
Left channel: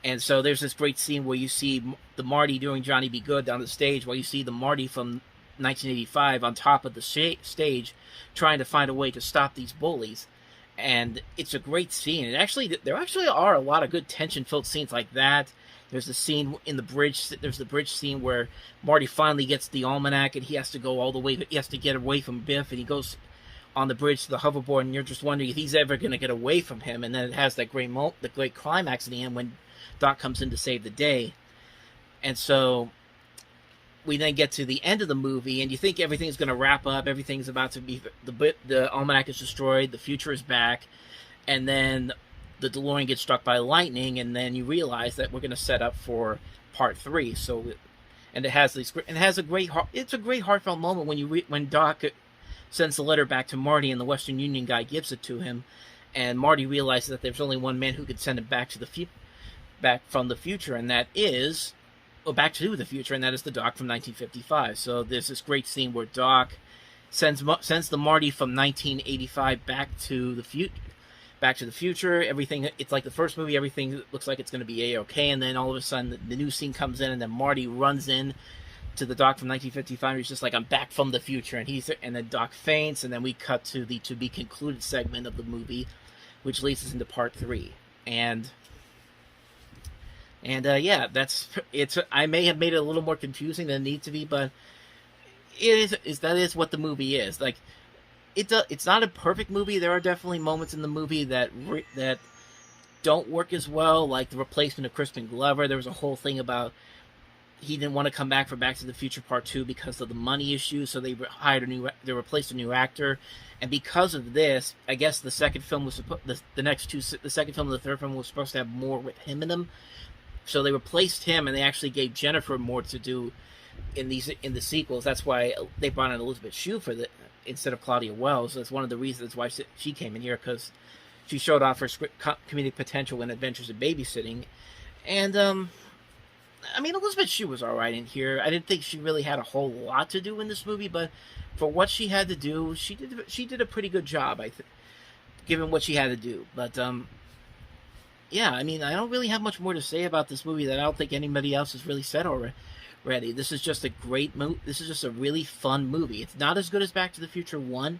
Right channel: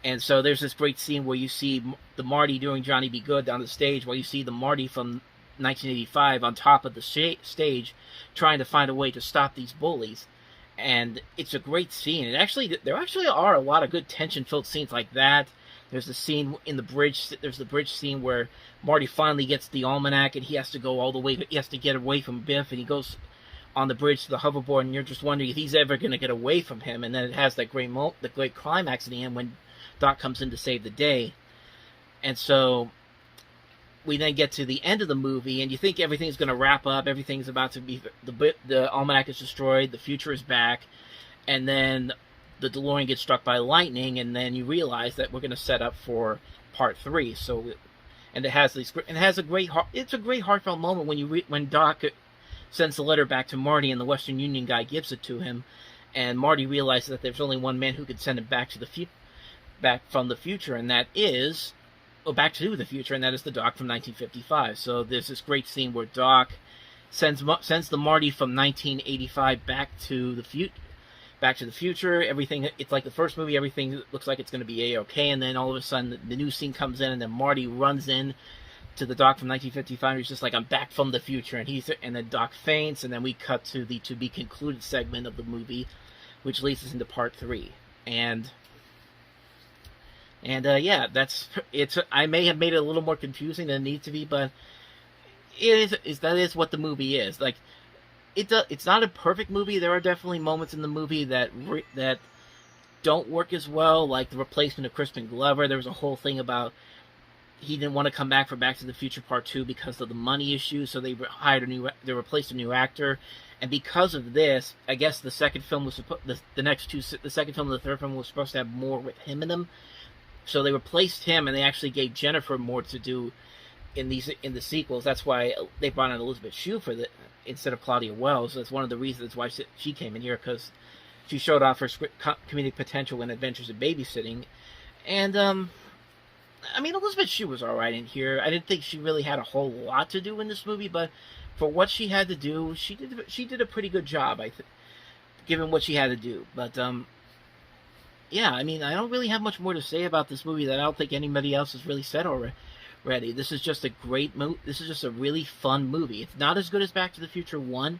And so there's this great scene where you see the Marty doing Johnny Be Good on the stage, while you see the Marty from 1985 on top of the stage trying to find a way to stop these bullies. And it's a great scene. There actually are a lot of good tension-filled scenes like that. There's the scene in the bridge. There's the bridge scene where Marty finally gets the almanac, and he has to go all the way. He has to get away from Biff, and he goes on the bridge to the hoverboard, and you're just wondering if he's ever going to get away from him. And then it has that the great climax in the end when Doc comes in to save the day. And so we then get to the end of the movie, and you think everything's going to wrap up. Everything's about to be the almanac is destroyed. The future is back, and then the DeLorean gets struck by lightning, and then you realize that we're going to set up for part 3. So, and it's a great heartfelt moment when Doc sends the letter back to Marty, and the Western Union guy gives it to him, and Marty realizes that there's only one man who could send him back from the future, and that is Back to the Future, and that is the Doc from 1955. So there's this great scene where Doc sends the Marty from 1985 back to the future. Everything, it's like the first movie, everything looks like it's going to be A-okay, and then all of a sudden the new scene comes in, and then Marty runs in to the Doc from 1955, and he's just like, I'm back from the future, and then Doc faints, and then we cut to the to-be-concluded segment of the movie, which leads us into part 3. And yeah, I may have made it a little more confusing than it needs to be, but that is what the movie is. Like, it's not a perfect movie. There are definitely moments in the movie that don't work as well, like the replacement of Crispin Glover. There was a whole thing about he didn't want to come back for Back to the Future Part 2 because of the money issue, so they replaced a new actor. And because of this, I guess the second film was the second film and the third film was supposed to have more with him in them. So they replaced him, and they actually gave Jennifer more to do in the sequels. That's why they brought in Elizabeth Shue instead of Claudia Wells. That's one of the reasons why she came in here, because she showed off her comedic potential in Adventures in Babysitting. And I mean, Elizabeth Shue was all right in here. I didn't think she really had a whole lot to do in this movie, but for what she had to do, she did a pretty good job, I think, given what she had to do. But yeah, I mean, I don't really have much more to say about this movie that I don't think anybody else has really said already. This is just a great movie. This is just a really fun movie. It's not as good as Back to the Future 1,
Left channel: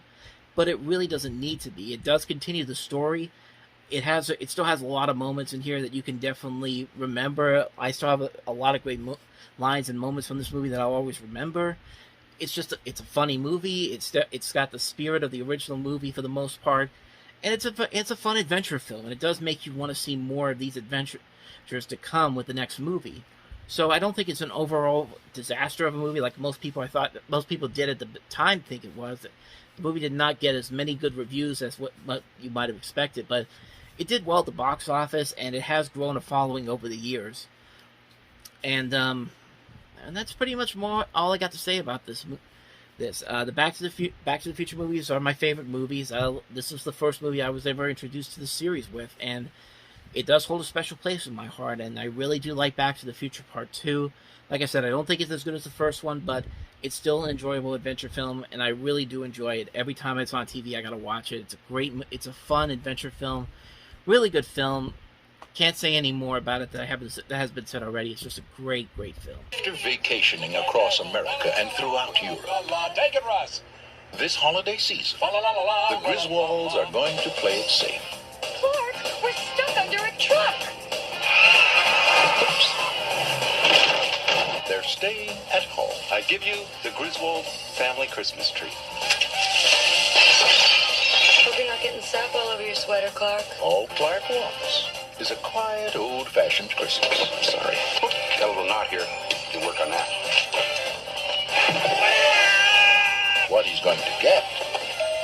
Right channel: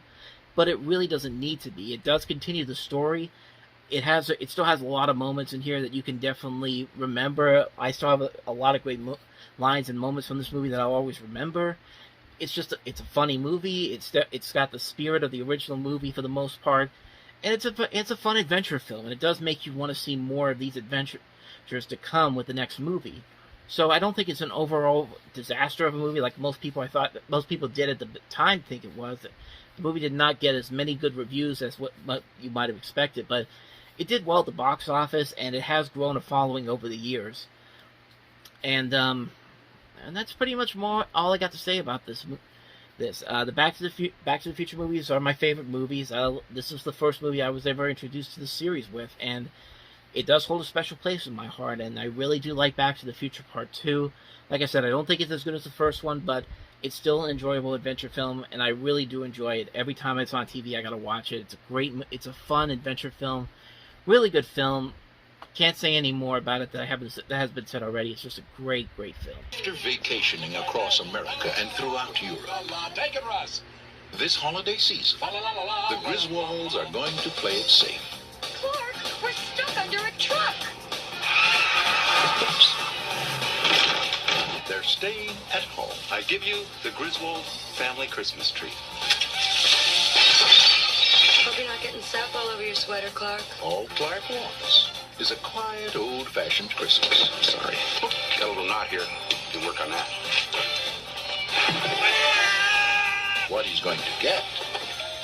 but it really doesn't need to be. It does continue the story. It still has a lot of moments in here that you can definitely remember. I still have a lot of great lines and moments from this movie that I'll always remember. It's a funny movie. It's got the spirit of the original movie for the most part. And it's a fun adventure film, and it does make you want to see more of these adventures to come with the next movie. So I don't think it's an overall disaster of a movie like most people did at the time think it was. The movie did not get as many good reviews as what you might have expected, but it did well at the box office, and it has grown a following over the years. And that's pretty much all I got to say about this. The Back to the Future movies are my favorite movies. This was the first movie I was ever introduced to the series with, and it does hold a special place in my heart, and I really do like Back to the Future Part 2. Like I said, I don't think it's as good as the first one, but it's still an enjoyable adventure film, and I really do enjoy it. Every time it's on TV, I gotta watch it. It's a fun adventure film. Really good film. Can't say any more about it that has been said already. It's just a great, great film. After vacationing across America and throughout Europe, Take it, Russ. this holiday season, the Griswolds are going to play it safe. Clark, we're stuck under a truck. They're staying at home. I give you the Griswold family Christmas tree. Hope you're not getting sap all over your sweater, Clark. All Clark wants is a quiet, old-fashioned Christmas. Sorry. Got a little knot here. You work on that. What he's going to get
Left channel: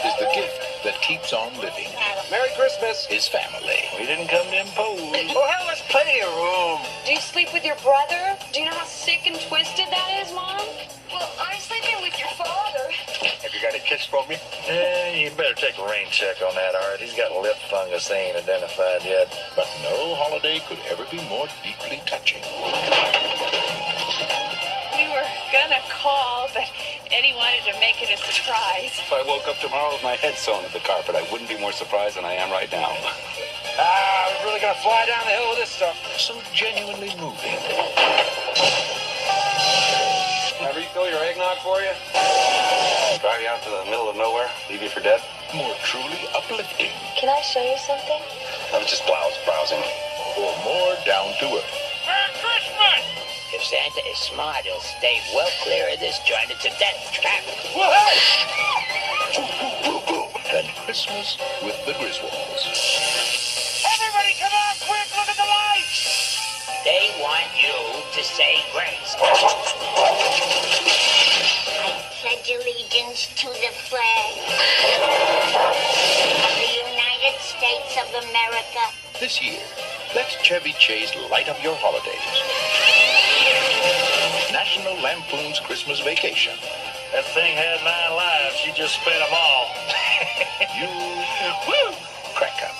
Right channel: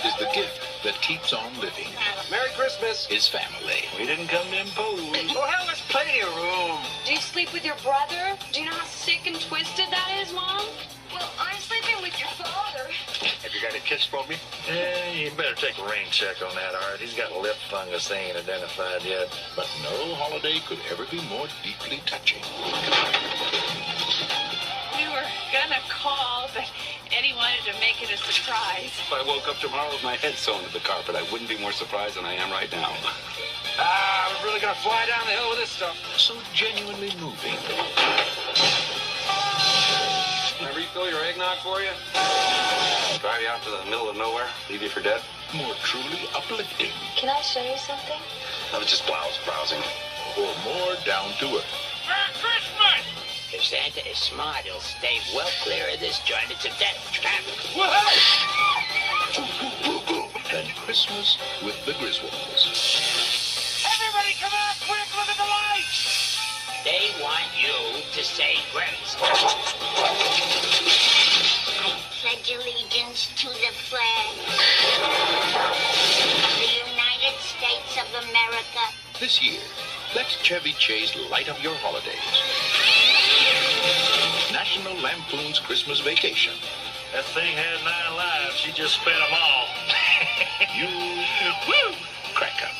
is the gift that keeps on living. Merry Christmas. His family. We didn't come to impose. Oh, hell, there's plenty of room. Do you sleep with your brother? Do you know how sick and twisted that is, Mom? Well, I'm sleeping with your father. Have you got a kiss for me? You better take a rain check on that, Art. He's got lip fungus they ain't identified yet. But no holiday could ever be more deeply touching. We were gonna call, but Eddie wanted to make it a surprise. If I woke up tomorrow with my head sewn to the carpet, I wouldn't be more surprised than I am right now. We're really gonna fly down the hill with this stuff. So genuinely moving. Can I refill your eggnog for you? Drive you out to the middle of nowhere, leave you for dead? More truly uplifting. Can I show you something? I was just browsing. Or more down to earth. Merry Christmas! If Santa is smart, he'll stay well clear of this joint. It's a death trap. Than Christmas with the Griswolds. Everybody come on, quick, look at the lights! They want you to say grace. I pledge allegiance to the flag of the United States of America. This year, let Chevy Chase light up your holidays. National Lampoon's Christmas Vacation. That thing had 9 lives. She just spent them all. You woo, crack up.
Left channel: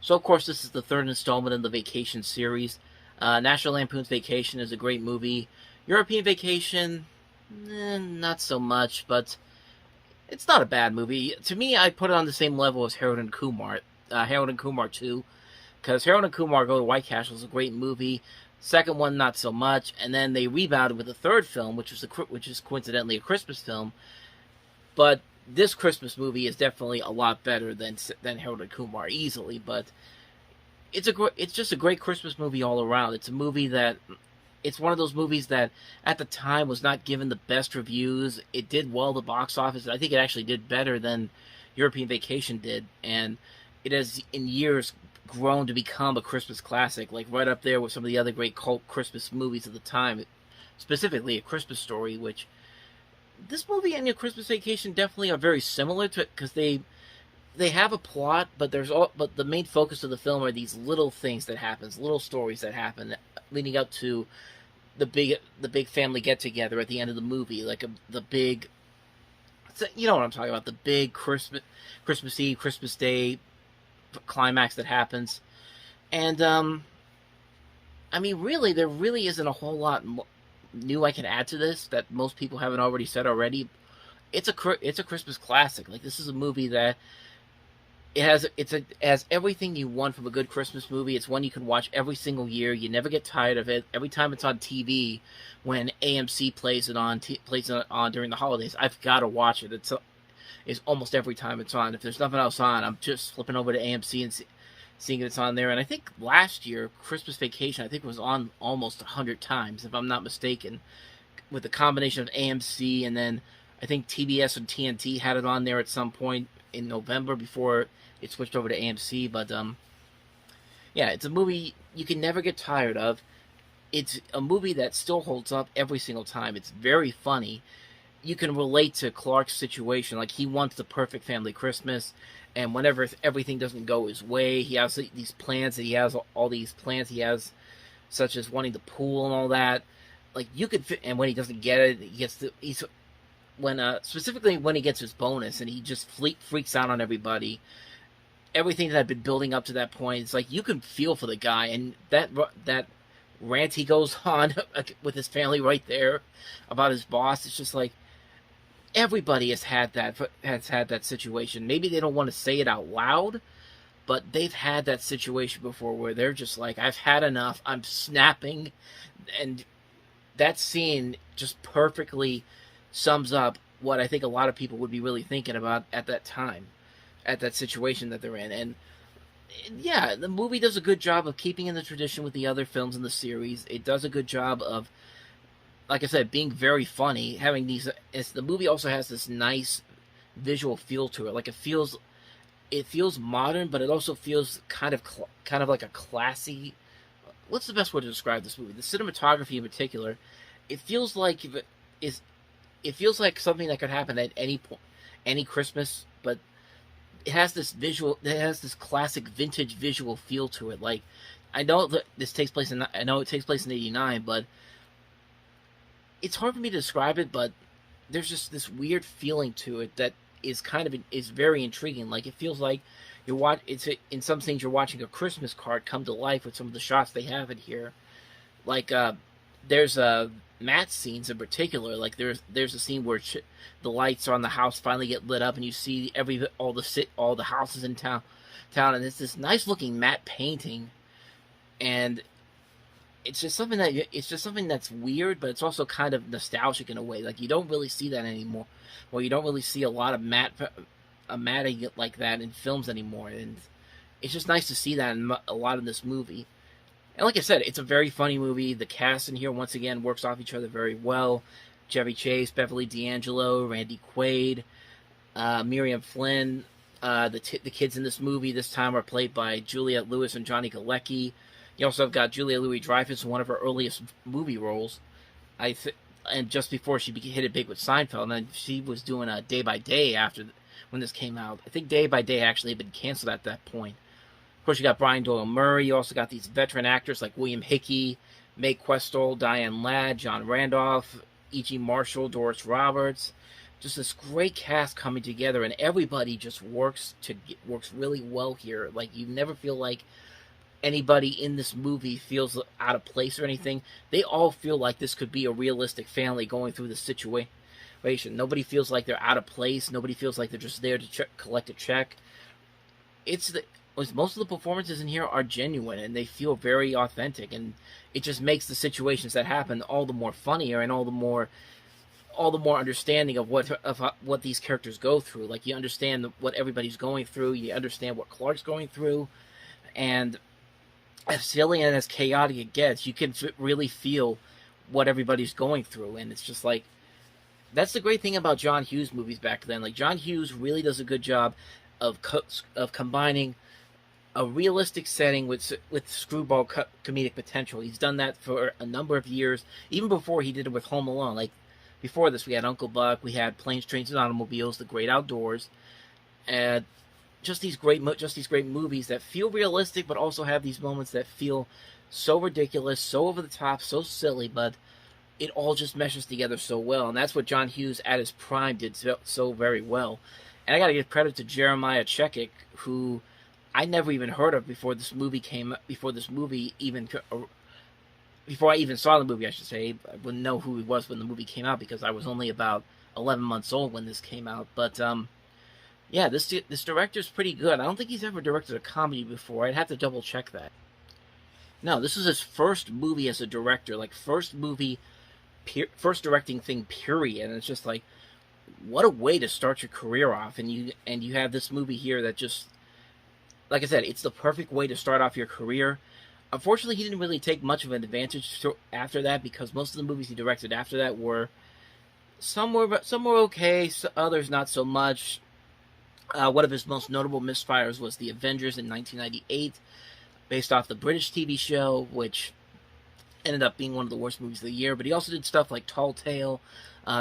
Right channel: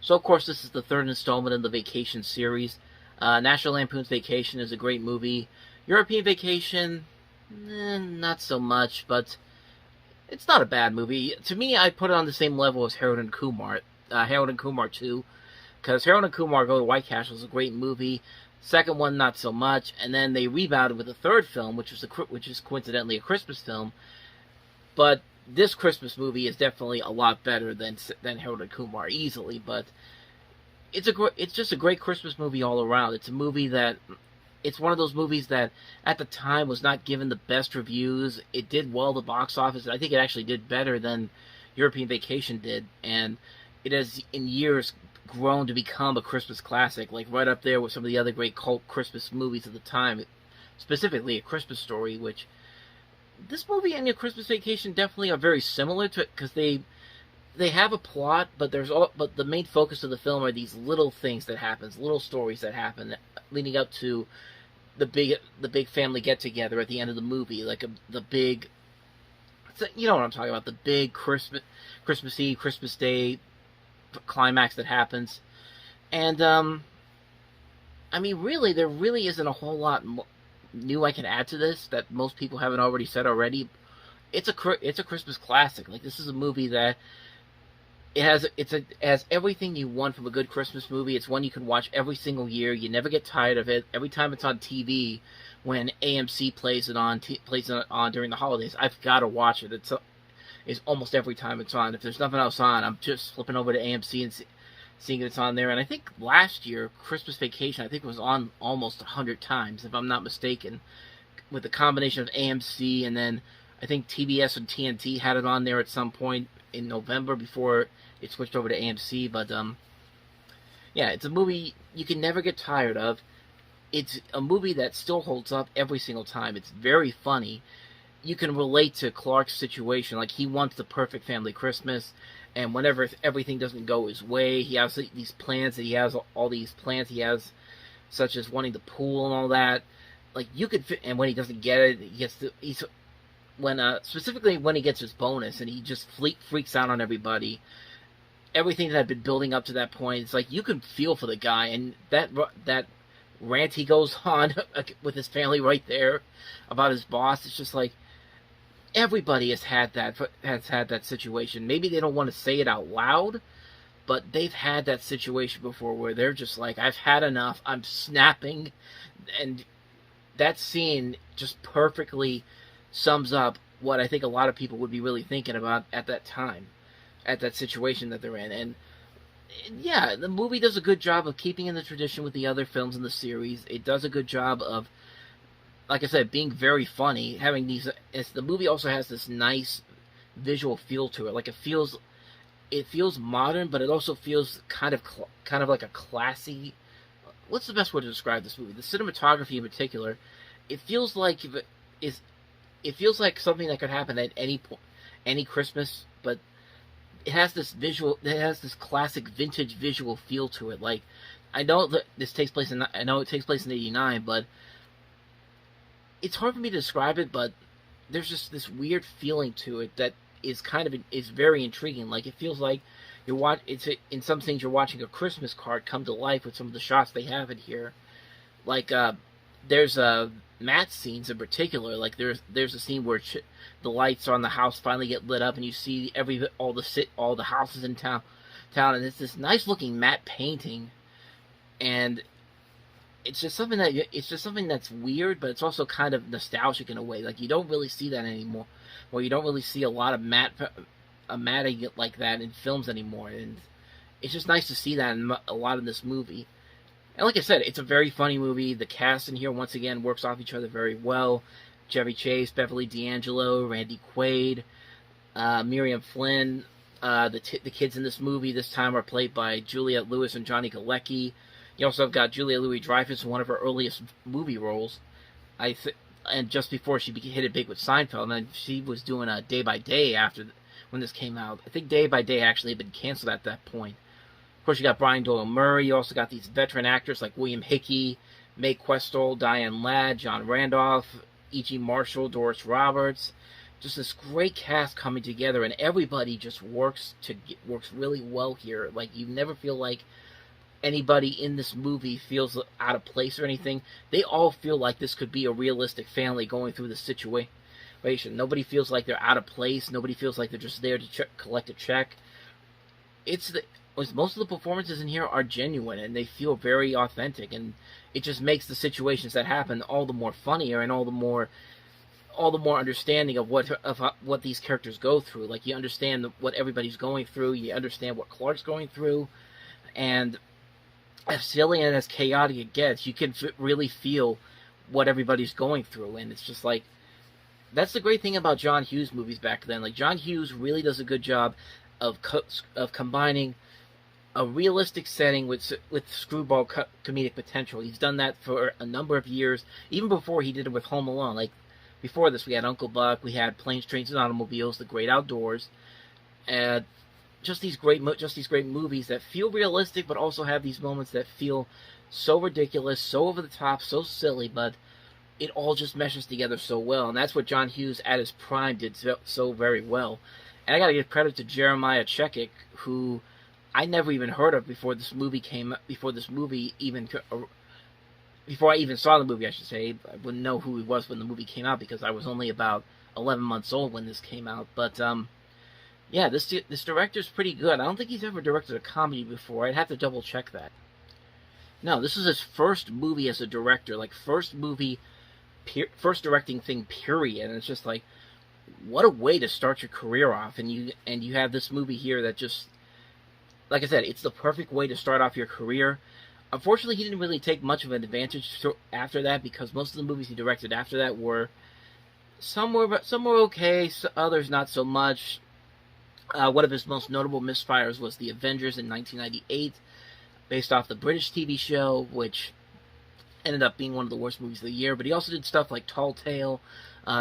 So, of course, this is the third installment in the Vacation series. National Lampoon's Vacation is a great movie. European Vacation, not so much, but it's not a bad movie. To me, I put it on the same level as Harold and Kumar. Harold and Kumar 2. Because Harold and Kumar Go to White Castle is a great movie. Second one, not so much. And then they rebounded with a third film, which is coincidentally a Christmas film. But this Christmas movie is definitely a lot better than Harold and Kumar, easily. But it's just a great Christmas movie all around. It's a movie that... It's one of those movies that, at the time, was not given the best reviews. It did well at the box office. I think it actually did better than European Vacation did. And it has, in years, grown to become a Christmas classic, like right up there with some of the other great cult Christmas movies of the time, specifically A Christmas Story, which this movie and A Christmas Vacation definitely are very similar to it, because they have a plot, but the main focus of the film are these little things that happen, little stories that happen, leading up to the big family get together at the end of the movie, like the big, you know what I'm talking about, the big Christmas Eve, Christmas Day climax that happens. And I mean, really, there really isn't a whole lot new I can add to this that most people haven't already said already. It's a Christmas classic. Like, this is a movie that it has everything you want from a good Christmas movie. It's one you can watch every single year. You never get tired of it. Every time it's on TV, when AMC plays it on during the holidays, I've got to watch it. It's almost every time it's on. If there's nothing else on, I'm just flipping over to AMC and seeing it's on there. And I think last year, Christmas Vacation, I think it was on almost 100 times, if I'm not mistaken, with the combination of AMC, and then I think TBS and TNT had it on there at some point in November before it switched over to AMC. But yeah, it's a movie you can never get tired of. It's a movie that still holds up every single time. It's very funny. You can relate to Clark's situation. Like, he wants the perfect family Christmas, and whenever everything doesn't go his way, he has these plans that he has, all these plans he has, such as wanting the pool and all that. Like, you could fit, and when he doesn't get it, specifically when he gets his bonus, and he just freaks out on everybody. Everything that had been building up to that point, it's like, you can feel for the guy, and that rant he goes on with his family right there about his boss, it's just like, everybody has had that situation. Maybe they don't want to say it out loud, but they've had that situation before where they're just like, I've had enough, I'm snapping. And that scene just perfectly sums up what I think a lot of people would be really thinking about at that time, at that situation that they're in. And yeah, the movie does a good job of keeping in the tradition with the other films in the series. It does a good job of, like I said, being very funny, having these... the movie also has this nice visual feel to it. Like, it feels modern, but it also feels kind of like a classy... What's the best way to describe this movie? The cinematography in particular it feels like it feels like something that could happen at any point, any Christmas, but it has this classic vintage visual feel to it. Like, I know that this takes place in '89, but it's hard for me to describe it. But there's just this weird feeling to it that is is very intriguing. Like, it feels like in some scenes you're watching a Christmas card come to life with some of the shots they have in here. Like, there's Matt's scenes in particular. Like, there's a scene where the lights on the house finally get lit up, and you see all the houses in town, and it's this nice looking matte painting, and it's just something that's weird, but it's also kind of nostalgic in a way. Like, you don't really see that anymore. Well, you don't really see a lot of matting like that in films anymore, and it's just nice to see that in a lot in this movie. And like I said, it's a very funny movie. The cast in here, once again, works off each other very well. Chevy Chase, Beverly D'Angelo, Randy Quaid, Miriam Flynn. The kids in this movie this time are played by Juliette Lewis and Johnny Galecki. You also have got Julia Louis-Dreyfus in one of her earliest movie roles. And just before she hit it big with Seinfeld, and then she was doing a Day by Day when this came out. I think Day by Day actually had been canceled at that point. Of course, you got Brian Doyle Murray. You also got these veteran actors like William Hickey, Mae Questel, Diane Ladd, John Randolph, E.G. Marshall, Doris Roberts. Just this great cast coming together, and everybody just works really well here. Like, you never feel like anybody in this movie feels out of place or anything. They all feel like this could be a realistic family going through this situation. Nobody feels like they're out of place. Nobody feels like they're just there to collect a check. Most of the performances in here are genuine, and they feel very authentic, and it just makes the situations that happen all the more funnier and all the more understanding of what these characters go through. Like, you understand what everybody's going through. You understand what Clark's going through, and as silly and as chaotic it gets, you can really feel what everybody's going through. And it's just like, that's the great thing about John Hughes movies back then. Like, John Hughes really does a good job of combining a realistic setting with screwball comedic potential. He's done that for a number of years, even before he did it with Home Alone. Like, before this, we had Uncle Buck, we had Planes, Trains, and Automobiles, The Great Outdoors, and just these great movies that feel realistic, but also have these moments that feel so ridiculous, so over the top, so silly, but it all just meshes together so well. And that's what John Hughes at his prime did so very well. And I gotta give credit to Jeremiah Chechik, who I never even heard of before I even saw the movie, I should say. I wouldn't know who he was when the movie came out, because I was only about 11 months old when this came out. But yeah, this director's pretty good. I don't think he's ever directed a comedy before. I'd have to double check that. No, this is his first movie as a director, like first directing thing, period. And it's just like, what a way to start your career off. And you have this movie here that just, like I said, it's the perfect way to start off your career. Unfortunately, he didn't really take much of an advantage after that, because most of the movies he directed after that were some were okay, others not so much. One of his most notable misfires was The Avengers in 1998, based off the British TV show, which ended up being one of the worst movies of the year. But he also did stuff like Tall Tale,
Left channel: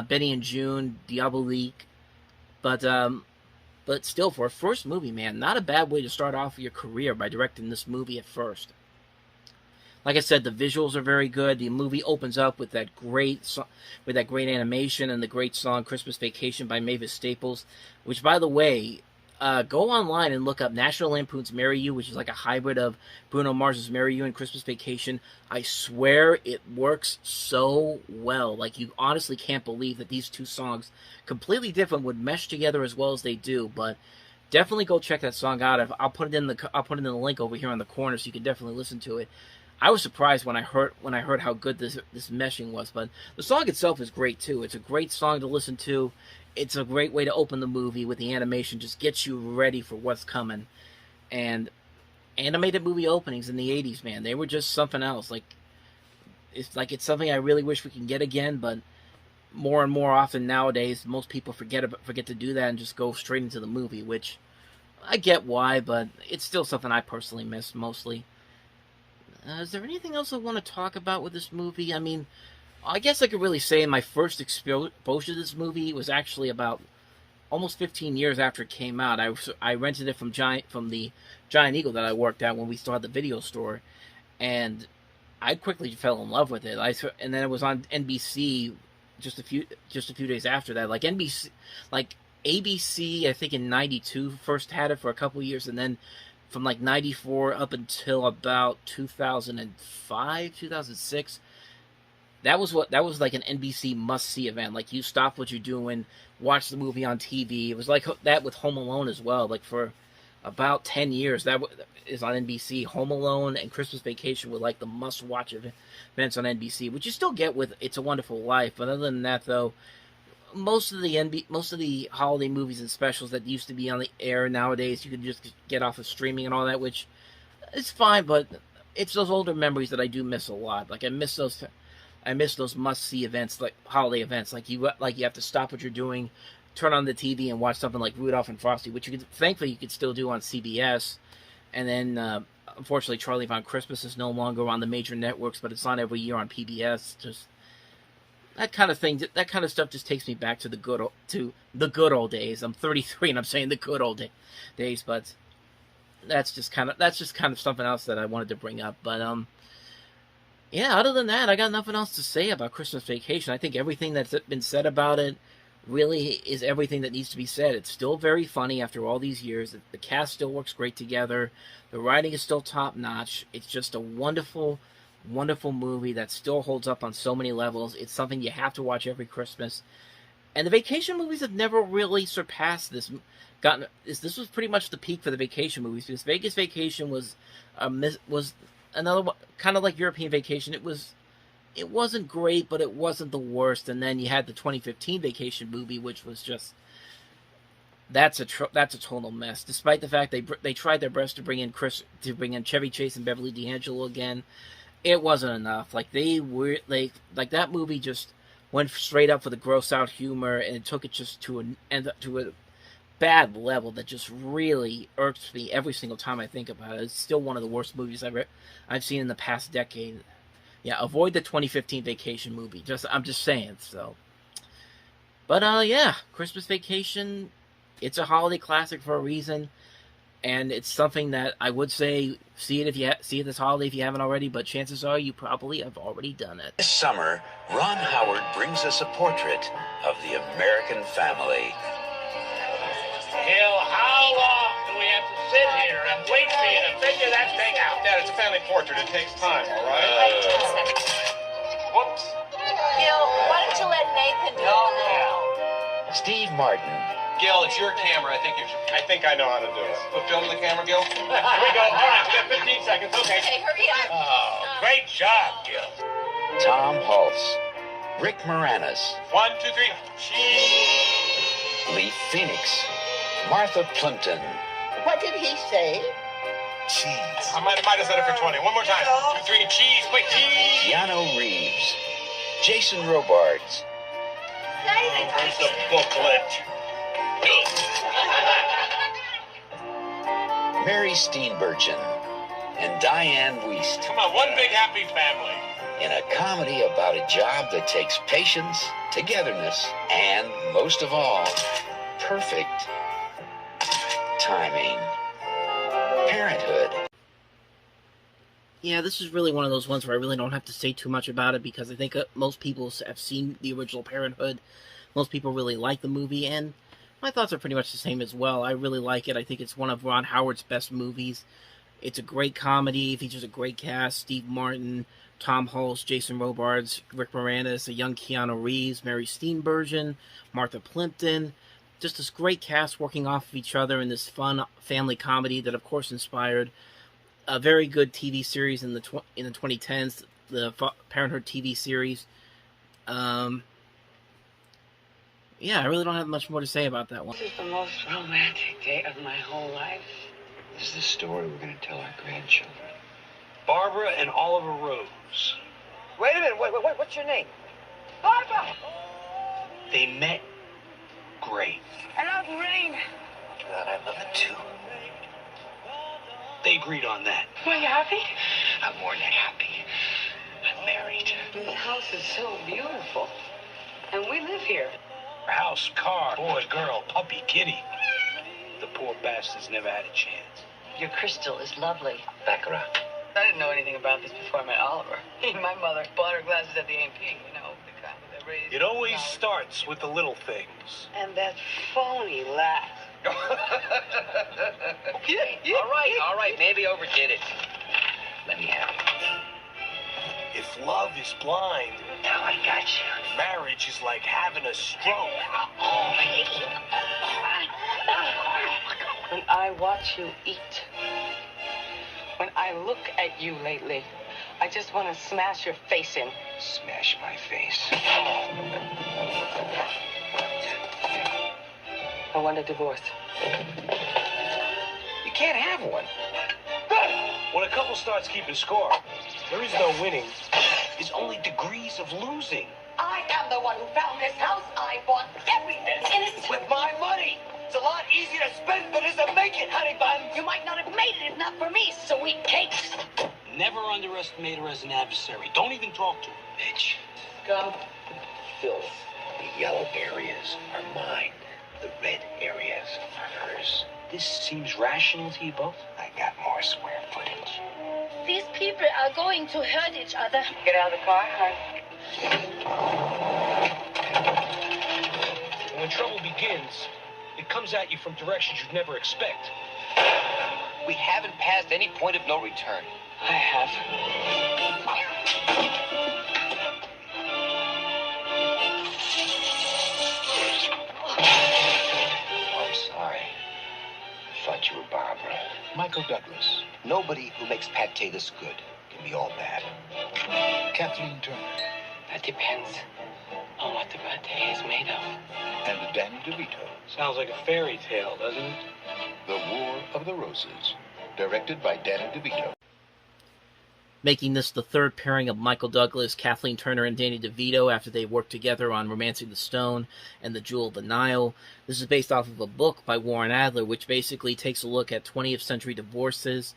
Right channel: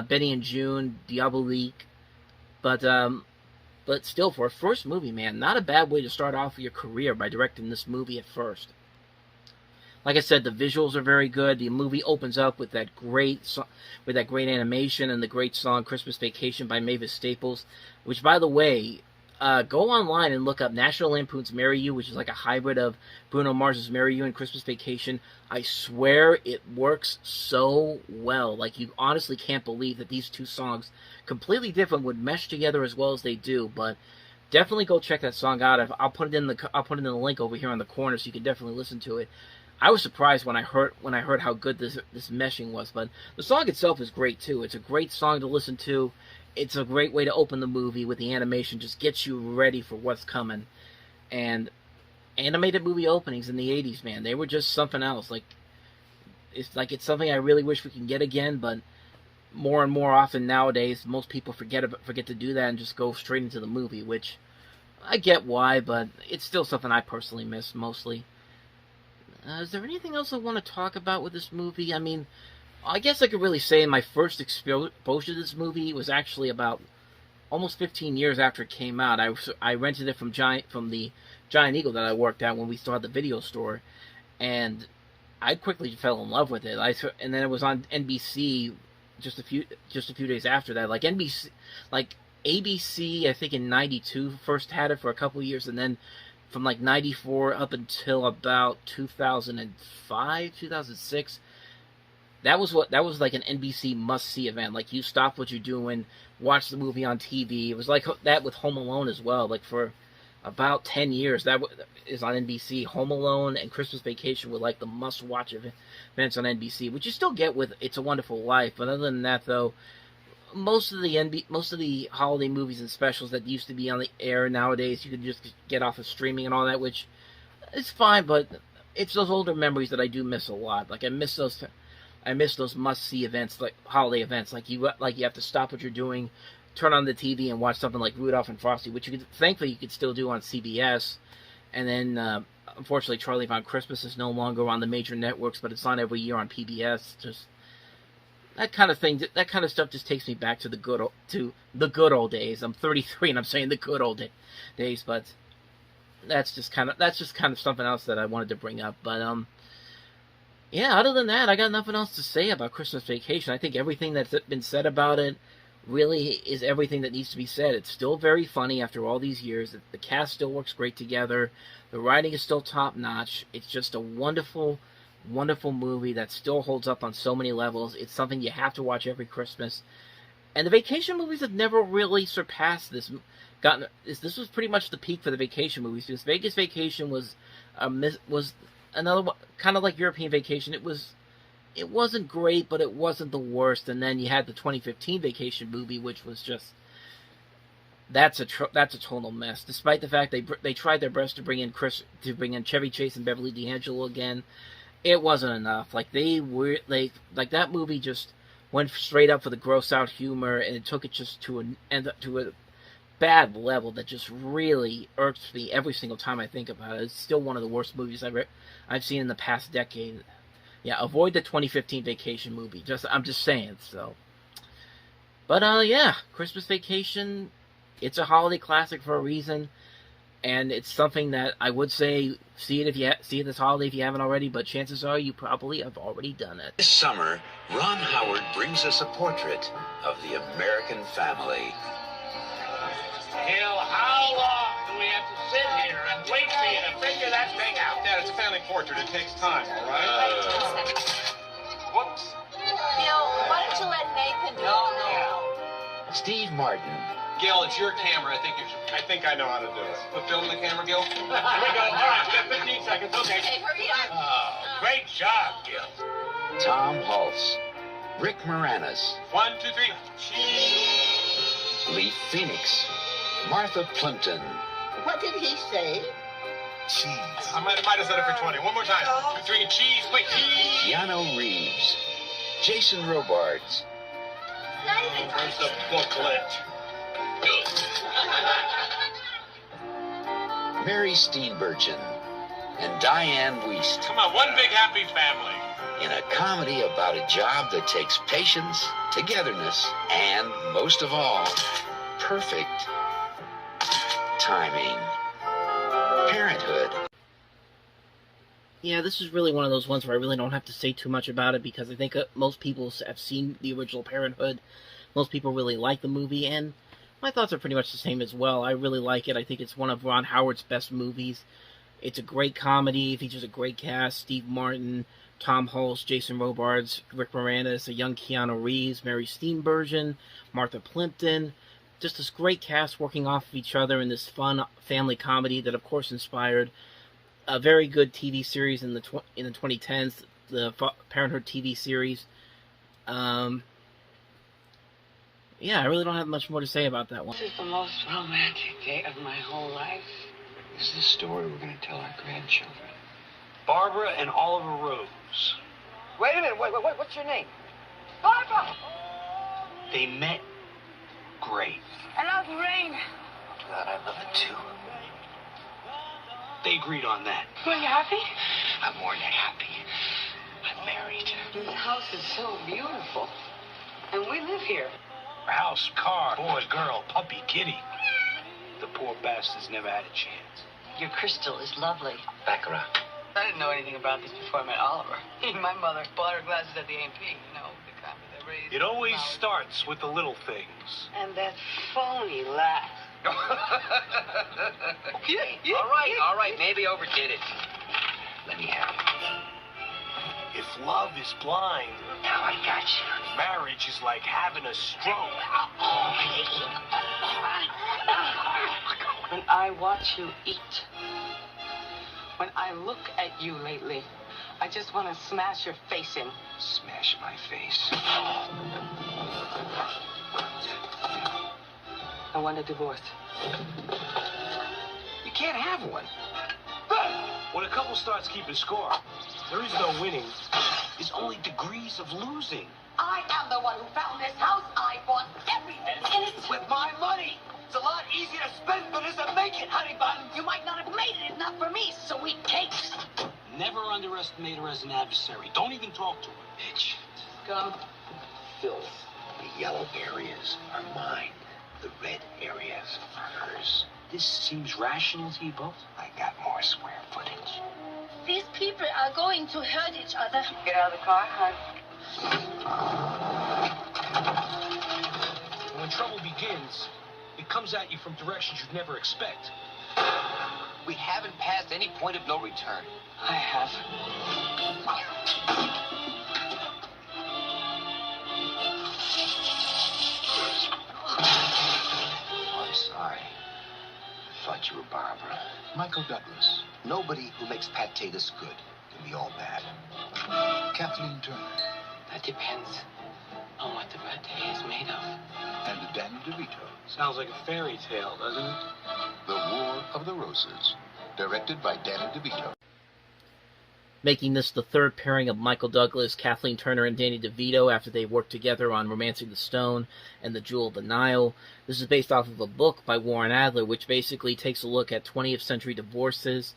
Benny and June, Diabolique. But still, for a first movie, man, not a bad way to start off your career by directing this movie at first. Like I said, the visuals are very good. The movie opens up with that great animation and the great song "Christmas Vacation" by Mavis Staples, which, by the way, go online and look up National Lampoon's "Marry You," which is like a hybrid of Bruno Mars's "Marry You" and "Christmas Vacation." I swear it works so well. Like, you honestly can't believe that these two songs, completely different, would mesh together as well as they do. But definitely go check that song out. I'll put it in the link over here on the corner, so you can definitely listen to it. I was surprised when I heard how good this meshing was, but the song itself is great too. It's a great song to listen to. It's a great way to open the movie with the animation, just gets you ready for what's coming. And animated movie openings in the 80s, man, they were just something else. It's something I really wish we can get again, but more and more often nowadays, most people forget to do that and just go straight into the movie, which I get why, but it's still something I personally miss mostly. Is there anything else I want to talk about with this movie? I mean, I guess I could really say my first exposure to this movie was actually about almost 15 years after it came out. I rented it from the Giant Eagle that I worked at when we still had the video store, and I quickly fell in love with it. And then it was on NBC just a few days after that. Like NBC, like ABC, I think in '92 first had it for a couple years, and then from like '94 up until about 2005, 2006. That was like an NBC must-see event. Like, you stop what you're doing, watch the movie on TV. It was like that with Home Alone as well. Like, for about 10 years, that is on NBC. Home Alone and Christmas Vacation were like the must-watch events on NBC, which you still get with It's a Wonderful Life. But other than that, though, most of the holiday movies and specials that used to be on the air nowadays, you can just get off of streaming and all that, which is fine. But it's those older memories that I do miss a lot. Like, I miss those must-see events, like holiday events. Like you have to stop what you're doing, turn on the TV, and watch something like Rudolph and Frosty, which thankfully you could still do on CBS. And then, unfortunately, Charlie Brown Christmas is no longer on the major networks, but it's on every year on PBS. Just that kind of thing. That kind of stuff just takes me back to the good old days. I'm 33, and I'm saying the good old days, but that's just kind of something else that I wanted to bring up. But yeah, other than that, I got nothing else to say about Christmas Vacation. I think everything that's been said about it really is everything that needs to be said. It's still very funny after all these years. The cast still works great together. The writing is still top-notch. It's just a wonderful, wonderful movie that still holds up on so many levels. It's something you have to watch every Christmas. And the vacation movies have never really surpassed this. This was pretty much the peak for the vacation movies, because Vegas Vacation was another one, kind of like European Vacation. It wasn't great, but it wasn't the worst. And then you had the 2015 Vacation movie, which was just that's a total mess. Despite the fact they tried their best to bring in Chevy Chase and Beverly D'Angelo again, it wasn't enough. Like that movie just went straight up for the gross out humor, and it took it just to a bad level that just really irks me every single time I think about it. It's still one of the worst movies I've seen in the past decade. Yeah, avoid the 2015 Vacation movie. I'm just saying. So, but yeah, Christmas Vacation. It's a holiday classic for a reason, and it's something that I would say see it this holiday if you haven't already. But chances are you probably have already done it. This summer, Ron Howard brings us a portrait of the American family. Hill, how long do we have to sit here and wait for you to figure that thing out? Dad, it's a family portrait. It takes time, all right? Whoops. Gil, why don't you let Nathan do it now? Steve Martin. Gil, it's your camera. I think I know how to do it. Put film in the camera, Gil. Here we go. All right, we got 15 seconds. Okay. Hey, hurry up. Oh, great job, Gil. Tom Hulse. Rick Moranis. 1, 2, 3. Cheese. Lee Phoenix. Martha Plimpton. What did he say? Cheese. I might have said it for 20. One more time. 2, 3, cheese. Quick, cheese. Keanu Reeves. Jason Robards. Where's the booklet? Mary Steenburgen. And Diane Wiest. Come on, one big happy family. In a comedy about a job that takes patience, togetherness, and, most of all, perfect timing. Parenthood. Yeah, this is really one of those ones where I really don't have to say too much about it, because I think most people have seen the original Parenthood. Most people really like the movie, and my thoughts are pretty much the same as well. I really like it. I think it's one of Ron Howard's best movies. It's a great comedy, features a great cast: Steve Martin, Tom Hulse, Jason Robards, Rick Moranis, a young Keanu Reeves, Mary Steenburgen, Martha Plimpton. Just this great cast working off of each other in this fun family comedy that, of course, inspired a very good TV series in the 2010s, the Parenthood TV series. Yeah, I really don't have much more to say about that one. This is the most romantic day of my whole life. This is the story we're going to tell our grandchildren. Barbara and Oliver Rose. Wait a minute, what's your name? Barbara! They met great. I love rain. God, I love it too. They agreed on that. Were you happy? I'm more than happy. married. The house is so beautiful. And we live here. House, car, boy, girl, puppy, kitty. The poor bastards never had a chance. Your crystal is lovely. Baccarat. I didn't know anything about this before I met Oliver. My mother bought her glasses at the A&P, you know, the kind that raised... It always starts with the little things. And that phony laugh. All right, maybe overdid it. Let me have it. If love is blind, now I got you. Marriage is like having a stroke. When I watch you eat, when I look at you lately, I just want to smash your face in. Smash my face. I want a divorce. You can't have one. When a couple starts keeping score, there is no winning. It's only degrees of losing. I am the one who found this house. I bought everything in it. With my money. It's a lot easier to spend than it is to make it, honey bun. You might not have made it if not for me, sweet cakes. Never underestimate her as an adversary. Don't even talk to her, bitch. Go. Filth. The yellow areas are mine. The red areas are hers. This seems rational to you both? I got more square footage. These people are going to hurt each other. Get out of the car, hon. When trouble begins, it comes at you from directions you'd never expect. We haven't passed any point of no return. I have. I'm sorry. I thought you were Barbara. Michael Douglas. Nobody who makes pate this good can be all bad. Kathleen Turner. That depends on what the pate is made of. And Danny DeVito. Sounds like a fairy tale, doesn't it? The War of the Roses. Directed by Danny DeVito. Making this the third pairing of Michael Douglas, Kathleen Turner, and Danny DeVito after they worked together on Romancing the Stone and The Jewel of the Nile. This is based off of a book by Warren Adler, which basically takes a look at 20th century divorces.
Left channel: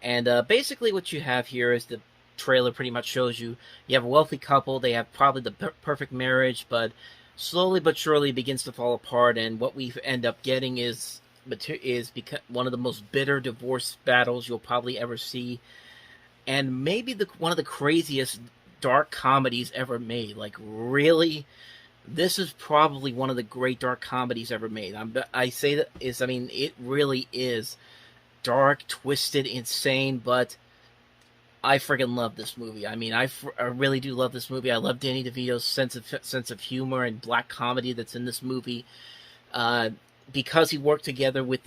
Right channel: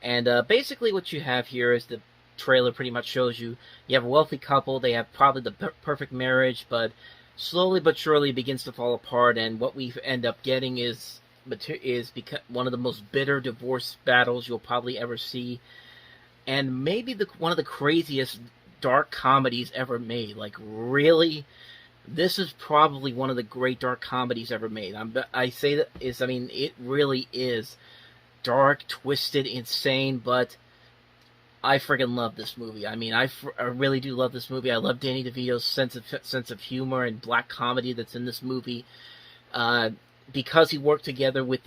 And basically what you have here is the trailer pretty much shows you. You have a wealthy couple, they have probably the perfect marriage, but slowly but surely begins to fall apart, and what we end up getting is one of the most bitter divorce battles you'll probably ever see. And maybe one of the craziest dark comedies ever made. Like, really, this is probably one of the great dark comedies ever made. It really is dark, twisted, insane, but I friggin' love this movie. I mean, I really do love this movie. I love Danny DeVito's sense of humor and black comedy that's in this movie. Because he worked together with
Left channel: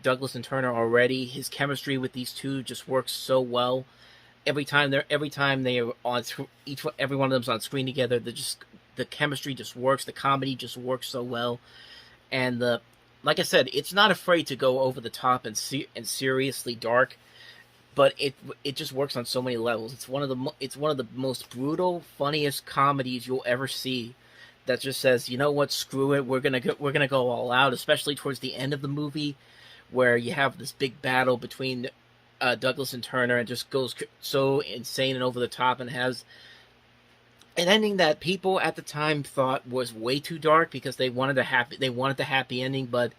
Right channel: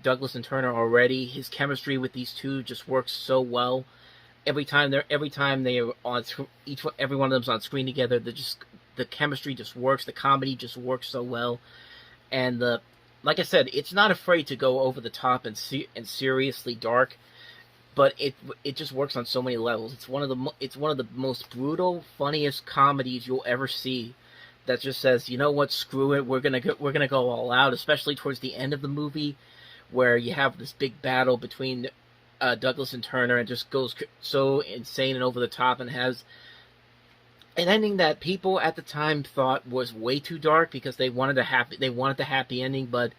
Douglas and Turner already, his chemistry with these two just works so well. Every time they are on every one of them's on screen together, the chemistry just works. The comedy just works so well, and like I said, it's not afraid to go over the top and seriously dark, but it just works on so many levels. It's one of the most brutal, funniest comedies you'll ever see. That just says, you know what, screw it, we're gonna go all out, especially towards the end of the movie, where you have this big battle between Douglas and Turner, and just goes so insane and over the top, and has an ending that people at the time thought was way too dark because they wanted the happy ending. But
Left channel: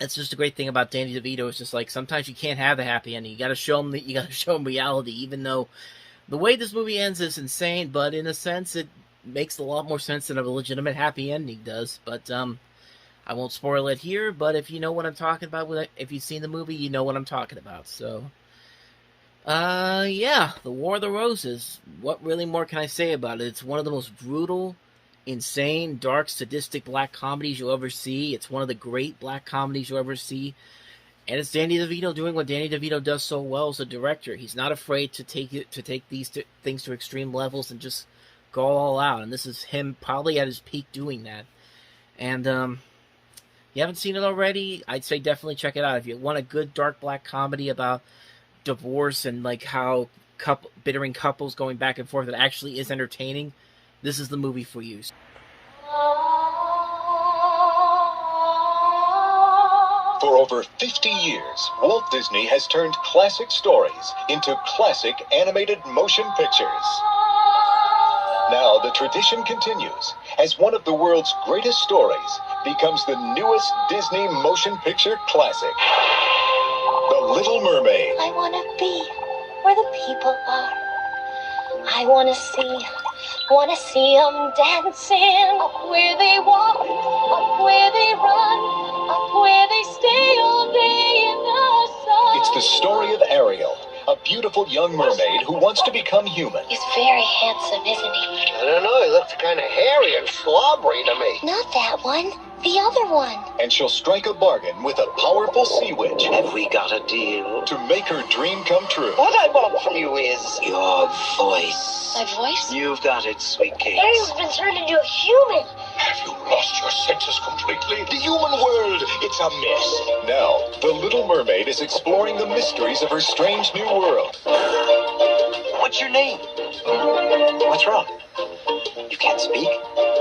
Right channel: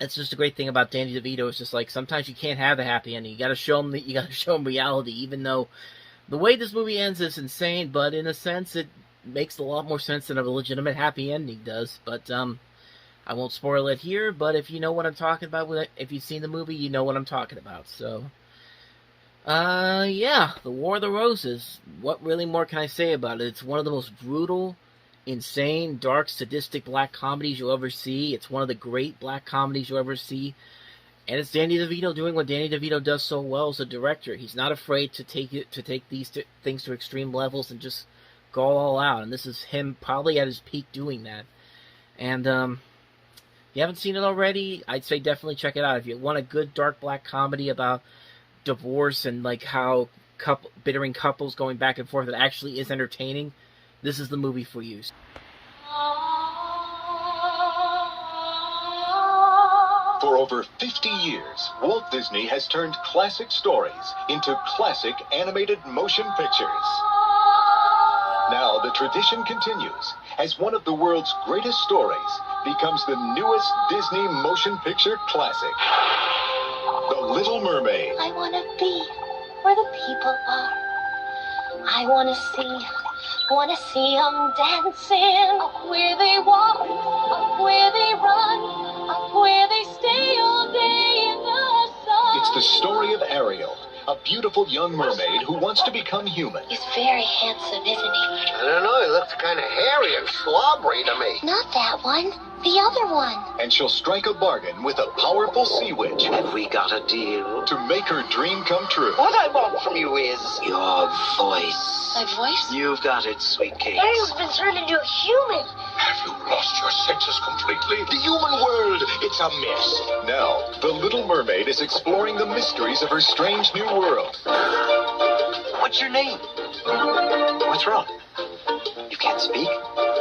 that's just a great thing about Danny DeVito. It's just like sometimes you can't have a happy ending. You got to show them reality, even though the way this movie ends is insane. But in a sense, it makes a lot more sense than a legitimate happy ending does. But I won't spoil it here, but if you know what I'm talking about, if you've seen the movie, you know what I'm talking about. So, yeah, The War of the Roses. What really more can I say about it? It's one of the most brutal, insane, dark, sadistic black comedies you'll ever see. It's one of the great black comedies you'll ever see. And it's Danny DeVito doing what Danny DeVito does so well as a director. He's not afraid to take these things to extreme levels and just go all out. And this is him probably at his peak doing that. And, you haven't seen it already, I'd say definitely check it out. If you want a good dark black comedy about divorce and like how bittering couples going back and forth that actually is entertaining, this is the movie for you. For over 50 years, Walt Disney has turned classic stories into classic animated motion pictures. Now the tradition continues as one of the world's greatest stories becomes the newest Disney motion picture classic, The Little Mermaid. I want to be where the people are. I want to see them dancing up where they walk, up where they run, up where they stay all day in the sun. It's the story of Ariel, a beautiful young mermaid who wants to become human. He's very handsome, isn't he? I don't know, he looks kind of hairy and slobbery to me. Not that one. The other one. And she'll strike a bargain with a powerful sea witch. Have we got a deal? To make her dream come true. What I want from you is your voice. My voice? You've got it, sweet cake. Ariel's been turned into a human. Have you lost your senses completely? The human world, it's a mess. Now, the Little Mermaid is exploring the mysteries of her strange new world. What's your name? What's wrong? You can't speak?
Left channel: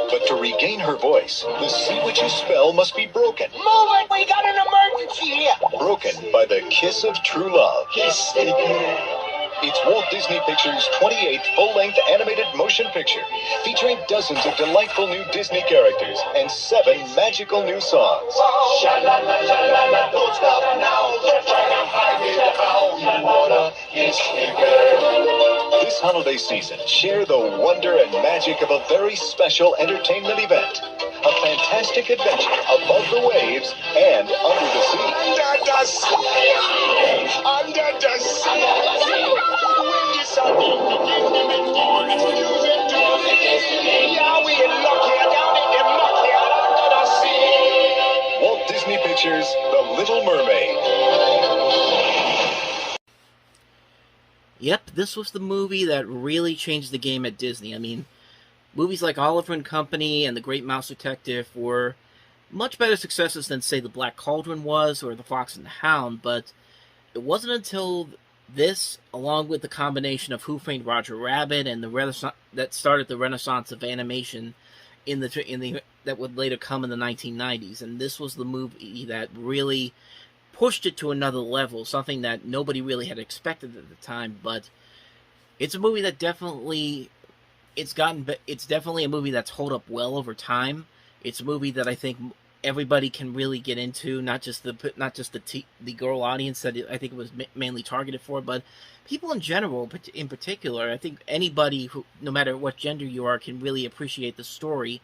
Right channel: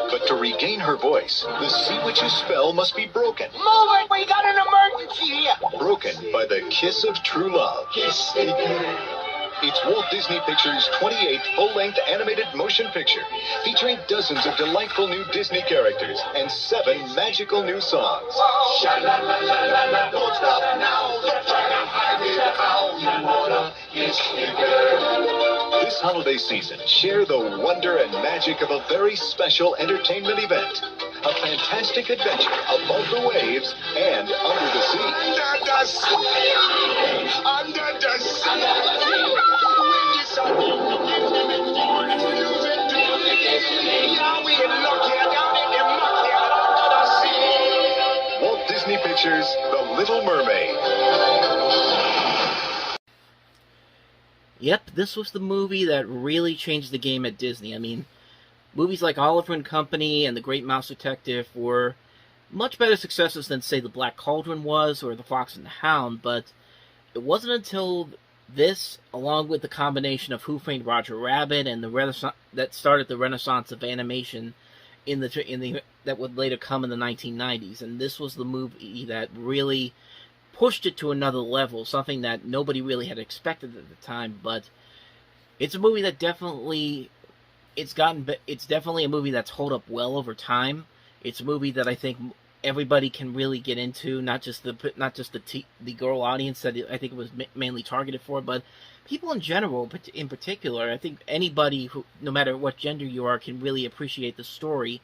But to regain her voice, the sea witch's spell must be broken. Move it! We got an emergency here! Broken by the kiss of true love. It's Walt Disney Pictures' 28th full-length animated motion picture, featuring dozens of delightful new Disney characters and 7 magical new songs. Sha-la-la-la-la-la, don't stop now. Don't try to hide it how you wanna kiss me, girl. This holiday season, share the wonder and magic of a very special entertainment event. A fantastic adventure above the waves and under the sea. Under the sea. Under the sea. When the sun begins to make the music to the destiny. Yeah, we in luck here, down in the muck here, under the sea. Walt Disney Pictures, The Little Mermaid. Yep, this was the movie that really changed the game at Disney. I mean, movies like Oliver and Company and The Great Mouse Detective were much better successes than, say, The Black Cauldron was or The Fox and the Hound, but it wasn't until this, along with the combination of Who Framed Roger Rabbit and the Renaissance, that started the renaissance of animation that would later come in the 1990s. And this was the movie that really pushed it to another level, something that nobody really had expected at the time. But it's a movie that definitely it's definitely a movie that's held up well over time. It's a movie that I think everybody can really get into, not just the girl audience that I think it was mainly targeted for, but people in general, in particular. I think anybody who, no matter what gender you are, can really appreciate the story.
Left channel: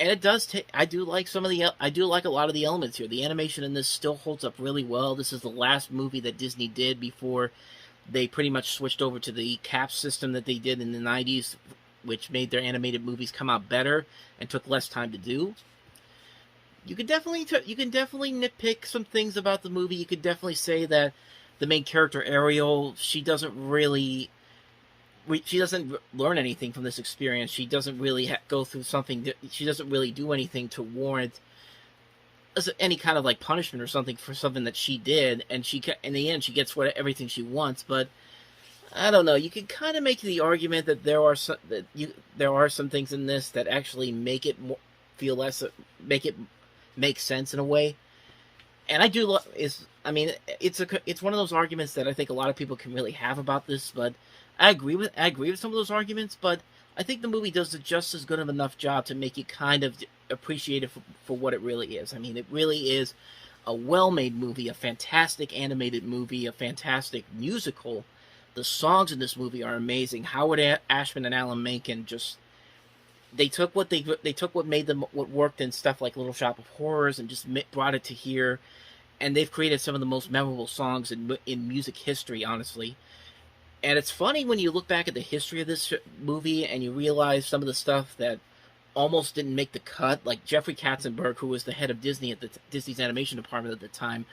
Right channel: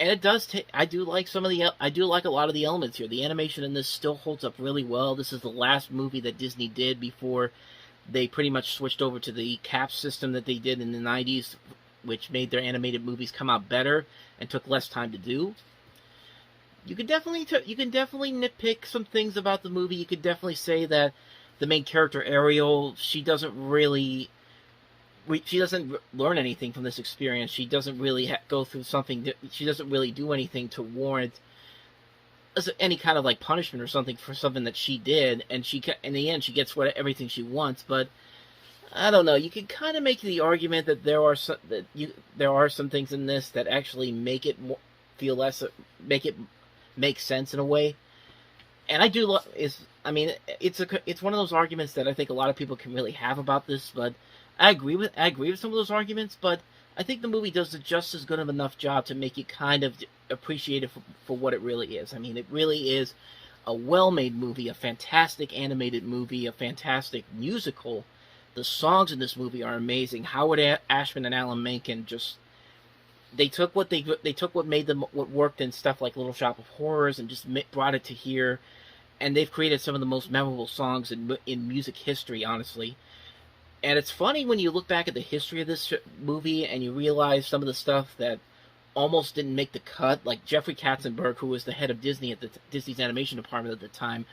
And it does take. I do like a lot of the elements here. The animation in this still holds up really well. This is the last movie that Disney did before they pretty much switched over to the cap system that they did in the 90s, which made their animated movies come out better and took less time to do. You can definitely nitpick some things about the movie. You could definitely say that the main character Ariel, she doesn't learn anything from this experience. She doesn't really go through something. She doesn't really do anything to warrant any kind of like punishment or something for something that she did. And in the end, she gets everything she wants. But I don't know. You can kind of make the argument that there are some things in this that actually make it make sense in a way. And I do it's one of those arguments that I think a lot of people can really have about this, but I agree with some of those arguments, but I think the movie does just as good of enough job to make you kind of appreciate it for what it really is. I mean, it really is a well-made movie, a fantastic animated movie, a fantastic musical. The songs in this movie are amazing. Howard Ashman and Alan Menken they took what made them what worked in stuff like Little Shop of Horrors and just brought it to here, and they've created some of the most memorable songs in music history, honestly. And it's funny when you look back at the history of this movie and you realize some of the stuff that almost didn't make the cut, like Jeffrey Katzenberg, who was the head of Disney at Disney's animation department at the time,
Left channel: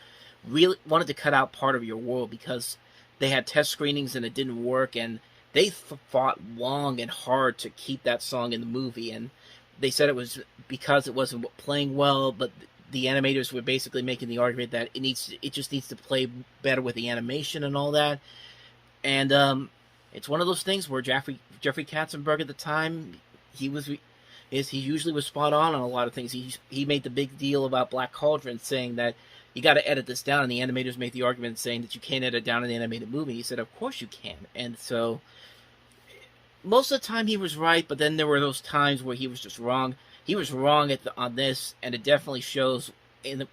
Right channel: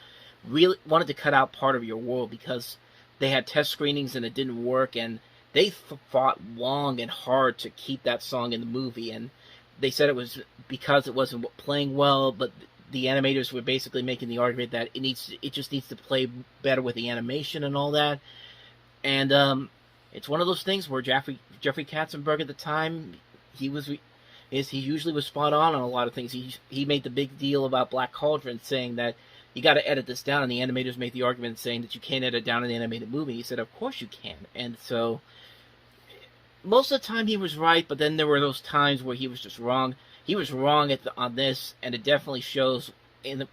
really wanted to cut out Part of Your World because they had test screenings and it didn't work, and they fought long and hard to keep that song in the movie, and they said it was because it wasn't playing well, but the animators were basically making the argument that it just needs to play better with the animation and all that. And it's one of those things where Jeffrey Katzenberg at the time, he usually was spot on a lot of things. He made the big deal about Black Cauldron, saying that you got to edit this down. And the animators made the argument saying that you can't edit down an animated movie. He said, of course you can. And so most of the time he was right, but then there were those times where he was just wrong. He was wrong on this, and it definitely shows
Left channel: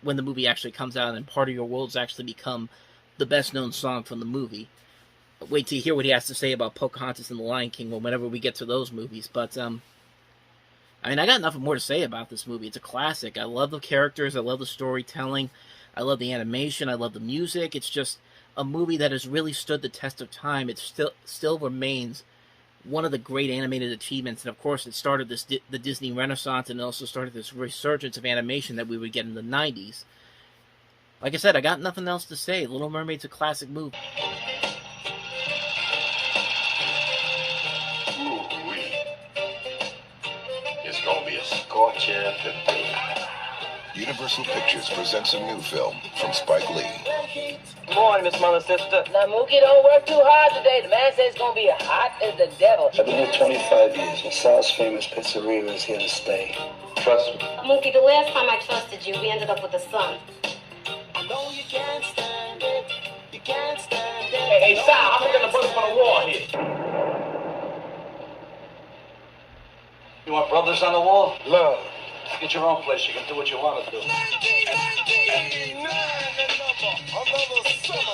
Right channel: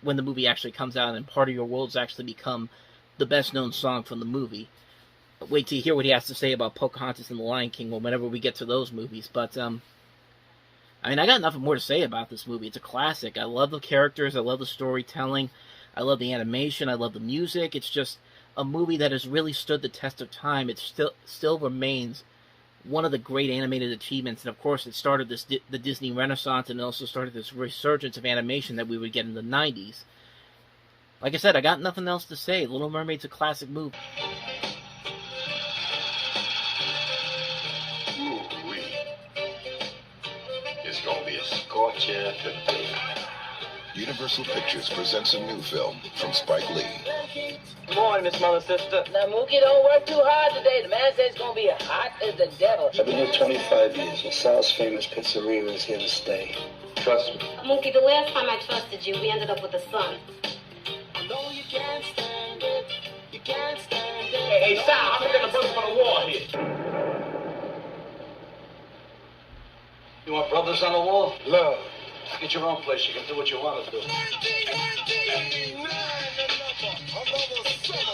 when the movie actually comes out and Part of Your World's actually become the best-known song from the movie. Wait till you hear what he has to say about Pocahontas and The Lion King whenever we get to those movies. But, I mean, I got nothing more to say about this movie. It's a classic. I love the characters. I love the storytelling. I love the animation. I love the music. It's just a movie that has really stood the test of time. It still remains one of the great animated achievements, and of course it started the Disney Renaissance, and it also started this resurgence of animation that we would get in the 90s. Like I said, I got nothing else to say. Little Mermaid's a classic movie. Ooh-wee. It's gonna be a scorcher today. Universal Pictures presents a new film from Spike Lee. Good morning, Miss Mother Sister. Now, Mookie, don't work too hard today. The man says it's going to be hot as the devil. I've been here 25 years. LaSalle's famous pizzeria is here to stay. Trust me. Mookie, the last time I trusted you, we ended up with a son. I know you can't stand it. You can't stand it. Hey, Sal, I'm looking the brothers for the war here. You want brothers on the wall? Love. Get your own place. You can do what you want to do.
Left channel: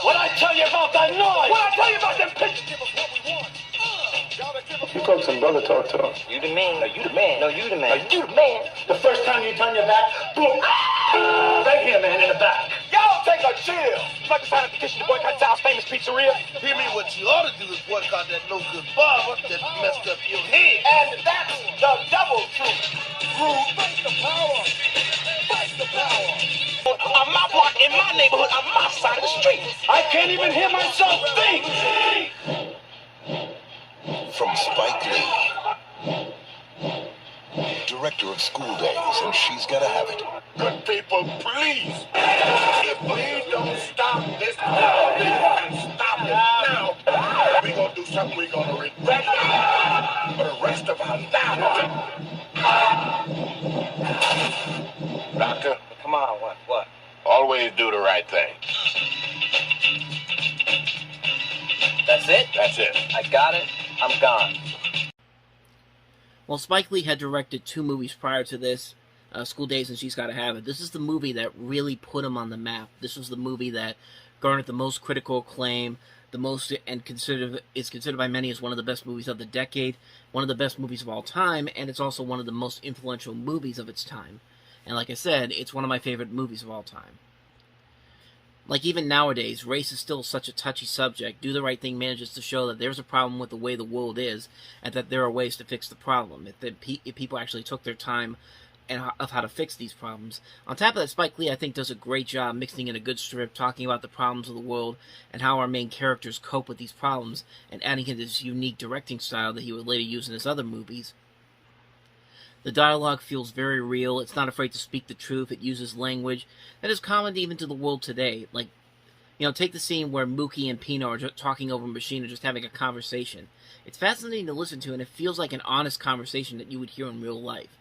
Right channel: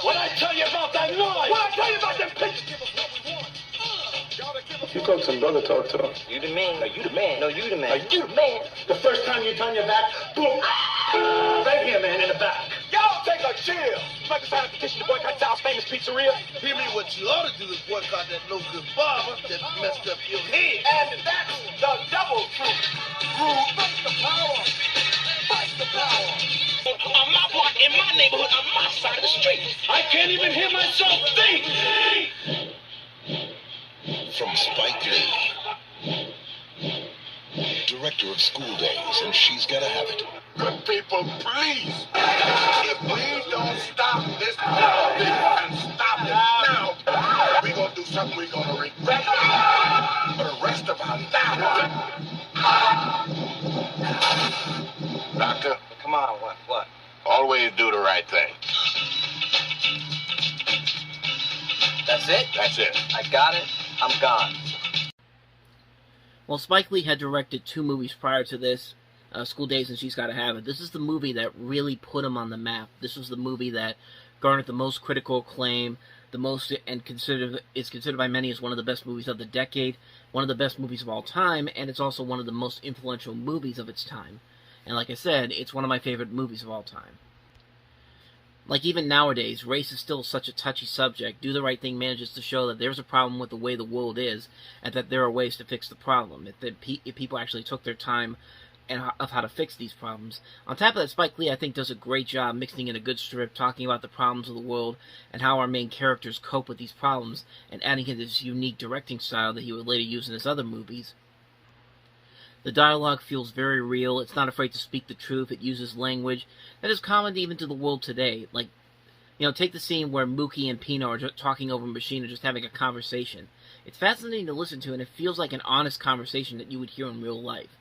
What I tell you about that noise? What I tell you about them pictures? You talk some brother talk to him. You the man. No, you the man. No, you the man. No, you the man. The first time you turn your back, boom. Right here, man, in the back. Y'all take a chill. You like to sign a petition to boycott Sal's famous pizzeria? Hear me, what you ought to do is boycott that no-good barber that messed up your head. And that's the double truth. Rude, fight the power. Fight the power. On my block, in my neighborhood, on my side of the street. I can't even hear myself think. From Spike Lee, director of School Days, and She's Gotta Have It. Good people, please. If we don't stop this, and stop it now, we're going to do something we're going to regret for the rest of our lives. Doctor? Come on, what? Always do the right thing. That's it? That's it. I got it. I'm gone. Well, Spike Lee had directed 2 movies prior to this, School Days and She's Gotta Have It. This is the movie that really put him on the map. This was the movie that garnered the most critical acclaim, the most, and is considered by many as one of the best movies of the decade, one of the best movies of all time, and it's also one of the most influential movies of its time. And like I said, it's one of my favorite movies of all time. Like, even nowadays, race is still such a touchy subject. Do the Right Thing manages to show that there's a problem with the way the world is, and that there are ways to fix the problem, if people actually took their time of how to fix these problems. On top of that, Spike Lee, I think, does a great job mixing in a good strip, talking about the problems of the world, and how our main characters cope with these problems, and adding in this unique directing style that he would later use in his other movies. The dialogue feels very real. It's not afraid to speak the truth. It uses language that is common even to the world today. Like, you know, take the scene where Mookie and Pino are just talking over a machine or just having a conversation. It's fascinating to listen to, and it feels like an honest conversation that you would hear in real life.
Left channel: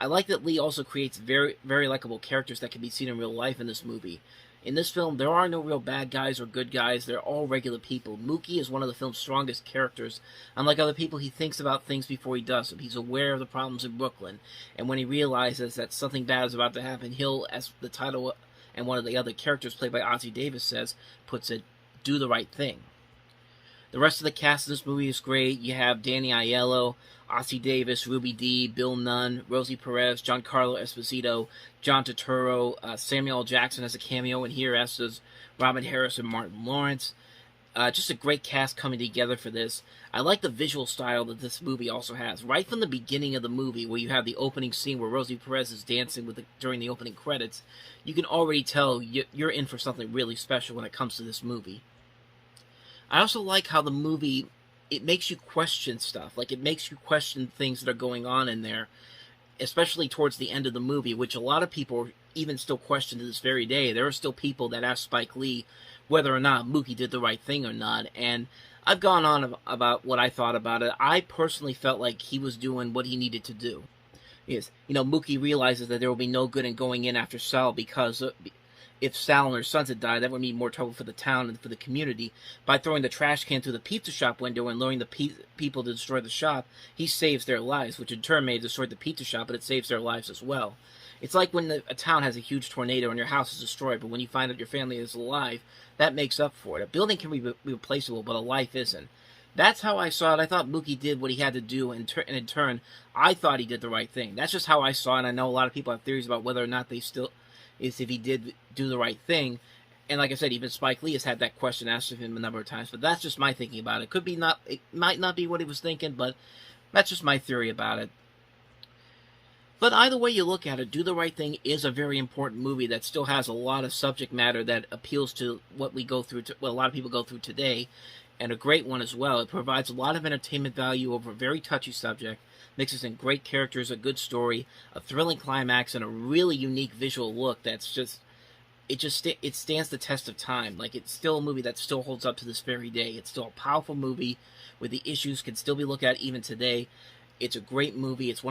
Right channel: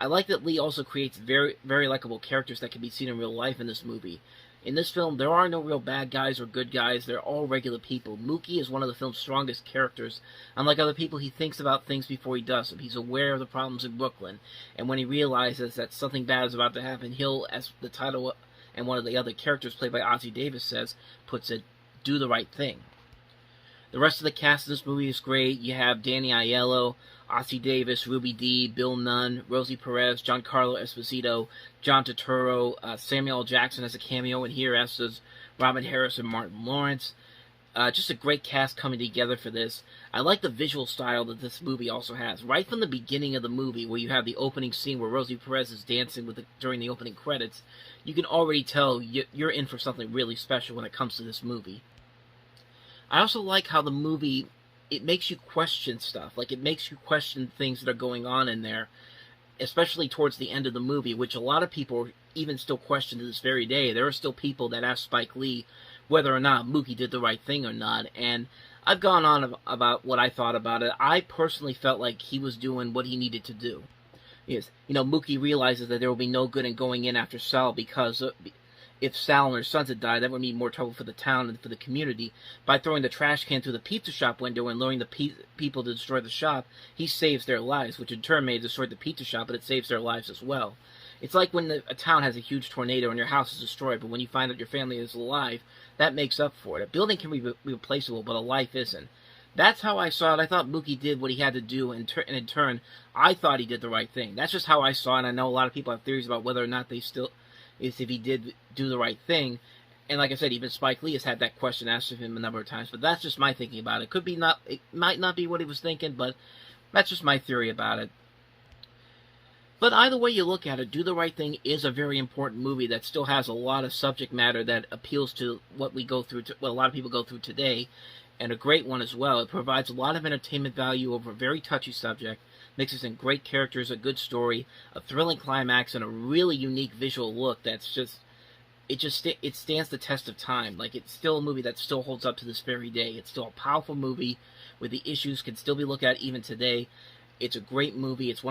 I like that Lee also creates very, very likable characters that can be seen in real life in this movie. In this film, there are no real bad guys or good guys. They're all regular people. Mookie is one of the film's strongest characters. Unlike other people, he thinks about things before he does them. He's aware of the problems in Brooklyn. And when he realizes that something bad is about to happen, he'll, as the title and one of the other characters played by Ossie Davis puts it, do the right thing. The rest of the cast of this movie is great. You have Danny Aiello, Ossie Davis, Ruby Dee, Bill Nunn, Rosie Perez, Giancarlo Esposito, John Turturro, Samuel L. Jackson has a cameo in here, as does Robin Harris and Martin Lawrence. Just a great cast coming together for this. I like the visual style that this movie also has. Right from the beginning of the movie, where you have the opening scene where Rosie Perez is dancing during the opening credits, you can already tell you're in for something really special when it comes to this movie. I also like how the movie, it makes you question stuff. Like, it makes you question things that are going on in there, especially towards the end of the movie, which a lot of people even still question to this very day. There are still people that ask Spike Lee whether or not Mookie did the right thing or not, and I've gone on about what I thought about it. I personally felt like he was doing what he needed to do. Yes, you know, Mookie realizes that there will be no good in going in after Sal because if Sal and her sons had died, that would mean more trouble for the town and for the community. By throwing the trash can through the pizza shop window and luring the people to destroy the shop, he saves their lives, which in turn may have destroyed the pizza shop, but it saves their lives as well. It's like when a town has a huge tornado and your house is destroyed, but when you find out your family is alive, that makes up for it. A building can be replaceable, but a life isn't. That's how I saw it. I thought Mookie did what he had to do, and in turn, I thought he did the right thing. That's just how I saw it, and I know a lot of people have theories about whether or not they still... is if he did do the right thing. And like I said, even Spike Lee has had that question asked of him a number of times, but that's just my thinking about it. It might not be what he was thinking, but that's just my theory about it. But either way you look at it, Do the Right Thing is a very important movie that still has a lot of subject matter that appeals to what we go through, what a lot of people go through today, and a great one as well. It provides a lot of entertainment value over a very touchy subject, mixes in great characters, a good story, a thrilling climax, and a really unique visual look that's just... It stands the test of time. Like, it's still a movie that still holds up to this very day. It's still a powerful movie where the issues can still be looked at even today. It's a great movie. It's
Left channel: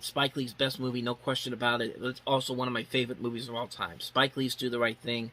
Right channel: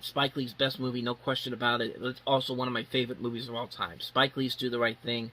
Spike Lee's best movie, no question about it. It's also one of my favorite movies of all time. Spike Lee's Do the Right Thing.